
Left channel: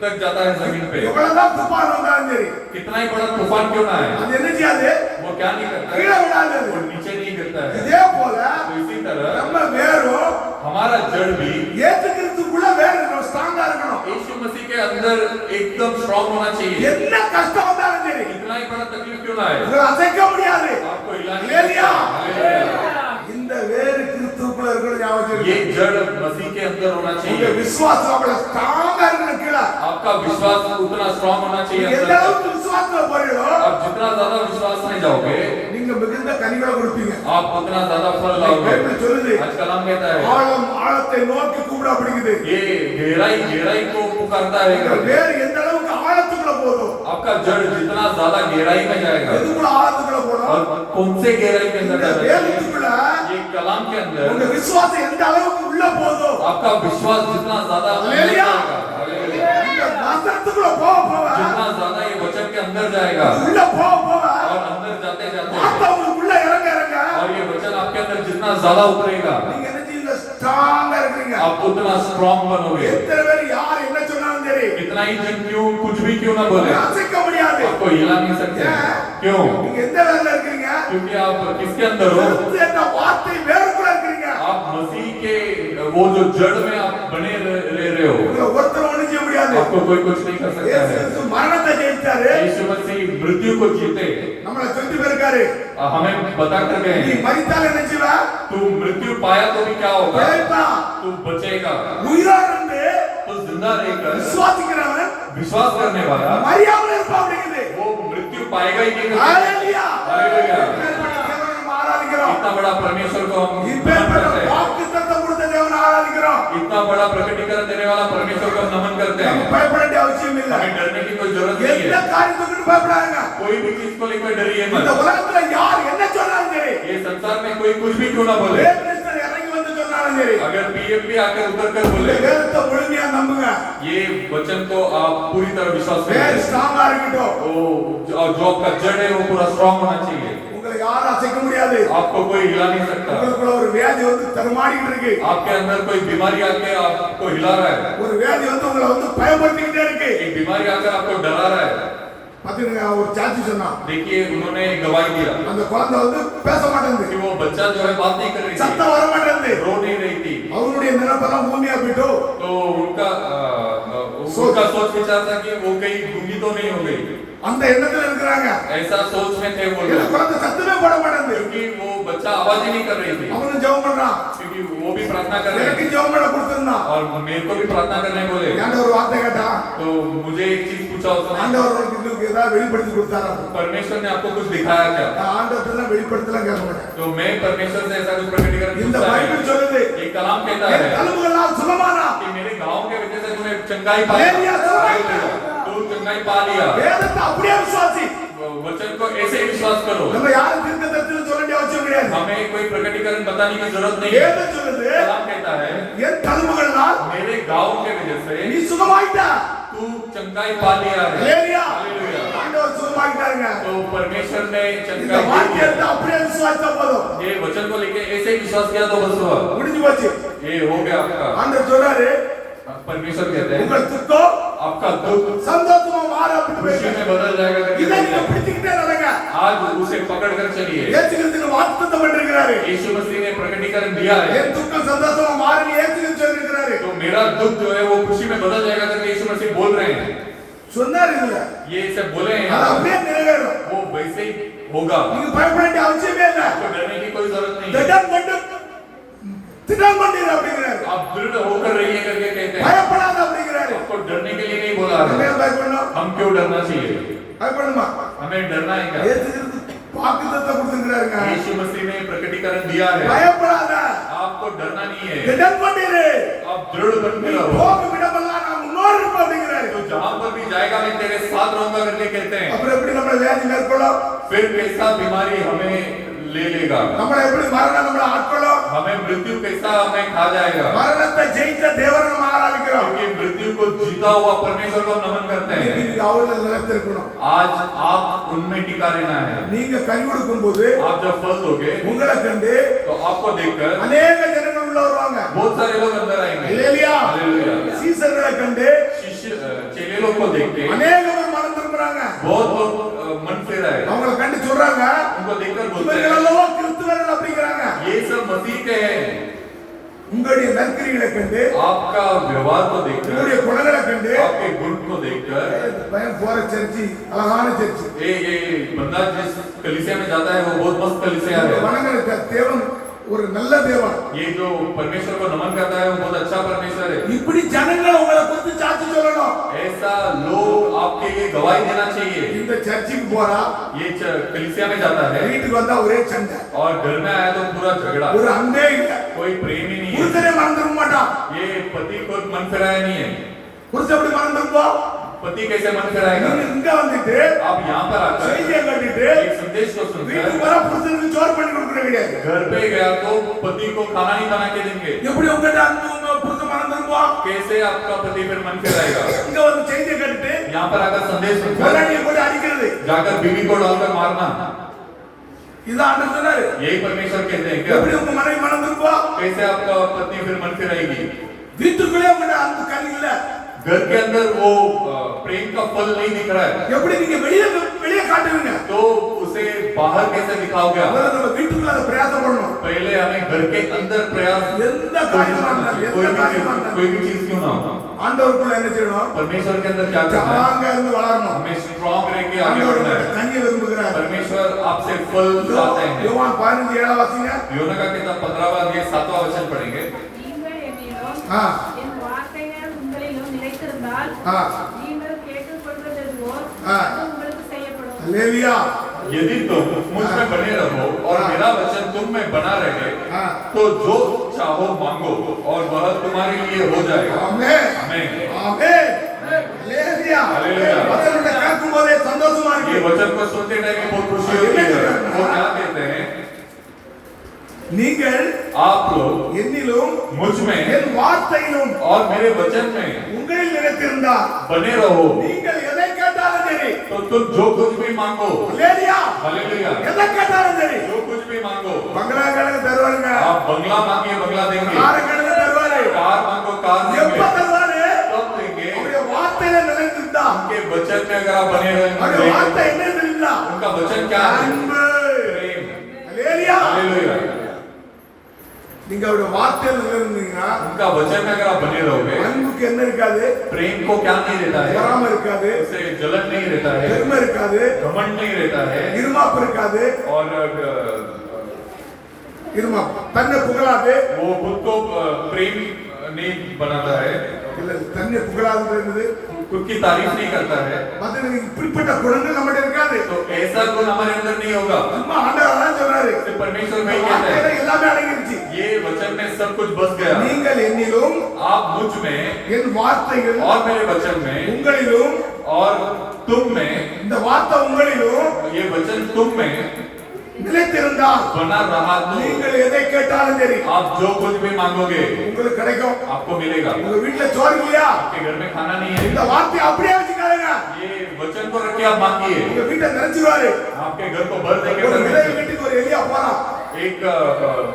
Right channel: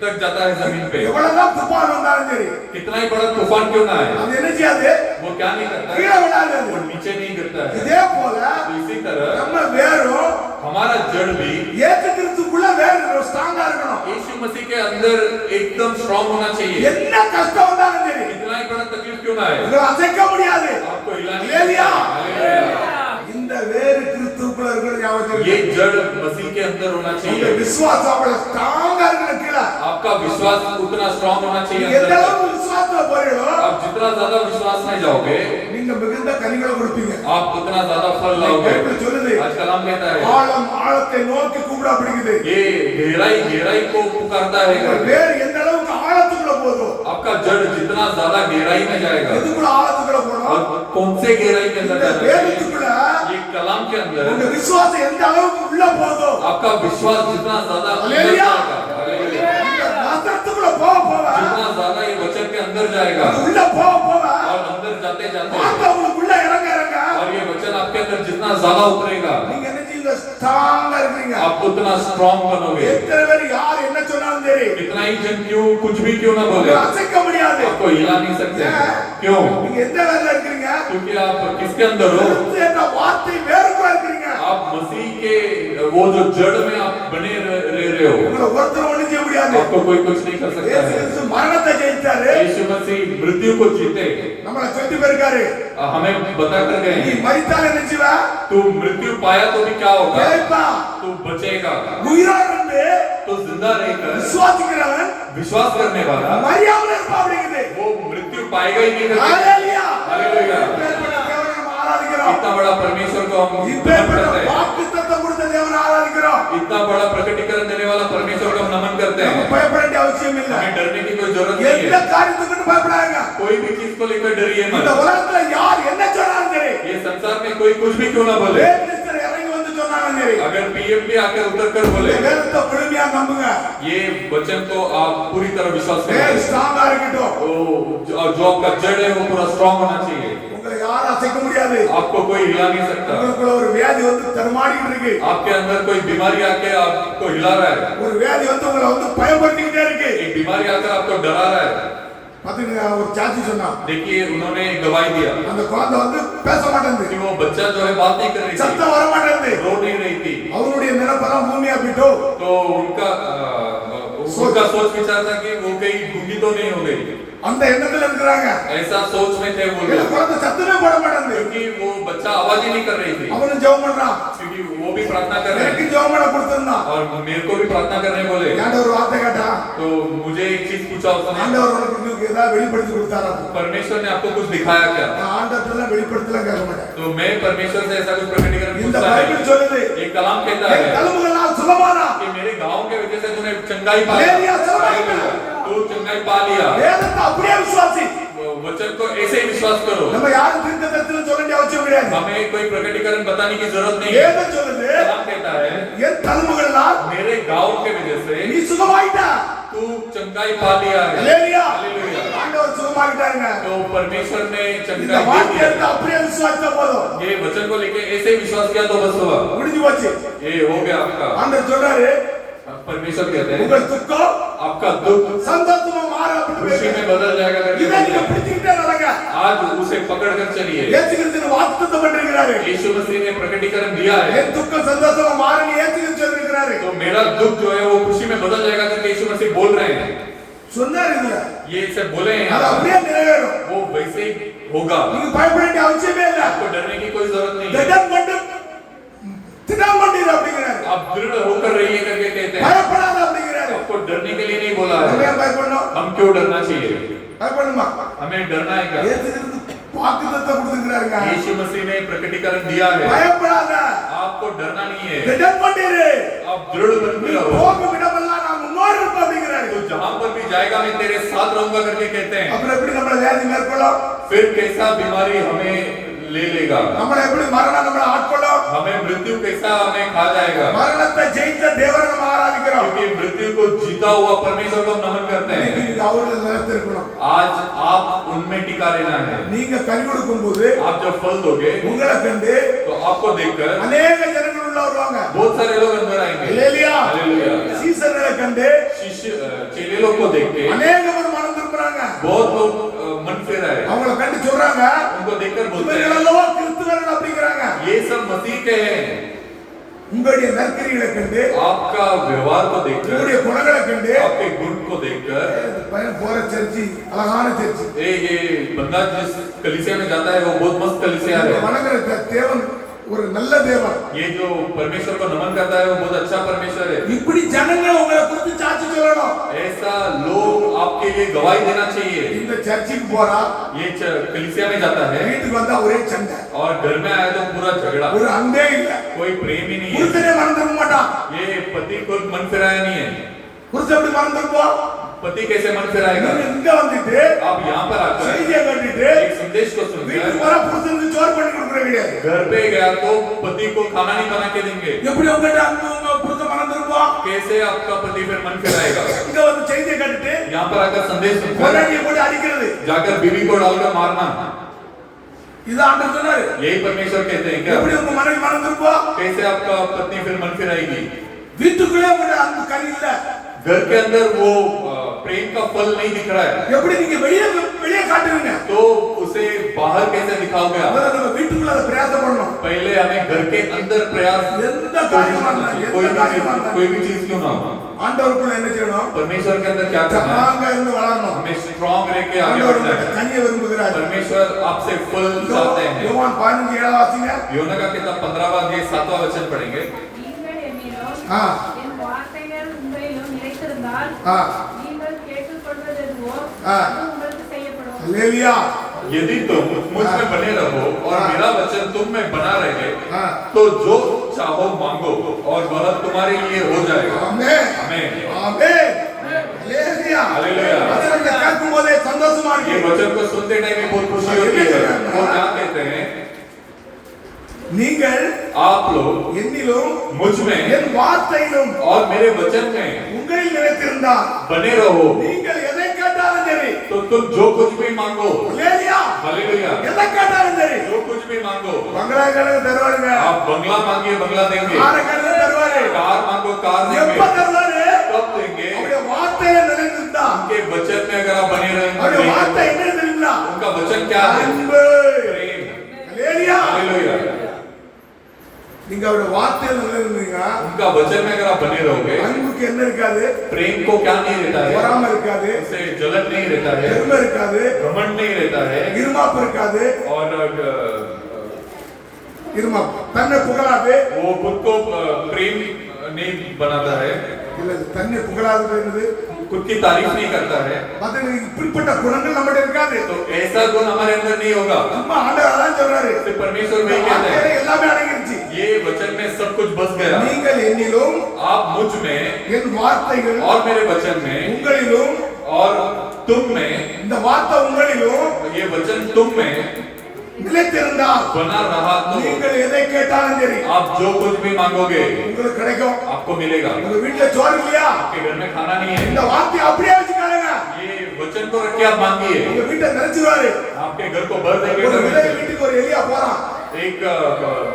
तक जाता है जमीन पे। எவ்வளவுதான் துபான் வந்தாலும் சரி कितना ही बड़ा तूफान क्यों ना आए அது என்ன செய்யாது वो क्या नहीं करता है, கீழே விடாது वो नीचे नहीं गिरता है। இதே போல तो इसी तरह நம்ம வேரும் हमारा जड़ भी ஏத்து கிறிஸ்துக்குள்ள வேர் ஸ்ட்ராங்கா இருக்கணும் यीशु मसीह के अंदर एकदम स्ट्रांग होना चाहिए। என்ன கஷ்டம் வந்தாலும் சரி कितना ही बड़ा तकलीफ क्यों ना आए உங்களை அசைக்க முடியாது आपको हिला नहीं हालेलुया। सकता। हालेलुया। இந்த வேர் கிறிஸ்துக்குள்ள இருக்கிறது ஞாபகம் ये வச்சுக்கோங்க. जड़ मसीह के अंदर होना உங்க चाहिए। விசுவாசம் அவ்வளவு ஸ்ட்ராங்கா இருக்கிற கீழே आपका विश्वास उतना स्ट्रांग होना चाहिए நீங்க எந்த अंदर। அளவுக்கு விசுவாசத்துல போறீங்களோ आप जितना ज्यादा विश्वास नहीं जाओगे நீங்க மிகுந்த கனிகளை கொடுப்பீங்க आप उतना ज्यादा फल लाओगे। பைபிள் சொல்லுது आज कलाम कहता है ஆழம் ஆழத்தை நோக்கி கூப்பிட அப்படிங்குது ये गहराई को पुकारता है करके। வேர் எந்த அளவுக்கு ஆழத்துக்குள்ள போதும் आपका जड़ जितना ज्यादा गहराई में जाएगा எதுக்குள்ள ஆழத்துக்குள்ள போதும் और कौन से गहराई के अंदर இந்த जाना चाहिए? வேதத்துக்குள்ள ये कलाम के உங்க अंदर விசுவாசம் எந்த அளவுக்கு உள்ள போதும் आपका विश्वास जितना ज्यादा अंदर हालेलुया। जाएगा, हालेलुया। இந்த வசனத்துக்குள்ள போக போக जितना ज्यादा ये वचन के अंदर जाएगा உள்ள போக போக और अंदर जाते जाते வார்த்தை உங்களுக்கு உள்ள இறங்க இறங்க और ये वचन आपके अंदर जितना ज्यादा उतरेगा நீங்க என்ன செய்யுங்க ஸ்ட்ராங்கா இருக்கீங்க आप उतना स्ट्रांग बनोगे। எத்தனை பேர் யார் என்ன சொன்னாலும் சரி कितना ही जन क्यों कुछ भी क्यों ना बोले உங்களை அசைக்க முடியாது आपको हिला नहीं सकते। क्यों? நீங்க எந்த வேலையில இருக்கீங்க क्योंकि आप किसके अंदर हो? இந்த வார்த்தை வேறுக்குள்ள இருக்கீங்க आप मसीह के वो जो जड़ में आप बने ले रहे हो। உங்களை ஒருத்தர் ஒண்ணும் செய்ய முடியாது आपको कोई कुछ नहीं कर सकता இயேசு है। கிறிஸ்து மரணத்தை ஜெயித்தாரு यीशु मसीह मृत्यु को जीते நம்மள சொல்லிட்டு போயிருக்காரு हमें बता कर गए நீ மரித்தால் என்ன செய்வ तू मृत्यु पाया तो भी क्या होगा? பிழைப்பா तू बचेगा। உயிரோட இருந்து तो जिंदा रहकर விசுவாசிக்கிறவன் विश्वास करने वाला மரியாமல் இருப்பா அப்படிங்குது वो मृत्यु पाएगा ही नहीं। ஹalleluya हालेलुया। இப்பேற்பட்ட தேவனை நம்ம ஆராதிக்கிறோம் इतना बड़ा परमेश्वर को हम नमन இப்பேற்பட்ட करते हैं। வாக்குத்தத்தம் கொடுத்த தேவனை ஆராதிக்கிறோம் इतना बड़ा प्रकटीकरण देने वाला परमेश्वर को हम नमन करते நம்ம हैं। பயப்பட வேண்டிய அவசியம் இல்ல हमें डरने की कोई जरूरत नहीं எந்த है। காரியத்துக்கு பயப்படாதீங்க कोई भी चीज को लेकर डरिए இந்த मत। உலகத்துல யார் என்ன சொன்னாலும் சரி ये संसार में कोई कुछ भी क्यों ना बोले, வேதத்தில் இறங்கி வந்து சொன்னாலும் சரி अगर पीएम भी आकर उतर कर இந்த बोले வேதத்தை முழுமையா நம்புங்க ये वचन को आप पूरी तरह विश्वास வேத करें। ஸ்ட்ராங்கா இருக்கட்டும் जो आपका जड़ है वो पूरा स्ट्रांग होना चाहिए। உங்களை யாரும் அசைக்க முடியாது आपको कोई हिला नहीं सकता। உங்களுக்குள்ள ஒரு வியாதி வந்து தடுமாறிட்டு இருக்கு आपके अंदर कोई बीमारी आके आपको हिला रहा है, ஒரு வியாதி வந்து உங்களை வந்து பயப்படுத்திக்கிட்டே இருக்கு एक बीमारी आकर आपको डरा रहा है। பாத்தீங்க ஒரு சாட்சி சொன்னா देखिए उन्होंने एक गवाही दिया அந்த குழந்தை வந்து பேச कि மாட்டேங்குது वो बच्चा जो है बात नहीं कर रही थी, சத்தம் வர மாட்டேங்குது रो नहीं रही थी। அவருடைய நினைப்பெல்லாம் பூமியா போயிட்டோ तो उनका सोच विचार था कि वो कहीं गूंगी तो नहीं हो गई। அந்த எண்ணத்துல இருக்கிறாங்க. ऐसा सोच में थे वो இல்ல लोग, குழந்தை சத்தமே போட மாட்டேங்குது. क्योंकि वो बच्चा आवाज ही नहीं कर रही थी, அவனும் ஜெபம் பண்றான். क्योंकि वो भी प्रार्थना कर रहे எனக்கு थे ஜெபம் பண்ண கொடுத்திருந்தான். और मेरे को भी प्रार्थना करने बोले। ஏன்டா ஒரு வார்த்தை கேட்டலாம். तो मुझे एक चीज पूछा उसने, ஆண்டவர் உனக்கு இன்னும் ஏதாவது வெளிப்படுத்தி கொடுத்தாரா? परमेश्वर ने आपको कुछ दिखाया क्या? நான் ஆண்டவர்ட்டலாம் வெளிப்படுத்தலாம் கேட்க மாட்டேன். तो मैं परमेश्वर से ऐसा कुछ प्रकटीकरण இந்த पूछता பைபிள் है। சொல்லுது ये कलाम कहता என் है தழும்புகளால் சுகமானா. कि मेरे गांव के वजह से तूने चंगाई पा हालेलुया, सुनाइना। तू चंगाई पा लिया। வேதத்தை அப்படியே விசுவாசி. वचन को ऐसे ही विश्वास करो, நம்ம யாரும் தீர்க்கதரிசனம் சொல்ல வேண்டிய அவசியம் கிடையாது. हमें कोई प्रकटीकरण बताने की जरूरत नहीं है। வேதம் சொல்லுது कलाम कहता है என் தழும்புகளால் मेरे गांव के वजह से நீ சுகமாயிட்டா. तू चंगाई पा लिया है। हालेलुया. हालेलुया। ஆண்டவர் சுகமாயிட்டாருங்க. तो परमेश्वर ने இந்த चंगाई दी வார்த்தையை है। எடுத்து அப்படியே விசுவாசித்தா போதும். ये वचन को लेके ऐसे ही विश्वास किया तो बस हुआ, முடிஞ்சு போச்சு. ये हो गया आपका। ஆண்டவர் சொல்றாரு परमेश्वर कहते हैं உங்கள் துக்கம் आपका दुख சந்தோஷமா மாற அப்படின்னு खुशी பேசுறாரு. में बदल जाएगा இதை நீங்க करके பிடிச்சுக்கிட்டே நடங்க. आज उसे पकड़ कर चलिए। இயேசு கிறிஸ்து வாக்குத்தத்தம் பண்ணிருக்கிறாரு. यीशु मसीह ने प्रकटीकरण दिया है, என் துக்கம் சந்தோஷமா மாறன்னு இயேசு கிறிஸ்து சொல்லிருக்கிறாரு. तो मेरा दुख जो है वो खुशी में बदल जाएगा करके यीशु मसीह बोल रहे हैं। சொன்னாரு இதுல. ये इसे बोले हैं, அது அப்படியே நிறைவேறும். वो वैसे ही होगा, நீங்க பயப்பட வேண்டிய அவசியமே இல்ல. आपको डरने की कोई जरूरत नहीं है। திடம் பண்ணு திடம் பண்ணிரு அப்படிங்கிறாரு. आप दृढ़ होकर रहिए करके कहते हैं, பயப்படாத அப்படிங்கிறாரு. आपको डरने के लिए नहीं बोला நம்ம है। ஏன் பயப்படணும்? हम क्यों डरना चाहिए? பயப்படணுமா? हमें डरना है क्या? இயேசு கிறிஸ்து வாக்குத்தத்தம் கொடுத்திருக்கிறாருங்க. यीशु मसीह ने प्रकटीकरण दिया है, பயப்படாத. आपको डरना नहीं है, திடம் பண்ணிரு. आप दृढ़ बन நீ के रहो। போகும் இடமெல்லாம் நான் முன்னோடு இருப்பேன் அப்படிங்கிறாரு. तो जहां पर भी जाएगा मैं तेरे साथ रहूंगा करके कहते हैं। அப்புறம் எப்படி நம்மள வியாதி மேற்கொள்ளும்? फिर कैसा बीमारी हमें ले लेगा, நம்மள எப்படி மரணம் நம்மள ஆட்கொள்ளும்? हमें मृत्यु कैसा हमें खा जाएगा, மரணத்தை ஜெயித்த தேவனை நம்ம ஆராதிக்கிறோம். क्योंकि मृत्यु को जीता हुआ परमेश्वर को नमन करते हैं। நீங்க அவர்ல நிலைத்திருக்கணும். आज आप उनमें टिका रहना है। நீங்க கனி கொடுக்கும்போது आप जब फल दोगे உங்களை கண்டு तो आपको देखकर அநேக ஜனங்கள் உள்ள வருவாங்க. बहुत सारे लोग अंदर आएंगे। ஹalleluya. हालेलुया। சீசர்களை கண்டு शिष्य चेले लोग को देखते அநேகவர் மனம் திரும்புறாங்க. बहुत लोग मन फिर आए, அவங்கள கண்டு சொல்றாங்க उनको देखकर बोलते இவர்கள் हैं அல்லவா கிறிஸ்துவர்கள் அப்படிங்கறாங்க. ये सब मसीह के हैं। உங்களுடைய நற்கிரிகளை கண்டு आपका व्यवहार को देखकर, உங்களுடைய குணங்களை கண்டு आपके गुण को देखकर, இந்த பையன் போற சர்ச்சி அழகான சர்ச்சி. ये बंदा जिस कलीसिया में जाता है वो बहुत मस्त कलीसिया है। வணங்குற தேவன் ஒரு நல்ல தேவன். ये जो परमेश्वर को नमन करता है वो बहुत अच्छा परमेश्वर है। இப்படி ஜனங்கள் உங்களை குறித்து சாட்சி சொல்லணும். ऐसा लोग आपके लिए गवाही देना चाहिए। இந்த சர்ச்சுக்கு போறா ये कलीसिया में जाता है வீட்டுக்கு வந்தா ஒரே சண்டை, और घर में आया तो पूरा झगड़ा, ஒரு அன்பே இல்ல. कोई प्रेम ही नहीं है। புருஷனே மறந்துட மாட்டான். ये पति को मन फिराया नहीं है। புருஷன் எப்படி மறந்துருப்போம்? पति कैसे मन फिराएगा? நீங்க இங்க வந்துட்டு आप यहाँ पर आकर செய்தியை கட்டிட்டு एक संदेश को வீட்டுக்கு सुनकर வர புருஷனுக்கு சோறு பண்ணி கொடுக்குற கிடையாது. घर पे गया तो पति को खाना नहीं बना के देंगे। எப்படி உங்ககிட்ட அன்பு உங்க புருஷன் மறந்துருப்போம்? कैसे आपका पति फिर मन फिराएगा? இங்க வந்து செய்தியை கட்டிட்டு यहाँ पर आकर संदेश सुनकर கொலையை போட்டு அடிக்கிறது. जाकर बीवी को डालकर मारना, இது ஆண்டவர் சொன்னாரு. यही परमेश्वर कहते हैं क्या? எப்படி உங்க மனைவி மறந்துருப்போம்? कैसे आपका पत्नी फिर मन फिराएगी? வீட்டுக்குள்ளே உங்ககிட்ட அன்பு கனி இல்ல. घर के अंदर वो प्रेम का फल नहीं दिख रहा है, எப்படி நீங்க வெளியே வெளியே காட்டுவீங்க? तो उसे बाहर कैसे दिखाओगे आप? முதல்ல நம்ம வீட்டுக்குள்ள அதை பிரயாசம் பண்ணணும். पहले हमें घर के अंदर प्रयास, எந்த காரியமா இருந்தாலும் कोई எந்த காரியமா भी இருந்தாலும் चीज क्यों ना हो, ஆண்டவருக்குள்ள என்ன செய்யணும்? परमेश्वर के अंदर क्या करना है? ஸ்ட்ராங்கா இருந்து வளரணும். हमें स्ट्रॉन्ग रह के आगे ஆண்டவர் बढ़ना உங்கள்ட்ட है। கனியை விரும்புகிறார். परमेश्वर आपसे फल चाहते हैं। யோவான் 15:7 வாசிங்க. योना का किताब 15वां अध्याय 7वां वचन पढ़ेंगे। நீங்கள் என்னிலும் ஆ என் வார்த்தைகள் உங்களிலும் நிலைத்திருந்தால் ஆ நீங்கள் கேட்டுக்கொள்வது எதுவோ ஆ. அது உங்களுக்கு செய்யப்படும். ஹalleluya. यदि तुम मुझ में बने रहो और मेरा वचन तुम में बना रहे हाँ। तो जो चाहो मांगो और वह तुम्हारे लिए हो जाएगा। ஆமென். आमीन। ஆமென். ஹalleluya. ஹalleluya. வசனத்தை கேட்கும்போதே சந்தோஷமா ये இருக்கு. वचन को सुनते टाइम में बहुत खुशी होती है। वो क्या कहते हैं? நீங்கள் आप लोग என்னிலும் मुझ में என் வார்த்தையிலும் और मेरे वचन में உங்களில் நிலைத்திருந்தால் बने रहो நீங்கள் எதை கேட்டாலும் சரி. तो तुम जो कुछ भी मांगो, ஹalleluya. हालेलुया, எதை கேட்டாலும் சரி. जो कुछ भी मांगो, பங்களா கணக்கு தருவாருங்க. आप बंगला मांगिए बंगला देंगे, கார கணக்கு தருவாரு. कार मांगो कार எப்ப देंगे, தருவாரு? कब देंगे? அவருடைய வார்த்தையில நிலைத்திருந்தா उनके वचन में अगर आप बने அவருடைய रहेंगे, வார்த்தை என்ன தெரியுமா? उनका वचन क्या है? அன்பு. प्रेम। ஹalleluya. हालेलुया। நீ நீங்க அவருடைய வார்த்தையில நிலைநின்றீங்கன்னா उनका वचन में अगर आप बने रहोगे, அன்புக்கு என்ன இருக்காது, प्रेम को क्या नहीं रहता है, பொறாமை இருக்காது, उससे जलन नहीं रहता है, பெருமை இருக்காது, घमंड नहीं रहता है, இருமாப்பு இருக்காது, और இருமாப்பு தன்னை புகழாது, वो खुद को प्रेम नहीं बनाता है, இல்ல தன்னை புகழாதுன்றது खुद की तारीफ नहीं करता है, மத்த இப்படிப்பட்ட குணங்கள் நம்மகிட்ட இருக்காது. तो ऐसा गुण हमारे अंदर नहीं होगा। சும்மா ஆண்டவர் அதான் சொல்றாரு, सिर्फ परमेश्वर में ही कहता வார்த்தையில है, எல்லாமே அடங்கிருச்சு. ये वचन में सब कुछ बस गया। நீங்கள் என்னிலும் आप मुझ में என் வார்த்தைகள் और मेरे वचन में உங்களிலும், और तुम में, இந்த வார்த்தை உங்களிலும் ये वचन तुम में நிலைத்திருந்தால் बना रहा तो நீங்கள் எதை கேட்டாலும் சரி आप जो कुछ भी मांगोगे உங்களுக்கு கிடைக்கும். आपको मिलेगा। உங்க வீட்டுல சோறு இல்லையா, आपके घर में खाना नहीं இந்த है, வார்த்தையை அப்படியே வச்சுக்காதீங்க. ये वचन को रख के आप मांगिए, உங்க வீட்டை நிறைச்சுவாரு. आपके घर को भर देंगे। ஒரு விதவை परमेश्वर। வீட்டுக்கு ஒரு எலியா போறான். एक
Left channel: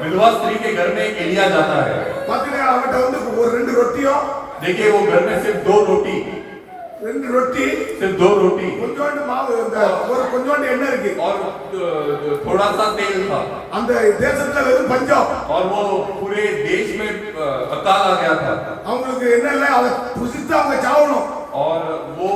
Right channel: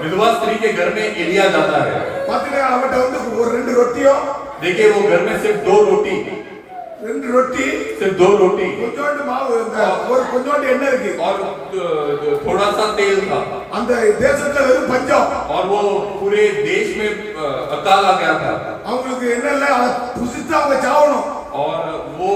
विधवा स्त्री के घर में एलिया जाता है। பாத்தீங்கன்னா அவன்கிட்ட வந்து ஒரு 2 ரொட்டியும், देखिए वो घर में सिर्फ 2 रोटी, 2 ரொட்டி, सिर्फ 2 रोटी கொஞ்சோண்டு மாவு, இந்த ஒரு கொஞ்சோண்டு எண்ணெய் இருக்கு. और थोड़ा सा तेल था, அந்த தேசத்துல வெறும் பஞ்சம். और वो पूरे देश में अकाल आ गया था, அவங்களுக்கு என்ன இல்ல, அதை புசித்து அவங்க சாவணும். और वो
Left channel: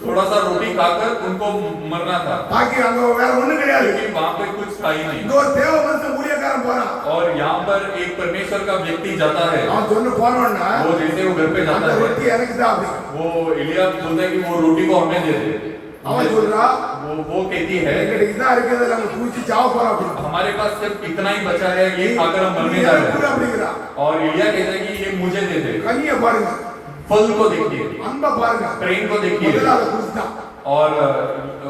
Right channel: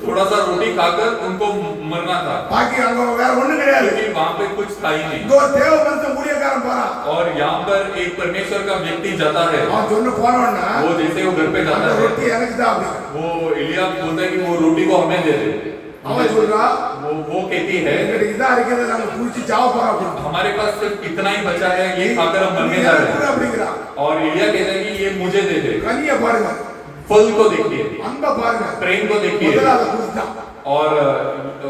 थोड़ा सा रोटी खाकर उनको मरना था, பாக்கி அங்க வேற ஒண்ணும் கிடையாது. लेकिन वहां पे कुछ था ही नहीं। இந்த ஒரு தேவ மனுஷன் ஊழியக்காரன் போறான். और यहाँ पर एक परमेश्वर का व्यक्ति जाता है, அவன் சொன்ன போனவன்னா वो जैसे वो घर पे அந்த जाता ரொட்டி है, எனக்கு தான் அப்படி. वो एलिया बोलता है कि वो रोटी को हमें दे दे। அவன் சொல்றா, वो कहती है எங்கிட்ட இதான் இருக்கிறது, நாங்க குடிச்சு சாவ போறோம் அப்படின்னு. हमारे पास सिर्फ इतना ही बचा है, ये खाकर हम मरने जा रहे हैं। அப்படிங்கிறான். और एलिया कहता है कि ये मुझे दे दे। கனிய பாருங்க, फल को देखिए, அன்ப பாருங்க, प्रेम को देखिए। முதல்ல அதை குடிச்சான். और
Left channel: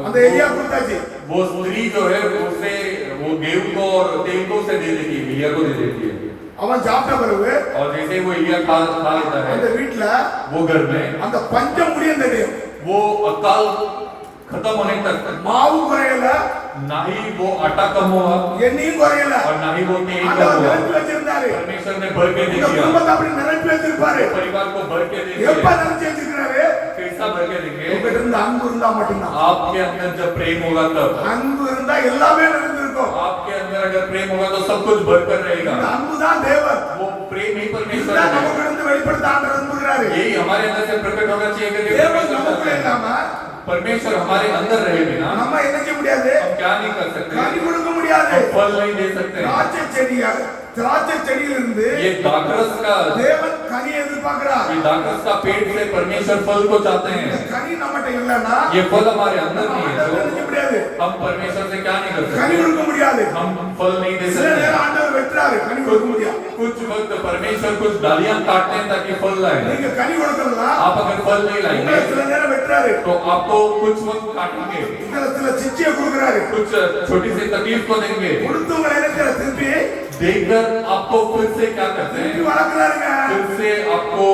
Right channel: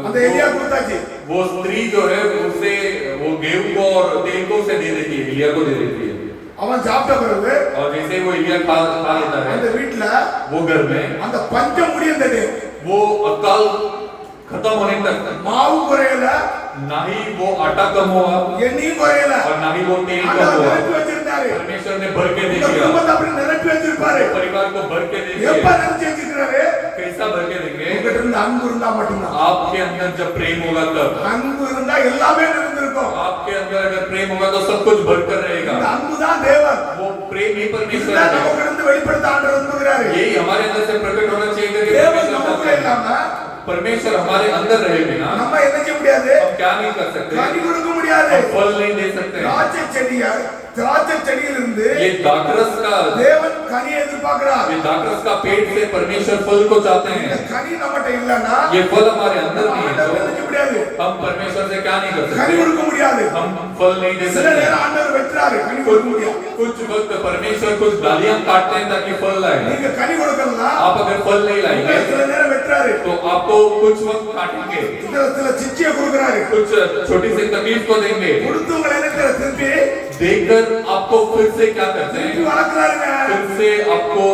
அந்த எலியா கொடுத்தாச்சு. वो स्त्री जो है उसे वो गेहूं को और तेल को उसे दे देती है, एलिया को दे देती है। அவன் சாப்பிட்ட பிறகு और जैसे वो एलिया खा लेता அந்த है, வீட்டுல वो घर में அந்த பஞ்சம் முடிந்தது. वो अकाल खत्म होने तक மாவு குறையல, ना ही वो आटा कम हुआ எண்ணெயும் குறையல. और ना ही वो तेल कम ஆண்டவர் हुआ। நிரப்பி வச்சிருந்தாரு. परमेश्वर ने भर के दे இந்த दिया, குடும்பத்தை அப்படி நிரப்பி வச்சிருப்பாரு. परिवार को भर के दे எப்ப दिया। நினைச்சு வச்சிருக்கிறாரு, कैसा भर के देंगे? உங்ககிட்ட இருந்து அன்பு இருந்தா மட்டும்தான். आपके अंदर जब प्रेम होगा तब, அன்பு இருந்தா எல்லாமே நிறைந்திருக்கும். आपके अंदर अगर प्रेम होगा तो सब कुछ भरकर இந்த रहेगा। அன்பு தான் தேவன். वो प्रेम ही परमेश्वर இதுதான் है। நமக்கு இருந்து வெளிப்படுத்த ஆண்டவர் விரும்புகிறாரு. यही हमारे अंदर से प्रकट होना चाहिए कि தேவன் परमेश्वर நமக்குள்ள चाहता है। இல்லாம परमेश्वर हमारे अंदर रहे बिना நம்ம என்ன செய்ய முடியாது, हम क्या नहीं कर सकते, கனி கொடுக்க முடியாது. हम फल नहीं दे सकते। திராட்சை செடியிலிருந்து ये दाखरस का தேவன் கனியை எதிர்பார்க்கிறார். ये दाखरस का पेड़ से परमेश्वर फल को चाहते இந்த हैं। கனி நம்மகிட்ட இல்லைன்னா ये फल हमारे अंदर नहीं है ஆண்டவர் என்ன तो செய்ய முடியாது, हम परमेश्वर से क्या नहीं कर கனி सकते, கொடுக்க முடியாது. हम फल नहीं दे சில सकते। நேரம் ஆண்டவர் வெட்டுறாரு, கனி கொடுக்க முடியாது. कुछ वक्त परमेश्वर कुछ डालियां काटते हैं ताकि फल लाए। நீங்க கனி கொடுக்கலாம், आप अगर फल नहीं लाएंगे சில நேரம் வெட்டுறாரு. तो आपको कुछ वक्त काटेंगे, சில சிச்சியை கொடுக்குறாரு, कुछ छोटी सी तकलीफ को देंगे, கொடுத்து உங்களை என்ன திருப்பி देकर आपको फिर से क्या करते திருப்பி हैं, வளர்க்கிறாருங்க. फिर से आपको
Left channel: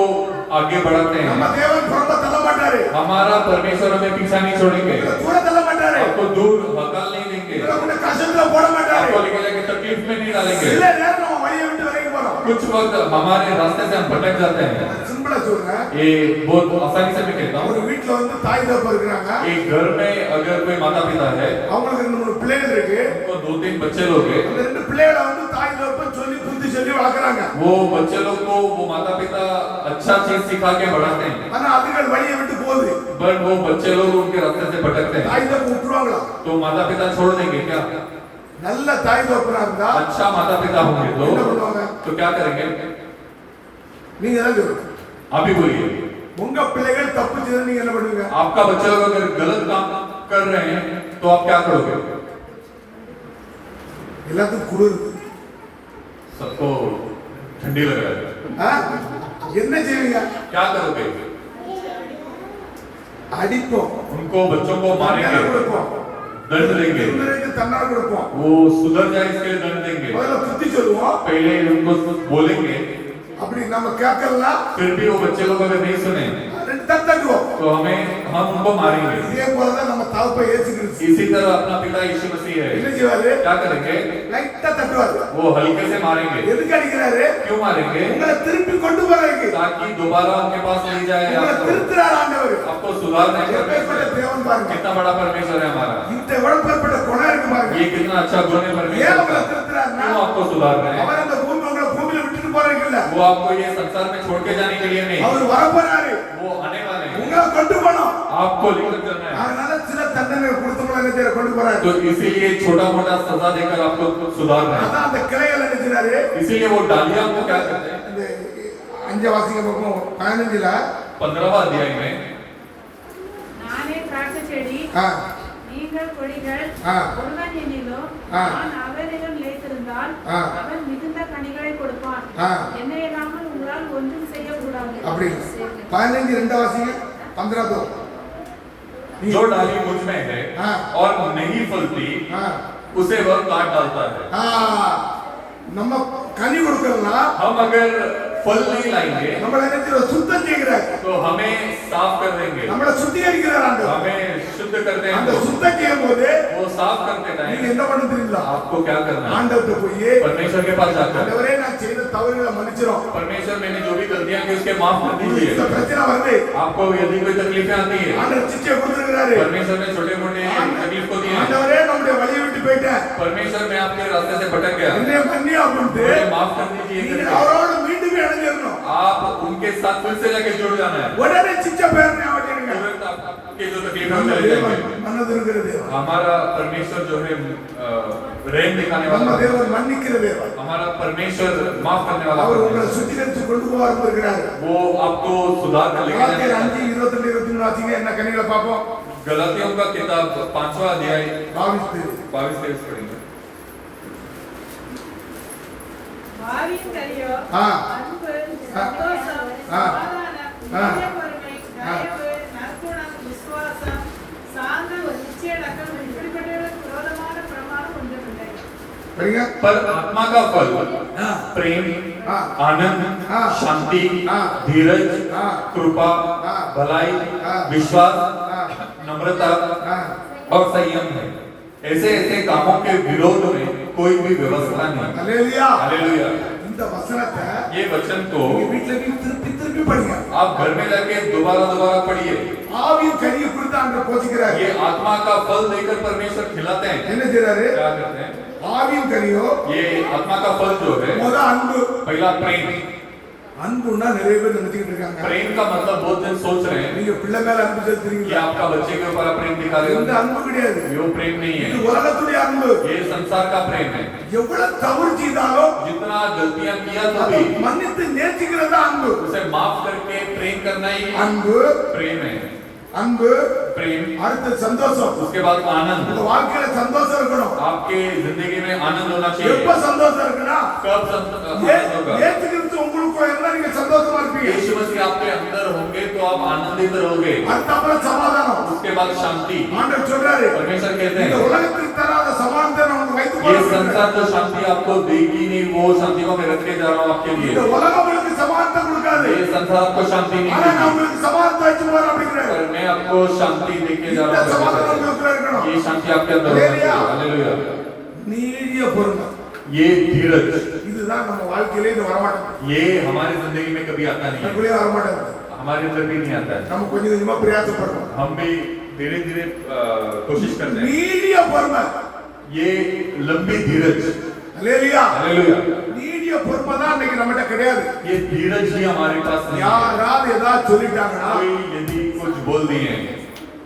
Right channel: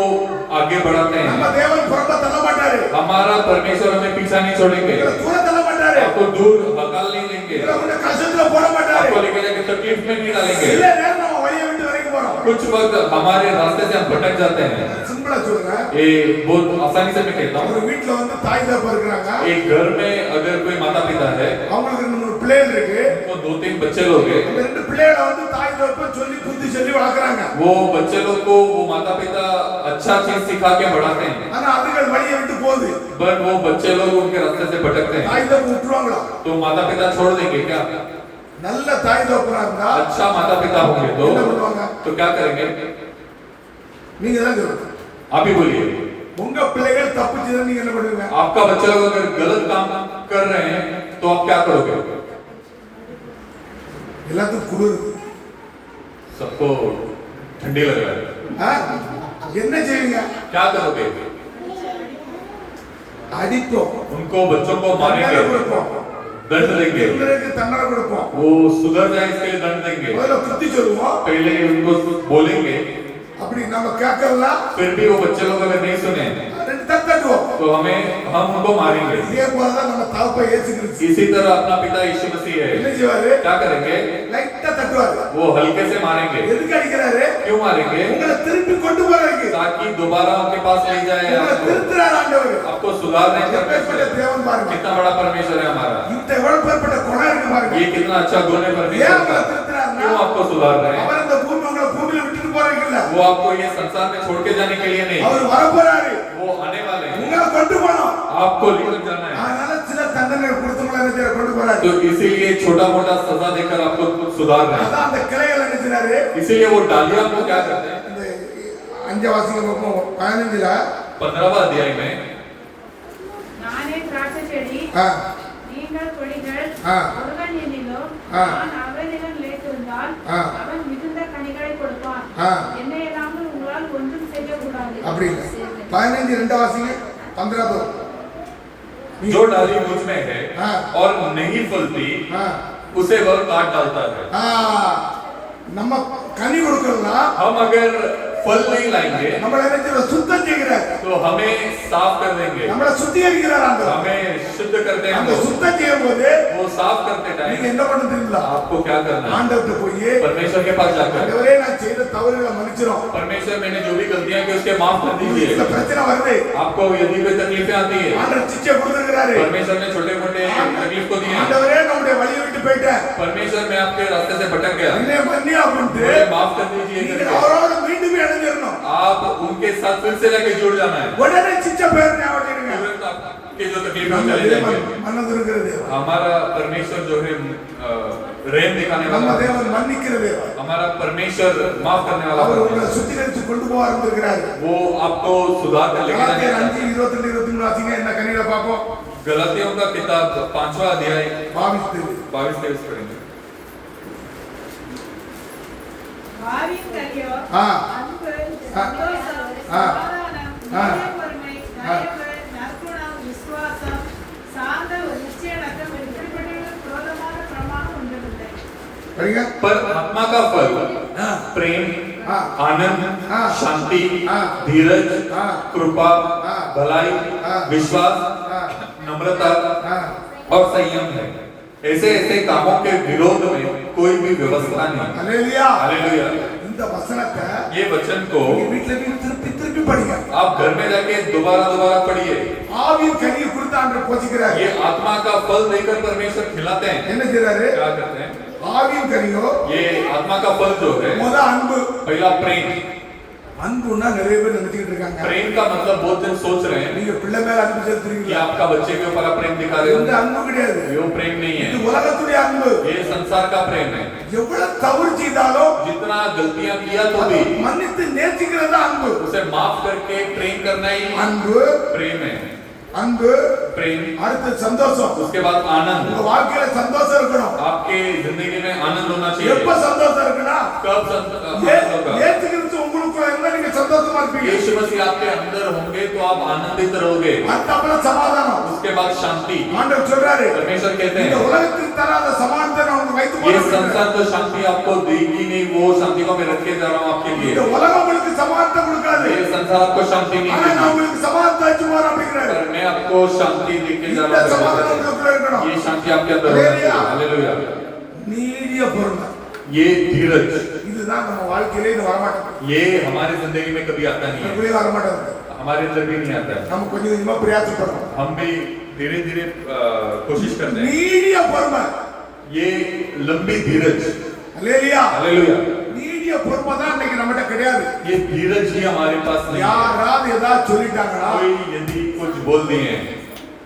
आगे बढ़ाते நம்ம हैं। தேவன் புறம்ப தள்ள மாட்டாரு, हमारा परमेश्वर हमें पीछा नहीं छोड़ेंगे, கூட தள்ள மாட்டாரு, आपको दूर हकाल नहीं देंगे, உங்களை கஷ்டத்துல போட மாட்டாரு. आपको लेकर जाके तकलीफ में नहीं डालेंगे। சில நேரம் நம்ம வழியை விட்டு விலகி போறோம். कुछ वक्त हमारे रास्ते से हम भटक जाते हैं। சிம்பிளா சொல்றேன், ये बहुत आसानी से मैं कहता ஒரு हूँ, வீட்ல வந்து தாய் தகப்பன் இருக்கிறாங்க, एक घर में अगर कोई माता पिता है, அவங்களுக்கு 2-3 பிள்ளைகள் இருக்கு. उनको 2-3 बच्चे लोग हैं, அந்த 2 பிள்ளைகளை வந்து தாய் தகப்பன் சொல்லி புத்தி சொல்லி வளர்க்குறாங்க. वो बच्चे लोग को वो माता पिता अच्छा चीज सिखा के बढ़ाते हैं, ஆனா அதுகள் வழியை விட்டு போகுது. बट वो बच्चे लोग उनके रास्ते से भटकते हैं। தாய் தகப்பன் விட்டுருவாங்களா? तो माता पिता छोड़ देंगे क्या? நல்ல தாய் தகப்பனா இருந்தா अच्छा माता पिता होंगे என்ன பண்ணுவாங்க? तो क्या करेंगे? நீங்க தான் சொல்லுங்க. आप ही बोलिए। உங்க பிள்ளைகள் தப்பு செய்தா நீங்க என்ன பண்ணுவீங்க? आपका बच्चा लोग अगर गलत काम कर रहे हैं तो आप क्या करोगे? எல்லாத்துக்கும் குளிர். सबको ठंडी लग रहा है, ஆ? என்ன செய்வீங்க? क्या करोगे? அடிப்போம், उनको बच्चों को தண்டனை मारेंगे, கொடுப்போம், दंड देंगे, இவங்களுக்கு தண்டனை கொடுப்போம். वो सुधर जाए इसके लिए दंड देंगे, முதல்ல புத்தி சொல்லுவோம். पहले उनको बोलेंगे, அப்படி நம்ம கேட்கலாம், फिर भी वो बच्चे लोग अगर नहीं सुने 2 தட்டுவோம். तो हम उनको मारेंगे। இதே போலதான் நம்ம தகப்பை இயேசு கிறிஸ்து इसी तरह अपना पिता यीशु मसीह என்ன है, செய்வாரு? क्या करेंगे? லைட்டா தட்டுவாரு. वो हल्के से मारेंगे। எதுக்கு அடிக்கிறாரு? क्यों मारेंगे? உங்களை திருப்பி கொண்டு போறதுக்கு. ताकि दोबारा उनके पास ले जाए, உங்களை திருத்துறாரு ஆண்டவர். आपको सुधारने का எப்பேற்பட்ட தேவன் பாருங்க. कितना बड़ा परमेश्वर है हमारा, இந்த எவ்வளவு பேர்பட்ட குணம் இருக்கு பாருங்க. ये कितना अच्छा गुण है ஏன் परमेश्वर உங்களை का। திருத்துறாருன்னா क्यों आपको सुधार रहे हैं? அவர் அந்த பூமி वो आपको ये संसार में छोड़ के जाने के लिए नहीं, அவர் வரப்போறாரு, वो आने वाले हैं, உங்களை கொண்டு போகணும். आपको लेकर जाना है। அதனால சில தண்டனை கொடுத்தவங்கள என்ன செய்ய கொண்டு போறாரு. तो इसीलिए छोटा मोटा सजा देकर आपको सुधार रहे हैं। அதான் அந்த கிளைகள் என்ன செய்றாரு, इसीलिए वो डालियां को क्या करते हैं, இந்த 5 வாசிங்க பார்ப்போம் 15ல 15वां अध्याय में, நானே திராட்சை செடி, ஆ நீங்கள் கொடிகள், ஆ. ஒருவன் என்னிலும், ஆ. நான் அவரிடம் நிலைத்திருந்தால், ஆ. அவன் மிகுந்த கனிகளை கொடுப்பான். ஆ. என்னை இல்லாமல் உங்களால் ஒன்றும் செய்யக்கூடாது. அப்படி இல்லை. 15 2 வாசிங்க 15 दो. जो डाली मुझ में है हाँ। और नहीं फलती, हाँ। उसे वह काट डालता है। ஆ நம்ம கனி கொடுக்கறனா हम अगर फल नहीं लाएंगे நம்மள என்ன செய்ய சுத்தம் செய்கிறார், तो हमें साफ कर देंगे, நம்மள சுத்திகரிக்கிறார் ஆண்டவர். हमें शुद्ध करते அந்த हैं। சுத்தம் செய்யும்போது वो साफ करते நீங்க टाइम என்ன பண்ண தெரியுங்களா, आपको क्या करना है, ஆண்டவர்ட்ட போய் परमेश्वर के पास जाकर, ஆண்டவரே நான் செய்த தவறுகளை மன்னிச்சிரும், परमेश्वर मैंने जो भी गलतियां की उसके माफ कर இந்த दीजिए। பிரச்சனை வருது, आपको यदि कोई तकलीफें आती है, ஆண்டவர் சிச்சை கொடுத்திருக்கிறாரு, परमेश्वर ने छोटे मोटे तकलीफ को दिए हैं। ஆண்டவரே நம்முடைய வழியை விட்டு போயிட்டேன், परमेश्वर मैं आपके रास्ते से भटक गया, என்னை மன்னி அப்படின்ட்டு मुझे माफ कर दीजिए நீங்க करके அவரோட மீண்டும் இணைஞ்சிடணும். आप उनके साथ फिर से जाके जुड़ जाना है। உடனே சிச்சை பேர் ஞாபகம் வச்சுடுங்க. तुरंत आपके जो तकलीफ நம்ம चले தேவன் जाएंगे। மனது இருக்கிற தேவன், हमारा परमेश्वर जो है प्रेम दिखाने நம்ம वाला है। தேவன் மன்னிக்கிற தேவன், हमारा परमेश्वर माफ करने वाला அவர் है। உங்களை சுத்திகரித்து கொண்டு போவார் இருக்கிறார். वो आपको सुधार कर लेके கலாத்தியர் जाएगा। 5 22 23 வாசிங்க, என்ன கனிகளை பார்ப்போம். गलातियों का किताब 5वां अध्याय 22 22-23 पढ़ेंगे। வாவின் கனியோ, ஆ. அன்பு, ஆ. சந்தோஷம், ஆ. சமாதானம், ஆ. நீடியபொறுமை, தயவு, நற்குணம், விசுவாசம், சாந்தம், நிச்சயடக்கம், இப்படிப்பட்டவர்களுக்கு விரோதமான பிரமாணம் ஒன்றுமில்லை. படிங்க. पर आत्मा का फल हाँ। प्रेम, हाँ। आनंद, हाँ। शांति, हाँ। धीरज, हाँ। कृपा, हाँ। भलाई, हाँ। विश्वास, हाँ। नम्रता हाँ। और संयम है। ऐसे ऐसे कामों के विरोध में कोई भी व्यवस्था नहीं। அல்லேலூயா. हालेलुया। இந்த வசனத்தை ये वचन को நீங்க வீட்ல போய் திருப்பி திருப்பி படிங்க. आप घर में जाके दोबारा दोबारा पढ़िए। ஆவியின் கனியை கொடுத்து ஆண்டவர் போதிக்கிறார். ये आत्मा का फल देकर परमेश्वर खिलाते हैं। என்ன செய்றாரு, क्या करते हैं? ஆவியின் கனியோ ये आत्मा का फल जो है, முத அன்பு. पहला प्रेम। அன்புன்னா நிறைய பேர் நினைச்சிட்டு இருக்காங்க, प्रेम का मतलब बहुत जन सोच रहे हैं நீங்க பிள்ளை மேல அன்பு कि செலுத்துறீங்களா, आपका बच्चे के ऊपर आप प्रेम दिखा रहे இந்த हो। அன்பு கிடையாது, ये वो प्रेम नहीं இது है, உலகத்துடைய அன்பு. ये संसार का प्रेम है। எவ்வளவு தவறு செய்தாலும் जितना गलतियां किया तो அதை भी மன்னித்து நேசிக்கிறது தான் அன்பு. उसे माफ करके प्रेम करना ही அன்பு प्रेम है। அன்பு प्रेम, அடுத்து சந்தோஷம். उसके बाद आनंद। உங்க வாழ்க்கையில சந்தோஷம் இருக்கணும். आपके जिंदगी में आनंद होना எப்ப चाहिए। சந்தோஷம் இருக்குன்னா कब आनंद होगा? ஏத்துக்கிறது உங்களுக்குள்ள இருந்தா நீங்க சந்தோஷமா இருப்பீங்க. यीशु मसीह आपके अंदर होंगे तो आप आनंदित रहोगे। அடுத்த அப்புறம் சமாதானம். उसके बाद शांति। ஆண்டவர் சொல்றாரு, परमेश्वर कहते இந்த हैं உலகத்துக்கு தராத சமாதானத்தை நான் உங்களுக்கு வைத்து ये போறேன். संसार तो शांति आपको देगी नहीं, वो शांति को मैं रख के जा रहा हूँ आपके இந்த लिए। உலகம் உங்களுக்கு சமாதானத்தை கொடுக்காது, ये संसार आपको शांति नहीं ஆனா நான் देगी, உங்களுக்கு சமாதானத்தை வச்சு போறேன் அப்படிங்கிறாரு. पर मैं आपको शांति देके जा இந்த रहा हूँ। சமாதானம் உங்களுக்கு இருக்கணும். ये शांति आपके अंदर होना चाहिए। हालेलुया। நீடிய பொறுமை, ये धीरज, இதுதான் நம்ம வாழ்க்கையிலே இது வரமாட்டேங்குது, ये हमारी जिंदगी में कभी आता नहीं है, அப்படியே வரமாட்டேங்குது. हमारे अंदर भी नहीं आता है। நம்ம கொஞ்சம் கொஞ்சமா பிரயாசப்படுறோம். हम भी धीरे धीरे कोशिश करते हैं। நீடிய பொறுமை, ये लंबी धीरज। அல்லேலூயா. हालेलुया। நீடிய பொறுமை தான் இன்னைக்கு நம்மகிட்ட கிடையாது. ये धीरज भी हमारे पास नहीं है। யாராவது ஏதாவது சொல்லிட்டாங்கன்னா कोई यदि कुछ बोल दिए हैं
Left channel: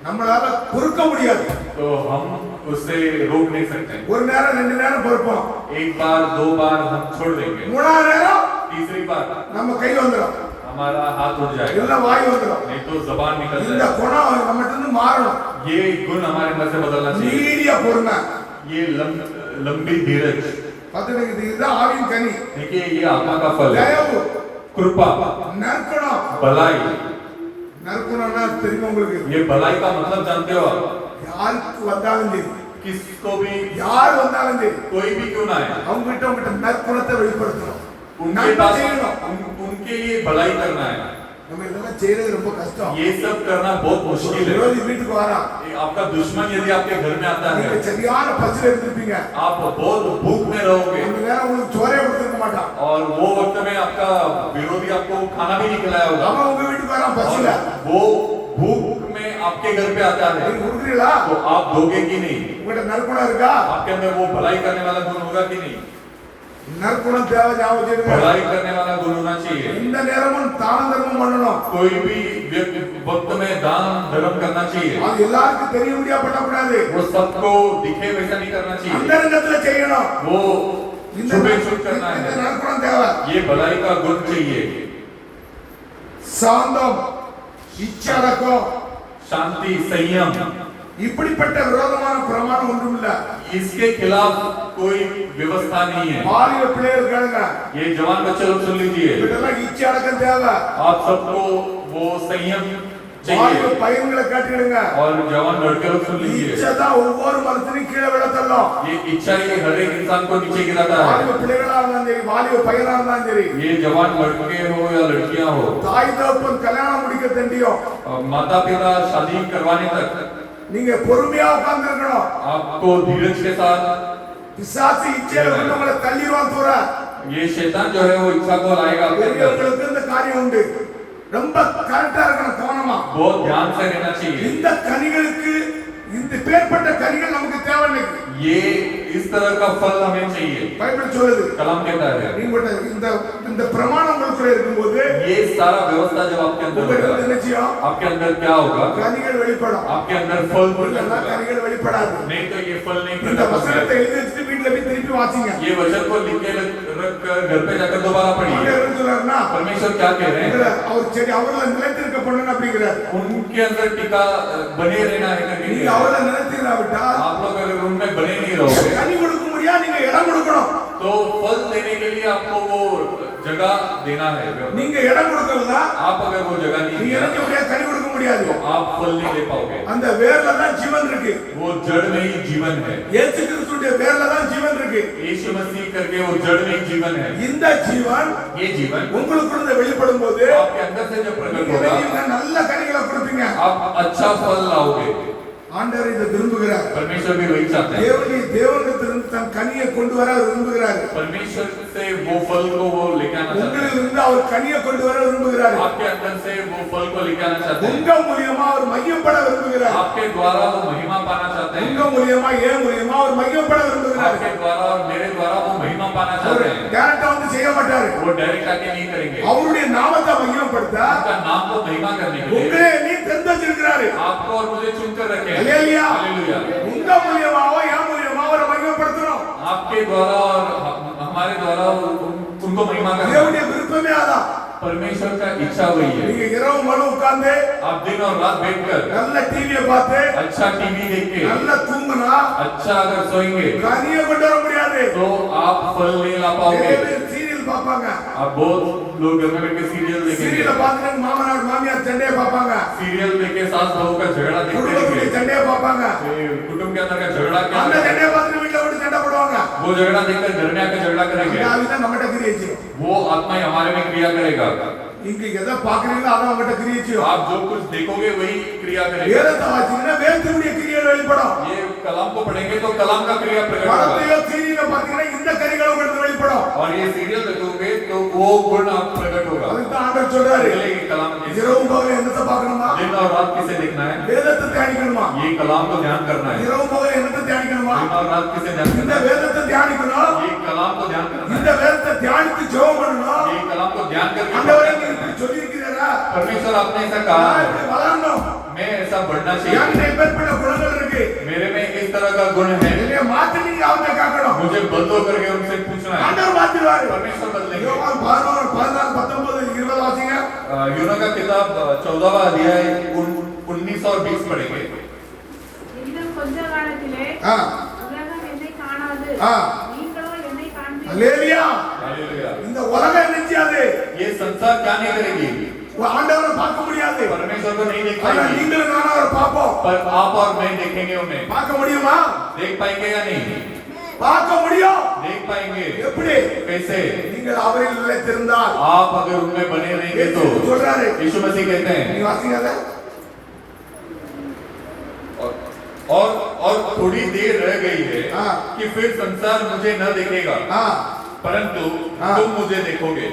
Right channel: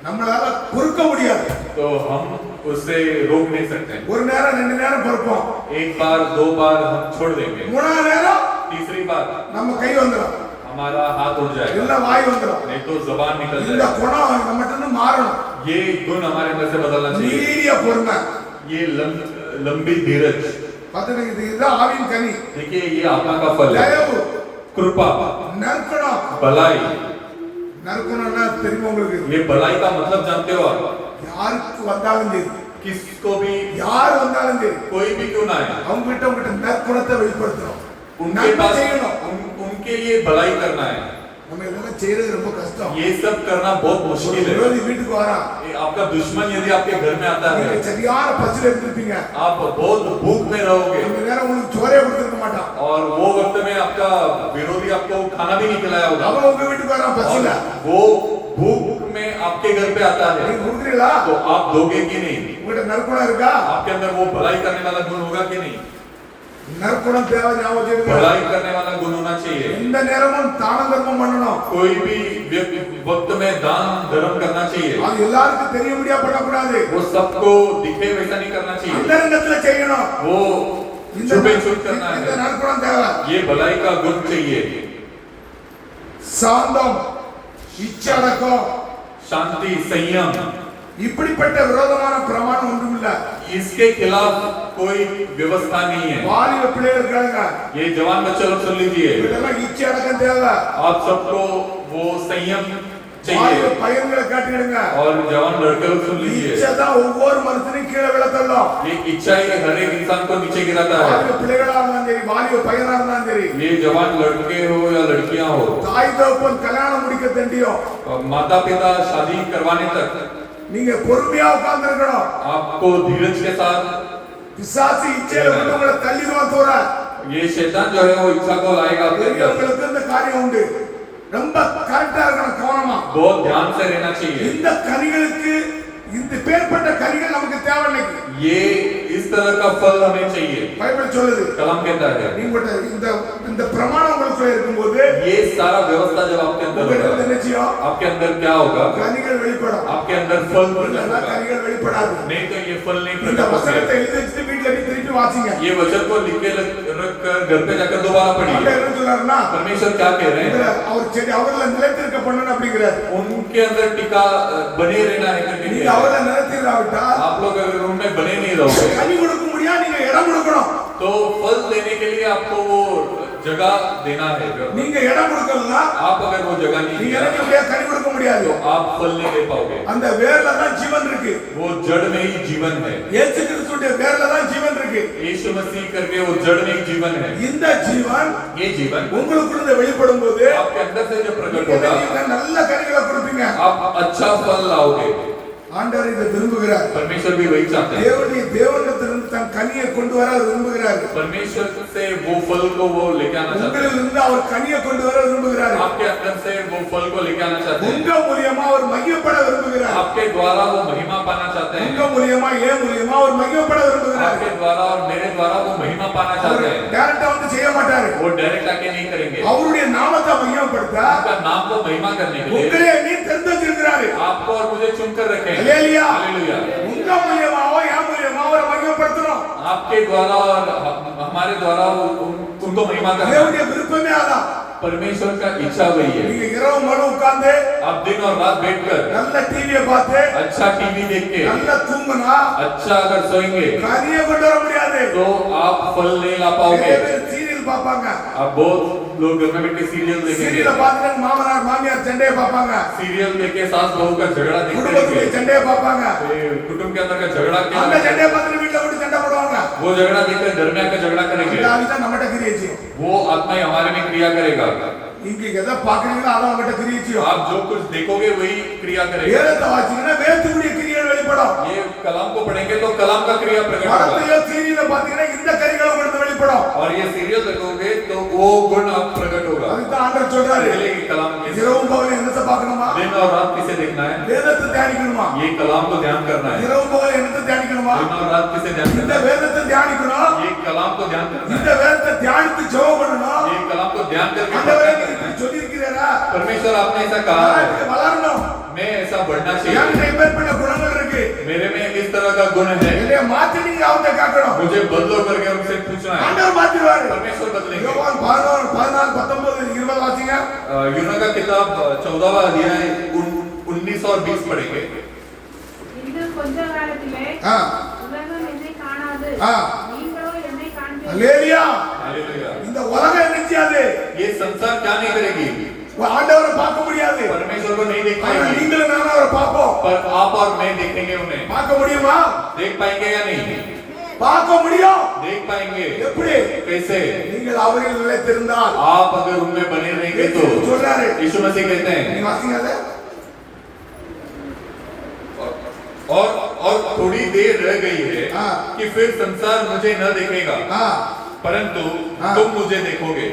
நம்மளால பொறுக்க முடியாது. तो हम उससे रोक नहीं सकते। ஒரு நேரம் 2 நேரம் பொறுப்போம், एक बार 2 बार हम छोड़ देंगे, 3ஆவது நேரம் तीसरी बार நம்ம கை வந்துடும், हमारा हाथ उठ जाएगा, இல்ல வாய் வந்துடும். नहीं तो जबान निकल இந்த जाएगा। குணம் நம்மகிட்ட இருந்து மாறணும். ये गुण हमारे अंदर से बदलना चाहिए। நீடிய பொறுமை, ये लंबी धीरज। பாத்துக்கிட்டு இதுதான் ஆவின் கனி. देखिए ये आत्मा का फल है। தயவு, कृपा, நற்குணம். भलाई। நற்குணம்னா தெரியும் உங்களுக்கு, ये भलाई का मतलब जानते हो आप? யாருக்கு வந்தாலும் சரி, किसको भी, யார் வந்தாலும் சரி, कोई भी क्यों ना है, அவங்க கிட்ட உங்ககிட்ட நற்குணத்தை வெளிப்படுத்தணும். उनके நன்மை पास செய்யணும். उनके लिए भलाई करना है। நம்ம இதெல்லாம் செய்யறது ரொம்ப கஷ்டம். ये सब करना बहुत मुश्किल है। விரோதி வீட்டுக்கு வரா, आपका दुश्मन यदि आपके घर में आता நீங்க है, சரியான பசில இருந்திருப்பீங்க, आप बहुत भूख में रहोगे அந்த நேரம் உங்களுக்கு சோறே கொடுத்துருக்க மாட்டான், और वो वक्त में आपका विरोधी आपको खाना भी नहीं खिलाया होगा, அவன் உங்க வீட்டுக்கு வரான் பசில, और वो भूख में आपके घर पे आता है, நீங்க கொடுக்குறீங்களா? तो आप दोगे कि नहीं? உங்ககிட்ட நற்குணம் இருக்கா? आपके अंदर वो भलाई करने वाला गुण होगा कि नहीं? நற்குணம் தேவை ஞாபகம் வச்சுடுங்க. भलाई करने वाला गुण होना चाहिए। இந்த நேரமும் தான தர்மம் பண்ணணும். कोई भी वक्त में दान धर्म करना चाहिए। அது எல்லாருக்கும் தெரியும்படியா பண்ணக்கூடாது. वो सबको दिखे वैसा नहीं करना चाहिए। அந்தரங்கத்துல செய்யணும். वो இந்த छुपे छुप करना இந்த है। நற்குணம் தேவை. ये भलाई का गुण चाहिए। சாந்தம், இச்சடக்கம், शांति, संयम, இப்படிப்பட்ட விரோதமான பிரமாணம் ஒன்றும் இல்ல. इसके खिलाफ कोई व्यवस्था नहीं है। வாலிப பிள்ளைகள் கேளுங்க. ये जवान बच्चे लोग सुन लीजिए। இதெல்லாம் இச்சடக்கம் தேவை. आप सबको वो संयम வாலிப चाहिए। பையன்களை காட்டிடுங்க. और जवान लड़के लोग सुन लीजिए। இச்சை தான் ஒவ்வொரு மனுஷனையும் கீழே விழ தள்ளும். ये इच्छा ही हर एक इंसान को नीचे गिराता है। வாலிப பிள்ளைகளா இருந்தாலும் சரி, வாலிப பையனா இருந்தாலும் சரி, ये जवान लड़के हो या लड़कियां हो, தாய் தகப்பன் கல்யாணம் முடிக்க தண்டியும் माता पिता शादी करवाने तक நீங்க பொறுமையா உட்கார்ந்து இருக்கணும். आपको धीरज के साथ, பிசாசு இச்சையில கொண்டு உங்களை தள்ளிடுவான் தோற. ये शैतान जो है वो इच्छा को लाएगा आपके अंदर। பெரியவங்களுக்கு இந்த காரியம் உண்டு. ரொம்ப கரெக்டா இருக்கணும், கவனமா. बहुत ध्यान से रहना चाहिए। இந்த கனிகளுக்கு இந்த பேர்பட்ட கனிகள் நமக்கு தேவை இன்னைக்கு. ये इस तरह का फल हमें चाहिए। பைபிள் சொல்லுது. कलाम कहता है நீங்க இந்த இந்த பிரமாணம் உங்களுக்குள்ள இருக்கும்போது ये सारा व्यवस्था जब आपके अंदर உங்களுக்கு होगा, என்ன செய்யும்? आपके अंदर क्या होगा? கனிகள் வெளிப்படும். आपके अंदर फल இல்ல होगा। கனிகள் வெளிப்படாது. नहीं तो ये फल नहीं இந்த प्रकट வசனத்தை होगा। எழுதி வச்சுட்டு வீட்ல போய் திருப்பி வாசிங்க. ये वचन को लिख के रख कर घर पे जाकर दोबारा पढ़िए। ஆண்டவர் என்ன சொல்றாருன்னா, परमेश्वर क्या कह रहे உங்களை हैं? அவர் செடி அவர்ல நிலைத்திருக்க பண்ணணும் அப்படிங்கிறார். उनके अंदर टिका बने रहना है करके நீங்க कह रहे அவர்ல हैं। நிலைத்திராவிட்டால் आप लोग अगर उनमें बने नहीं रहोगे கனி கொடுக்க முடியா, நீங்க இடம் கொடுக்கணும். तो फल देने के लिए आपको वो जगह देना है। நீங்க இடம் கொடுக்கறதா आप अगर वो जगह नहीं நீங்க दिया, எனக்கு முடியாது, கனி கொடுக்க முடியாது. तो आप फल नहीं दे पाओगे। அந்த வேர்ல தான் ஜீவன் இருக்கு. वो जड़ में ही जीवन है। இயேசு கிறிஸ்துவின் வேர்ல தான் ஜீவன் இருக்கு. यीशु मसीह करके वो जड़ में ही जीवन है। இந்த ஜீவன் ये जीवन உங்களுக்குள்ள வெளிப்படும் போது आपके अंदर से जब प्रकट நீங்க होगा, என்ன நல்ல கனிகளை கொடுப்பீங்க. आप अच्छा फल लाओगे। ஆண்டவர் இதை விரும்புகிறார். परमेश्वर भी वही चाहते हैं। தேவனிடத்திலிருந்து தன் கனியை கொண்டு வர அவர் விரும்புகிறார். परमेश्वर से वो फल को वो लेके आना चाहते हैं। உங்களிலிருந்து அவர் கனியை கொண்டு வர விரும்புகிறார். आपके अंदर से वो फल को लेके आना चाहते हैं। உங்க மூலியமா அவர் மையப்பட விரும்புகிறார். आपके द्वारा वो महिमा पाना चाहते हैं। உங்க மூலியமா ஏன் மூலியமா அவர் மையப்பட விரும்புகிறார். आपके द्वारा और मेरे द्वारा वो महिमा पाना அவர் चाहते हैं। டைரக்டா வந்து செய்ய மாட்டாரு. वो डायरेक्ट आके नहीं करेंगे। அவருடைய நாமத்தை மையப்படுத்த आपका नाम को महिमा करने के लिए உங்களே நீ தெரிந்து வச்சிருக்கிறாரு. आपको और मुझे चुनकर रखे। ஹல்லேலூயா. हालेलुया। உங்க மூலியமாவோ என் மூலியமா அவரை மையப்படுத்தணும். आपके द्वारा और हमारे द्वारा उनको महिमा करना தேவனுடைய விருப்பமே அதான். परमेश्वर का इच्छा वही है। நீங்க இரவு முழு உட்கார்ந்து आप दिन और रात बैठकर நல்ல டிவியை பார்த்து अच्छा टीवी देख के நல்லா தூங்குனா अच्छा अगर सोएंगे கனியை கொண்டு வர முடியாது. तो आप फल नहीं ला நிறைய पाओगे। பேர் சீரியல் பார்ப்பாங்க. आप बहुत लोग घर में बैठ के सीरियल देखेंगे। சீரியலை பார்த்துட்டு மாமனார் மாமியார் சண்டையை பார்ப்பாங்க. सीरियल देख के सास बहू का झगड़ा குடும்பத்துடைய देखते சண்டையை பார்ப்பாங்க. कुटुंब के अंदर का झगड़ा அந்த क्या சண்டையை பார்த்துட்டு வீட்டுல போட்டு சண்டை போடுவாங்க. वो झगड़ा देखकर घर में आकर झगड़ा करेंगे। அந்த ஆவிதான் நம்மகிட்ட கிரியை செய்யும். वो आत्मा ही हमारे में क्रिया करेगा। இங்க எதை பாக்குறீங்களோ அதான் உங்ககிட்ட கிரியை செய்யும். आप जो कुछ देखोगे वही क्रिया करेगा। வேதத்தை வாசிங்கன்னா வேதத்துடைய கிரியைகள் வெளிப்படும். ये कलाम को पढ़ेंगे तो कलाम का क्रिया प्रकट होगा। படத்தையோ சீரியலை பாத்தீங்கன்னா இந்த கரிகள் உங்களுக்கு வெளிப்படும். और ये सीरियल देखोगे तो वो गुण आप प्रकट होगा। அதுதான் ஆண்டவர் சொல்றாரு. पहले ये कलाम के இரவு பகல் என்னத்தை பார்க்கணுமா? दिन और रात किसे देखना है? வேதத்தை தியானிக்கணுமா? ये कलाम को ध्यान करना है। இரவு பகல் என்னத்தை தியானிக்கணுமா? दिन और रात किसे ध्यान இந்த करना है? வேதத்தை தியானிக்கணும். ये कलाम को ध्यान करना இந்த है। வேதத்தை தியானித்து ஜெபம் பண்ணணும். ये कलाम को ध्यान करके ஆண்டவரே நீங்க இப்படி சொல்லி இருக்கிறீரா? परमेश्वर आपने ऐसा कहा நான் है, இப்படி வளரணும். मैं ऐसा बढ़ना चाहिए। என்கிட்ட இப்பேற்பட்ட குணங்கள் இருக்கு. मेरे में इस तरह का गुण है। என்னைய மாத்தி நீங்க அவத்தை காக்கணும். मुझे बदलो करके उनसे पूछना है। ஆண்டவர் மாத்திடுவாரு. परमेश्वर बदलेंगे। யோவான் 11, 14, 19, 20 வாசிங்க. यूना का किताब 14वां अध्याय 19 और 20 पढ़ेंगे। இன்னும் கொஞ்ச காலத்திலே ஆ உலகம் என்னை காணாது, ஆ நீங்களோ என்னை காண்பீர்கள். அல்லேலூயா. हालेलुया। இந்த உலகம் என்ன செய்யாது? ये संसार क्या नहीं करेगी? ஆண்டவரை பார்க்க முடியாது. परमेश्वर को नहीं देख ஆனா पाएगी, நீங்களும் நானும் அவரை பார்ப்போம். पर आप और मैं देखेंगे उन्हें। பார்க்க முடியுமா? देख पाएंगे या नहीं? பார்க்க முடியும். देख पाएंगे। எப்படி? कैसे? நீங்கள் அவரில் நிலைத்திருந்தால். आप अगर उनमें बने रहेंगे तो। சொல்றாரு. यीशु मसीह कहते நீ हैं வாசிங்க அத. और थोड़ी देर रह गई है हाँ। कि फिर संसार मुझे न देखेगा, ஆ परंतु हाँ। तुम मुझे देखोगे।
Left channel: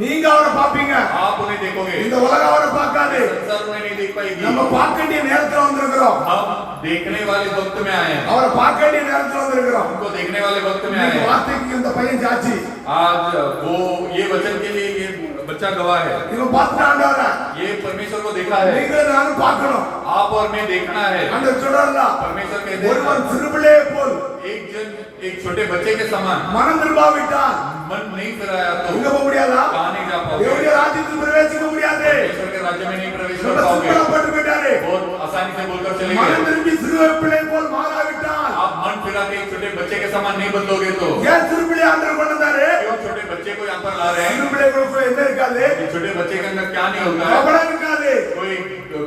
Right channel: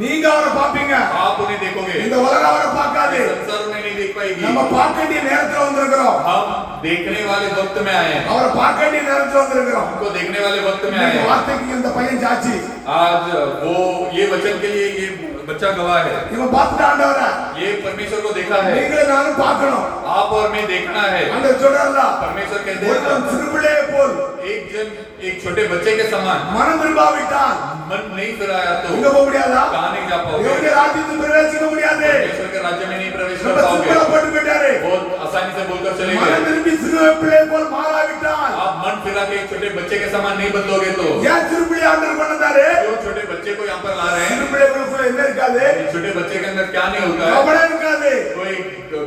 நீங்க அவரை பாப்பீங்க, आप उन्हें देखोगे, இந்த उலகம் அவரை பார்க்காது. संसार उन्हें नहीं देख पाएगी। நம்ம பார்க்க வேண்டிய நேரத்துல வந்திருக்கிறோம், हम देखने वाले वक्त में आए हैं, அவரை பார்க்க வேண்டிய நேரத்துல வந்திருக்கிறோம். हमको देखने वाले वक्त में आए இன்னைக்கு हैं। வார்த்தைக்கு இந்த பையன் சாட்சி, आज वो ये वचन के लिए ये बच्चा गवाह है, இவன் பார்த்துட்டு ஆண்டவரை ये परमेश्वर को देखा है, நீங்களும் நானும் பார்க்கணும். आप और मैं देखना है। ஆண்டவர் சொல்றாருல, परमेश्वर कहते ஒருவன் हैं சிறுபிள்ளையை போல் एक जन एक छोटे बच्चे के समान மனம் திரும்பாவிட்டால் मन नहीं फिराया तो இங்க போக முடியாதா? कहाँ नहीं जा पाओगे, தேவனுடைய ராஜ்யத்துக்கு பிரவேசிக்க முடியாது. परमेश्वर के राज्य में नहीं प्रवेश कर ரொம்ப पाओगे। சிம்பிளா போட்டு போயிட்டாரு. बहुत आसानी से बोलकर चले மனம் गए। திரும்பி சிறு பிள்ளை போல் மாறாவிட்டால் आप मन फिरा के एक छोटे बच्चे के समान नहीं बदलोगे तो ஏன் சிறு பிள்ளை ஆண்டவர் கொண்டாரு? क्यों छोटे बच्चे को यहाँ पर ला रहे சிறு हैं? பிள்ளைகளுக்குள்ள என்ன இருக்காது? ये छोटे बच्चे के अंदर क्या नहीं होता है? கபடம் இருக்காது, कोई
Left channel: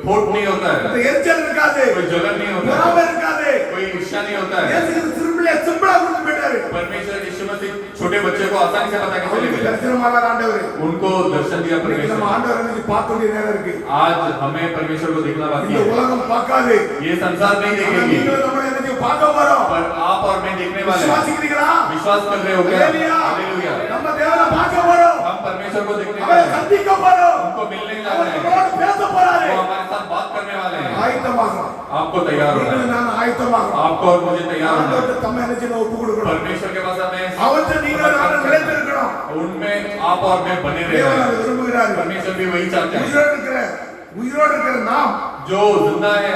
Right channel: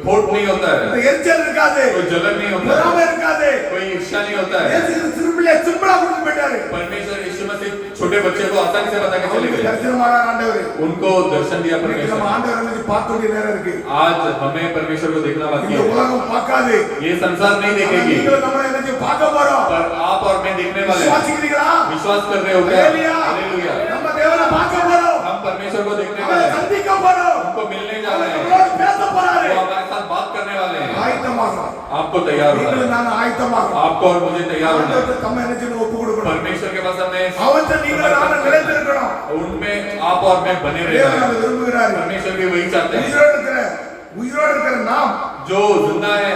फोट नहीं होता है, எரிச்சல் இருக்காது, कोई जलन नहीं होता பொறாமை है, இருக்காது. कोई ईर्ष्या नहीं होता है। இயேசு சிறு பிள்ளையை சிம்பிளா கொடுத்து போயிட்டாரு. परमेश्वर यीशु मसीह छोटे बच्चे को आसानी से बता के चले அவருக்கு गए, தரிசனமான ஆண்டவர். उनको दर्शन दिया இன்னைக்கு நம்ம परमेश्वर। ஆண்டவரை இன்னைக்கு பார்க்க வேண்டிய நேரம் இருக்கு. आज हमें परमेश्वर को देखना बाकी இந்த है। உலகம் பார்க்காது, ये संसार नहीं ஆனா देखेगी, நீங்களும் நம்மளை இன்னைக்கு பார்க்க போறோம். पर आप और मैं देखने वाले हैं। விசுவாசிக்கிறீங்களா? विश्वास कर रहे हो क्या? ஹalleluya. हालेलुया। நம்ம தேவனை பார்க்க போறோம், हम परमेश्वर को देखने அவரை वाले हैं, சந்திக்க போறோம், उनको मिलने जा அவர் रहे हैं, நம்மளோட பேச போறாரு. वो हमारे साथ बात करने वाले हैं। ஆயத்தமாகணும். आपको तैयार होना நீங்களும் है, நானும் ஆயத்தமாகணும். आपको और मुझे तैयार होना है। ஆண்டவருக்கு தம்மை என்ன செய்யணும்? ஒப்பு கொடுக்கணும். परमेश्वर के पास हमें அவற்றை நீங்களும் நானும் நிலைத்திருக்கணும். उनमें आप और मैं बने தேவன் रहना அதை है। விரும்புகிறாரு. परमेश्वर भी वही चाहते हैं। உயிரோடு இருக்கிற நாம் जो जिंदा है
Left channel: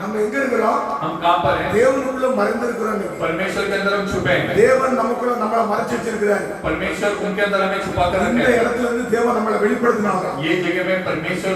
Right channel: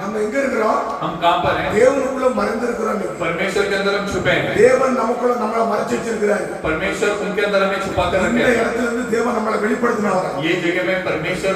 நம்ம எங்க இருக்கிறோம்? हम कहाँ पर हैं? தேவனுக்குள்ள மறைந்திருக்கிறோம். परमेश्वर के अंदर हम छुपे हैं। தேவன் நமக்குள்ள நம்மள மறைச்சு வச்சிருக்கிறாரு. परमेश्वर उनके अंदर हमें छुपा कर இந்த रखे हैं। இடத்துல இருந்து தேவன் நம்மள வெளிப்படுத்தினாங்க. ये जगह में परमेश्वर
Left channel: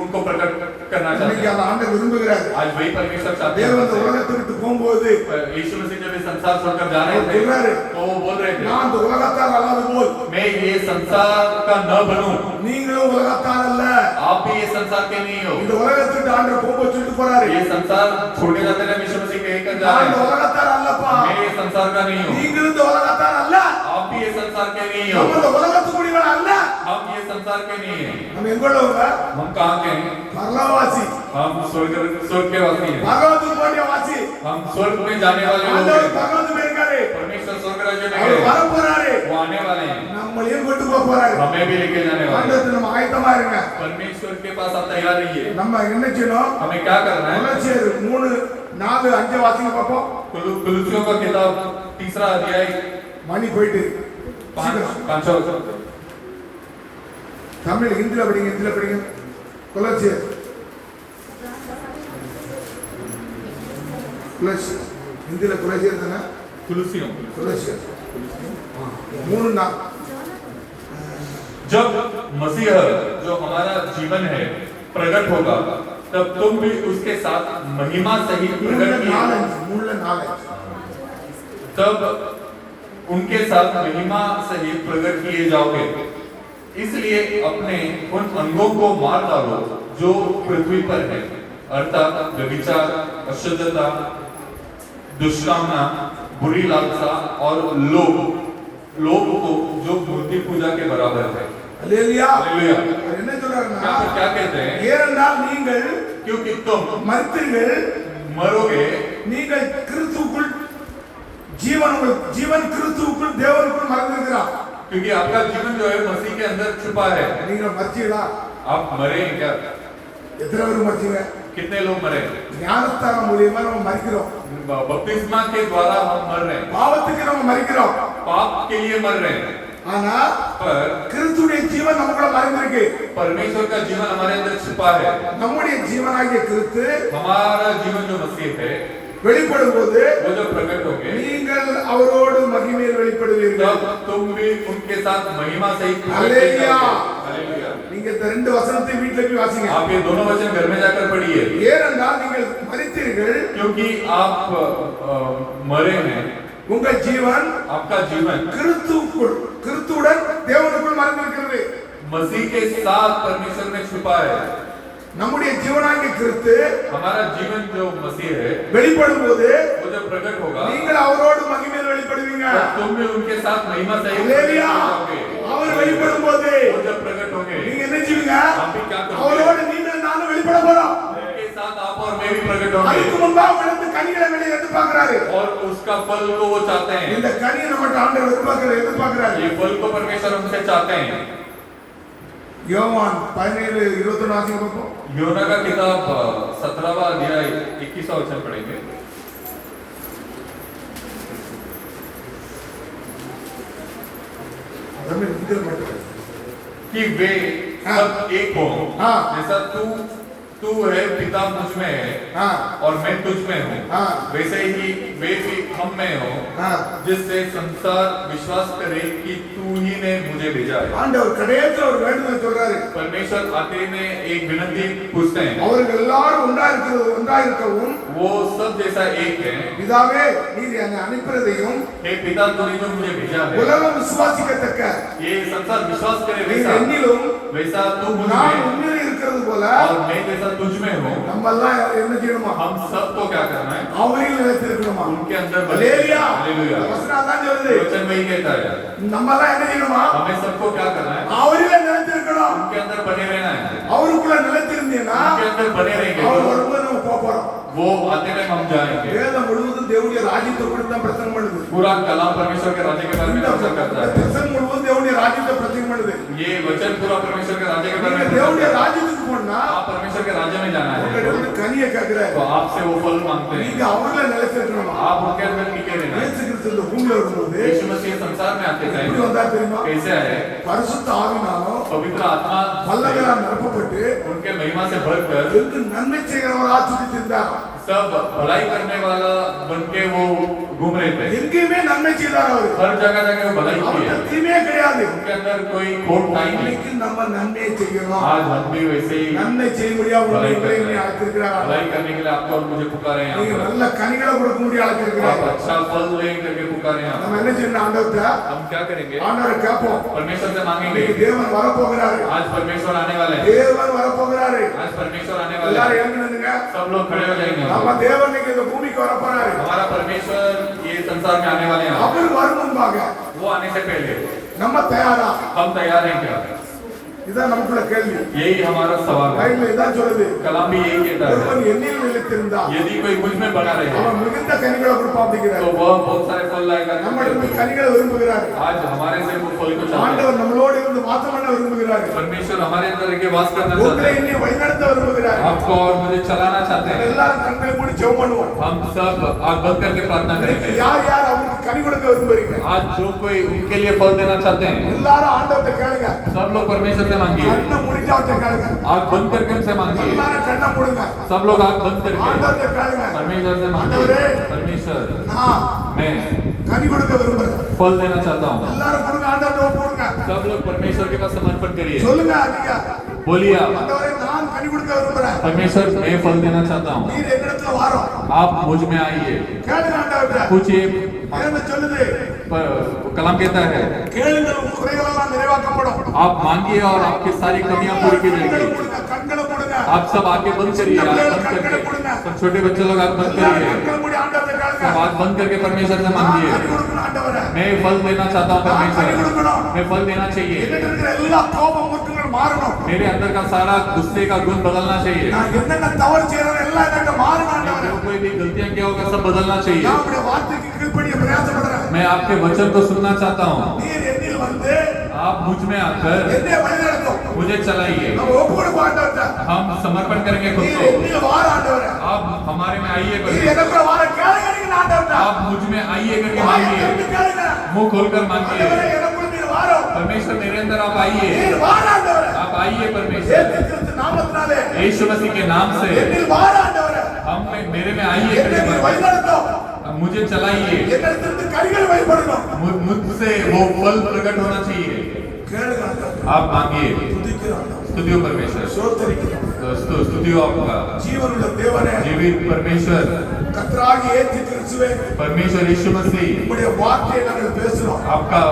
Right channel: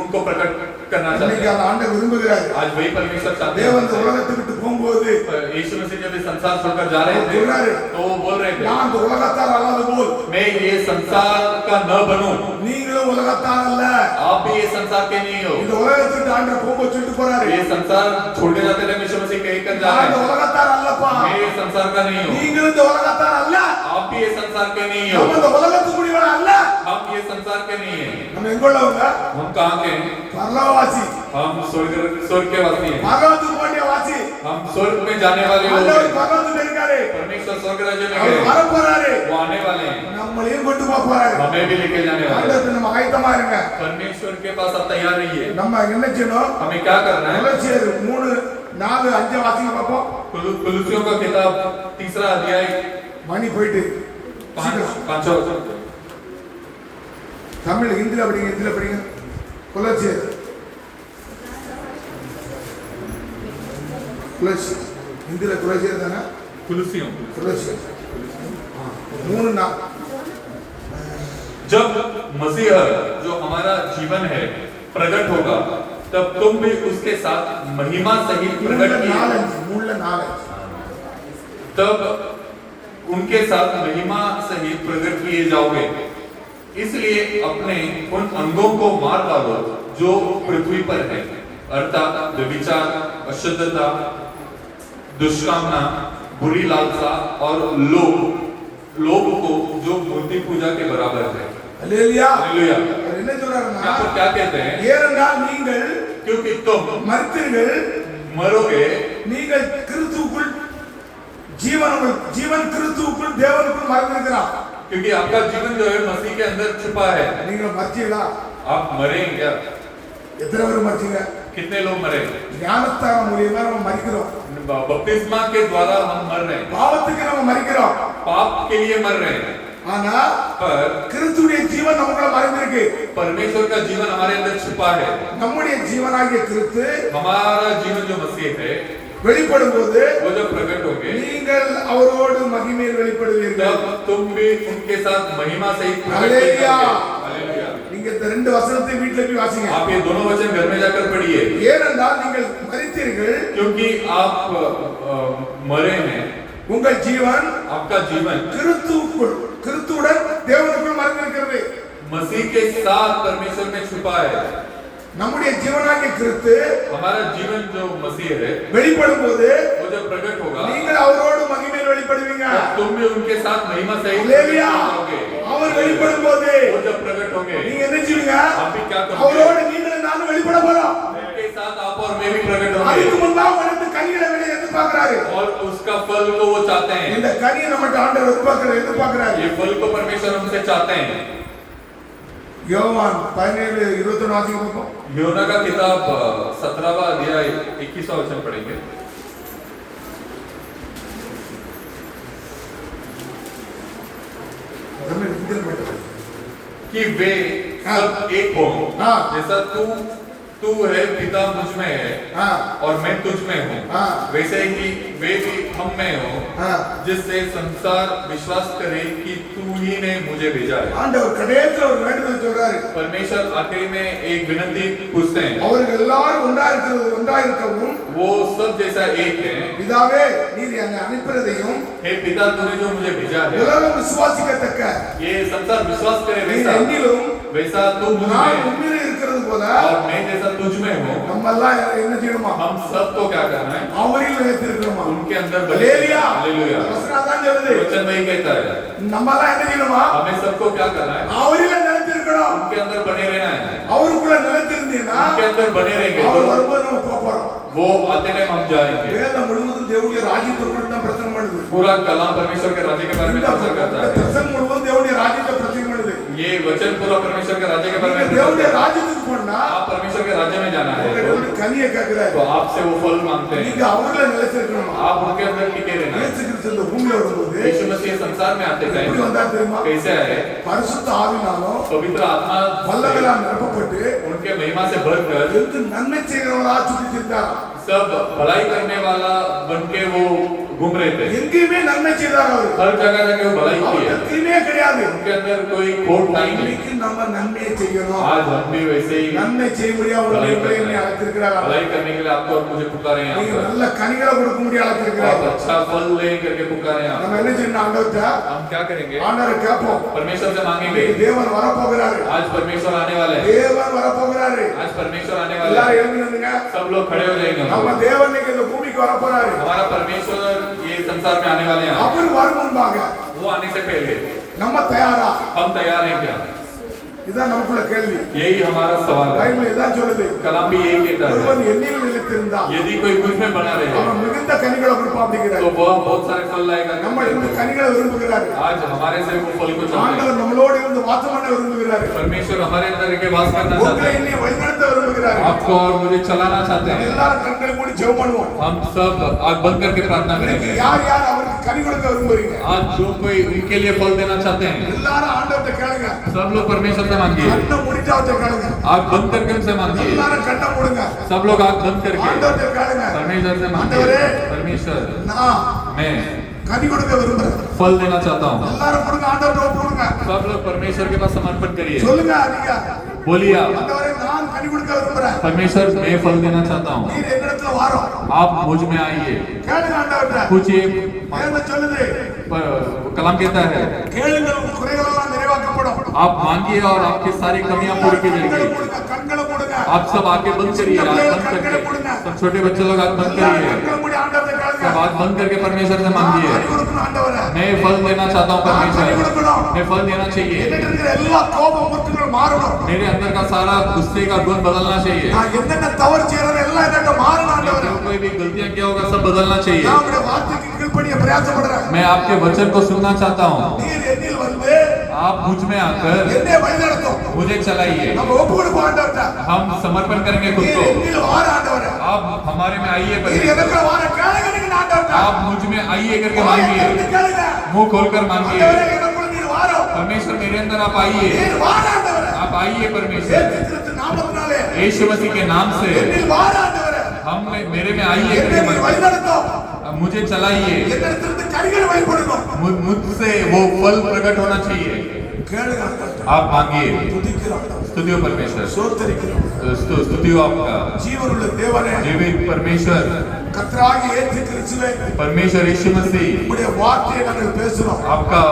उनको प्रकट करना चाहते இன்னைக்கு हैं। அந்த ஆண்டவர் விரும்புகிறாரு. आज वही परमेश्वर चाहते தேவன் இந்த हैं। உலகத்தை விட்டு போகும்போது यीशु मसीह जब इस संसार छोड़कर जा रहे थे बोल रहे। तो वो बोल रहे थे, நான் இந்த உலகத்தார் அல்லாத போல் मैं ये संसार का न बनूं, நீங்களும் உலகத்தார் அல்ல. आप भी ये संसार के नहीं हो। இந்த உலகத்தை விட்டு ஆண்டவர் போக சொல்லிட்டு போறாரு. ये संसार छोड़ के जाते हैं, यीशु मसीह कह कर जा நான் रहे இந்த हैं, உலகத்தார் அல்லப்பா. मैं ये संसार का नहीं हूँ, நீங்களும் இந்த உலகத்தார் அல்ல. आप भी ये संसार के नहीं நம்ம हो, இந்த உலகத்துக்குரியவங்க அல்ல. हम ये संसार के नहीं है। நம்ம எங்க உள்ளவங்க? हम कहाँ के हैं? பரலோகவாசி, हम स्वर्ग के वासी हैं। பரலோகத்துக்கு போடிய வாசி. हम स्वर्ग में जाने वाले लोग ஆண்டவர் हैं। பரலோகத்துக்கு இருக்காரு. परमेश्वर स्वर्ग राज्य में அவர் गए, வர போறாரு. वो आने वाले हैं, நம்மளையும் கொண்டு போக போறாரு. हमें भी लेके जाने वाले हैं। ஆண்டவருக்கு நம்ம ஆயத்தமா இருங்க. परमेश्वर के पास आप तैयार रहिए। நம்ம என்ன செய்யணும்? हमें क्या करना है? கொலோசியர் 3, 4, 5 வாசிங்க பாப்போம். कुलुसियों का किताब 3 अध्याय மணி போயிட்டு 5 தமிழ் ஹிந்தில படிங்க, ஹிந்தில படிங்க. கொலோசியர் ஹிந்தில கொலோசியர் தானே? कुलुसियों கொலோசியர் 3, 4. जब मसीह जो हमारा जीवन है प्रकट होगा तब तुम भी उसके साथ महिमा सहित प्रकट किए, 3, 4. तब उनके साथ महिमा सहित प्रकट किए जाओगे। इसलिए अपने उन अंगों को मार डालो जो पृथ्वी पर है, अर्थात व्यभिचार, अशुद्धता, दुष्कामना, बुरी लालसा और लोभ को जो मूर्ति पूजा के बराबर है। அல்லேலூயா. हालेलुया। அவர் என்ன சொல்றாருன்னா, यहाँ पर क्या कहते हैं? ஏனென்றால் நீங்கள் क्योंकि तुम மரித்தீர்கள், मरोगे, நீங்கள் கிறிஸ்துவுக்குள் ஜீவன் கிறிஸ்துவுக்குள் தேவனுக்குள் மறைந்திருக்கிறார். क्योंकि आपका जीवन जो है मसीह के अंदर छुपा है। நீங்க மரிச்சீங்களா? आप मरे हैं क्या? எத்தனை பேர் மரிச்சீங்க? कितने लोग मरे? ஞானஸ்தானம் மூலியமா நம்ம மரிக்கிறோம். बपतिस्मा के द्वारा हम मर रहे हैं, பாவத்துக்கு நம்ம மரிக்கிறோம். पाप के लिए मर रहे हैं, ஆனா पर கிறிஸ்துவுடைய ஜீவன் நமக்குள்ள மறைந்திருக்கு. परमेश्वर का जीवन हमारे अंदर छुपा है। நம்முடைய ஜீவனாகிய கிறிஸ்து हमारा जीवन जो मसीह है வெளிப்படும் போது वो जब प्रकट होंगे நீங்கள் அவரோடு மகிமையில் வெளிப்படுவீர்கள். तब तुम भी उनके साथ महिमा सहित प्रकट किए हालेलुया। जाओगे। हालेलुया। நீங்க இந்த 2 வசனத்தை வீட்ல போய் வாசிங்க. आप ये दोनों वचन घर में जाकर पढ़िए, ஏனென்றால் நீங்கள் மரித்தீர்கள், क्योंकि आप मरे हैं, உங்கள் ஜீவன் आपका जीवन கிறிஸ்துவுடன் தேவனுக்குள் மறைந்திருக்கிறது. मसीह के साथ परमेश्वर में छुपा है। நம்முடைய ஜீவனாகிய கிறிஸ்து हमारा जीवन जो मसीह है வெளிப்படும் போது वो जब प्रकट होगा நீங்கள் அவரோடு மகிமையில் வெளிப்படுவீங்க. तब तुम भी उनके साथ महिमा सहित அல்லேலூயா. प्रकट होगे। அவர் வெளிப்படும் போது वो जब प्रकट होंगे நீங்க என்ன செய்வீங்க? हम भी क्या करोगे? அவரோடு நீங்களும் நானும் வெளிப்பட போறோம். उनके साथ आप और मैं भी प्रकट அதுக்கு होंगे முன்பாக உனக்கு கனிகளை வெளியே எதிர்பார்க்கிறாரு. और उसका फल को वो चाहते हैं। இந்த கனியை நம்மட்ட ஆண்டவர் எதிர்பார்க்கிறாரு. ये फल को परमेश्वर हमसे चाहते हैं। யோவான் 17:21 வாசிங்க பார்ப்போம். योना का किताब 17वां अध्याय 21वां वचन पढ़ेंगे। रमेश हिंदी में पढ़ो। कि वे सब एक हो, हाँ। जैसा तू है पिता मुझ में है हाँ और मैं तुझ में हूँ, हाँ। वैसे ही वे भी हम में हो, हाँ। जिससे संसार विश्वास करे कि तू ही ने मुझे भेजा है। ஆண்டவர் கடைசில ஒரு வேண்டுதல் சொல்றாரு. परमेश्वर आखिरी में एक विनती पूछते हैं, அவர்கள் எல்லாரும் ஒன்றாயிருக்கவும் वो सब जैसा एक है, பிதாவே நீர் என்னை அனுப்பினதையும் हे पिता तूने जो मुझे भेजा है, உலகம் விசுவாசிக்கத்தக்க ये संसार विश्वास करे நீர் वैसा என்னிலும் वैसा तू मुझ நான் में உண்மையிலே இருக்கிறது போல और मैं जैसा तुझ में हूँ, நம்ம எல்லாம் என்ன செய்யணுமா? हम सबको क्या करना है? அவரில் நிலைத்திருக்கணுமா? उनके अंदर ஹல்லேலூயா. हालेलुया। வசனம் அதான் சொல்லுது. वचन वही कहता है, நம்ம எல்லாம் என்ன செய்யணுமா? हमें सबको क्या करना है? அவரில் நிலைத்திருக்கணும். उनके अंदर बने रहना है। அவருக்குள்ள நிலைத்திருந்தீங்கன்னா उनके अंदर बने रहेंगे அவர் तो வரும்போது நம்ம போக போறோம். वो आते टाइम हम जाएंगे। வேதம் முழுவதும் தேவனுடைய ராஜ்யத்தை குறித்து தான் பிரசங்கம் பண்ணுது. पूरा कलाम परमेश्वर के राज्य के बारे में चर्चा करता है। பிரசங்கம் முழுவதும் தேவனுடைய ராஜ்யத்தை பிரசங்கம் பண்ணுது. ये वचन पूरा परमेश्वर के राज्य के बारे நீங்க में தேவனுடைய चर्चा करता है। ராஜ்யத்துக்கு போனா आप परमेश्वर के राज्य में जाना है உங்களுடைய கனியை கேட்கிறாரு. तो आपसे वो फल मांगते நீங்க हैं, அவர்ல நிலைத்திருக்கணுமா? आप उनके अंदर टिके रहना है। இயேசு கிறிஸ்து இந்த பூமியில வரும்போது यीशु मसीह संसार में आते எப்படி टाइम வந்தார் தெரியுமா? कैसे आए? பரிசுத்த ஆவினாலும் पवित्र आत्मा வல்லமையால் நிரப்பப்பட்டு उनके महिमा से भरकर எங்கு நன்மை செய்கிறவரா சுற்றித்திருந்தார். सब भलाई करने वाला बन के वो घूम रहे थे। எங்கேயுமே நன்மை செய்தார் அவர். हर जगह जाके वो भलाई की அவருக்கு है, தீமையே கிடையாது. उनके अंदर कोई खोट नहीं है। இன்னைக்கு நம்ம நன்மையை செய்யணும். आज हम भी वैसे ही நன்மை செய்யும்படியா भलाई உங்களை करना है। அழைத்திருக்கிறார். भलाई करने के लिए आपको और मुझे पुकारे हैं நீங்க यहाँ நல்ல கனிகளை கொடுக்க முடிய पर। आप அழைத்திருக்கிறார். अच्छा फल ले करके पुकारे हैं நம்ம என்ன செய்யணும்? ஆண்டவர்ட்ட हम क्या करेंगे? ஆண்டவரை கேட்போம். परमेश्वर से मांगेंगे। இன்னைக்கு தேவன் வரப்போகிறாரு. आज परमेश्वर आने वाले हैं, தேவன் வரப்போகிறாரு. आज परमेश्वर आने वाले எல்லாரும் हैं। எழுந்து நில்லுங்க. सब लोग खड़े हो जाएंगे। நம்ம தேவன் இன்னைக்கு இந்த பூமிக்கு வரப்போறாரு. हमारा परमेश्वर ये संसार में आने वाले हैं। அவர் வரும் முன்பாக वो आने से पहले நம்ம தயாரா? हम तैयार हैं क्या? இதான் நமக்குள்ள கேள்வி. यही हमारा सवाल है। பைபிள் இதான் சொல்லுது. कलाम भी यही कहता है, ஒருவன் என்னில் நிலைத்திருந்தா यदि कोई मुझ में बना रहे அவன் மிகுந்த கனிகளை கொடுப்பான் அப்படிங்கிறார். तो वह बहुत सारे फल लाएगा। நம்ம இந்த கனிகளை விரும்புகிறார். आज हमारे से वो फल को चाहते हैं। ஆண்டவர் நம்மளோடு இருந்து வாசம் பண்ண விரும்புகிறார். परमेश्वर हमारे अंदर के वास करना चाहते உங்களை हैं, என்னை வழிநடத்த விரும்புகிறார். आपको और मुझे चलाना चाहते हैं। எல்லாரும் கண்களை மூடி ஜெபம் பண்ணுவோம். हम सब आग बंद करके प्रार्थना करेंगे। யார் யார் அவருக்கு கனி கொடுக்க விரும்புறீங்க? आज जो कोई उनके लिए फल देना चाहते हैं, எல்லாரும் ஆண்டவர்ட்ட கேளுங்க. सब लोग परमेश्वर से मांगिए। கண்ணை மூடிட்டு அவர்ட்ட கேளுங்க. आग बंद करके उनसे मांगिए। எல்லாரும் கண்ணை மூடுங்க. सब लोग आग बंद करके ஆண்டவர்ட்ட கேளுங்க. परमेश्वर से मांगिए। परमेश्वर நான் मैं கனி கொடுக்க விரும்புறேன். फल देना चाहता हूँ। எல்லாரும் கொடுங்க. ஆண்டவர்ட்ட ஒப்புடுங்க. सब लोग परमेश्वर के पास समर्पण करिए। சொல்லுங்க நீங்க. बोलिए ஆண்டவரே நான் கனி கொடுக்க விரும்புறேன். परमेश्वर मैं फल देना चाहता हूँ, நீர் என்னிடத்துல வாரும். आप मुझ में आइए। கேளுங்க ஆண்டவர்ட்ட. पूछिए, வேதம் சொல்லுது. कलाम कहता है கேளுங்கள் உங்கள் குறைகள் எல்லாம் நிறைவாக்கப்படும். आप मांगिए और आपकी सारी कमियां पूरी की கண்களை जाएंगी। மூடுங்க. कண்களை மூடுங்க. आप सब आगे बंद करिए, आग बंद करके। सब छोटे बच्चे लोग आग बंद எல்லாரும் करिए, கண்களை மூடி ஆண்டவர்ட்ட கேளுங்க. सब आग बंद करके परमेश्वर से मांगिए। கனி கொடுக்கணும் ஆண்டவரே. मैं फल देना चाहता हूँ परमेश्वर, मैं फल देना चाहिए। என்னிட்ட இருக்கிற எல்லா கோபம் குற்றங்களும் மாறணும். मेरे अंदर का सारा गुस्से का गुण बदलना चाहिए। நான் என்னென்ன தவறு செய்யறேன் எல்லாம் என்னட்ட மாறணும் मैं ஆண்டவரே. जो कोई भी गलतियां किया होगा सब बदलना चाहिए। நான் உங்களுடைய வார்த்தைக்கு கீழ்ப்படிய பிரயாசப்படுறேன். मैं आपके वचन को सुनना चाहता हूँ। நீர் என்னில் வந்து आप मुझ में आकर என்னை வழிநடத்தும். मुझे चलाइए। நம்ம ஒப்பு கொடுப்போம் ஆண்டவர்ட்ட. हम समर्पण करेंगे खुद நீர் को। என்னில் வார ஆண்டவரே. आप हमारे में आइए நீர் परमेश्वर, எனக்குள்ள வார கேளுங்க நீங்க ஆண்டவர்ட்ட. आप मुझ में आइए करके வாயை मांगिए, திறந்து கேளுங்க. मुंह खोलकर मांगिए। ஆண்டவரே எனக்குள்ள நீர் வாரும். परमेश्वर मेरे अंदर आप आइए, நீர் வார ஆண்டவரே. आप आइए परमेश्वर। இயேசு கிறிஸ்து நாமத்தினாலே यीशु मसीह के नाम से என்னில் வார ஆண்டவரே. हम मेरे में आइए என்னை करके நீர் मांगिए। வழிநடத்தும். मुझे चलाइए, என்னிடத்திலிருந்து கனிகள் வெளிப்படணும். मुझसे वो फल प्रकट होना चाहिए। கேளுங்க ஆண்டவர்ட்ட. आप मांगिए। துதிக்கிறோம் ஆண்டவரே. स्तुतियो परमेश्वर, சோத்தரிக்கிறோம். स्तुतियो आपका ஜீவனுள்ள தேவனே, जीवित परमेश्वर, கர்த்தராகிய இயேசு கிறிஸ்துவே, परमेश्वर यीशु मसीह, உம்முடைய வார்த்தையை நாங்கள் பேசுறோம். आपका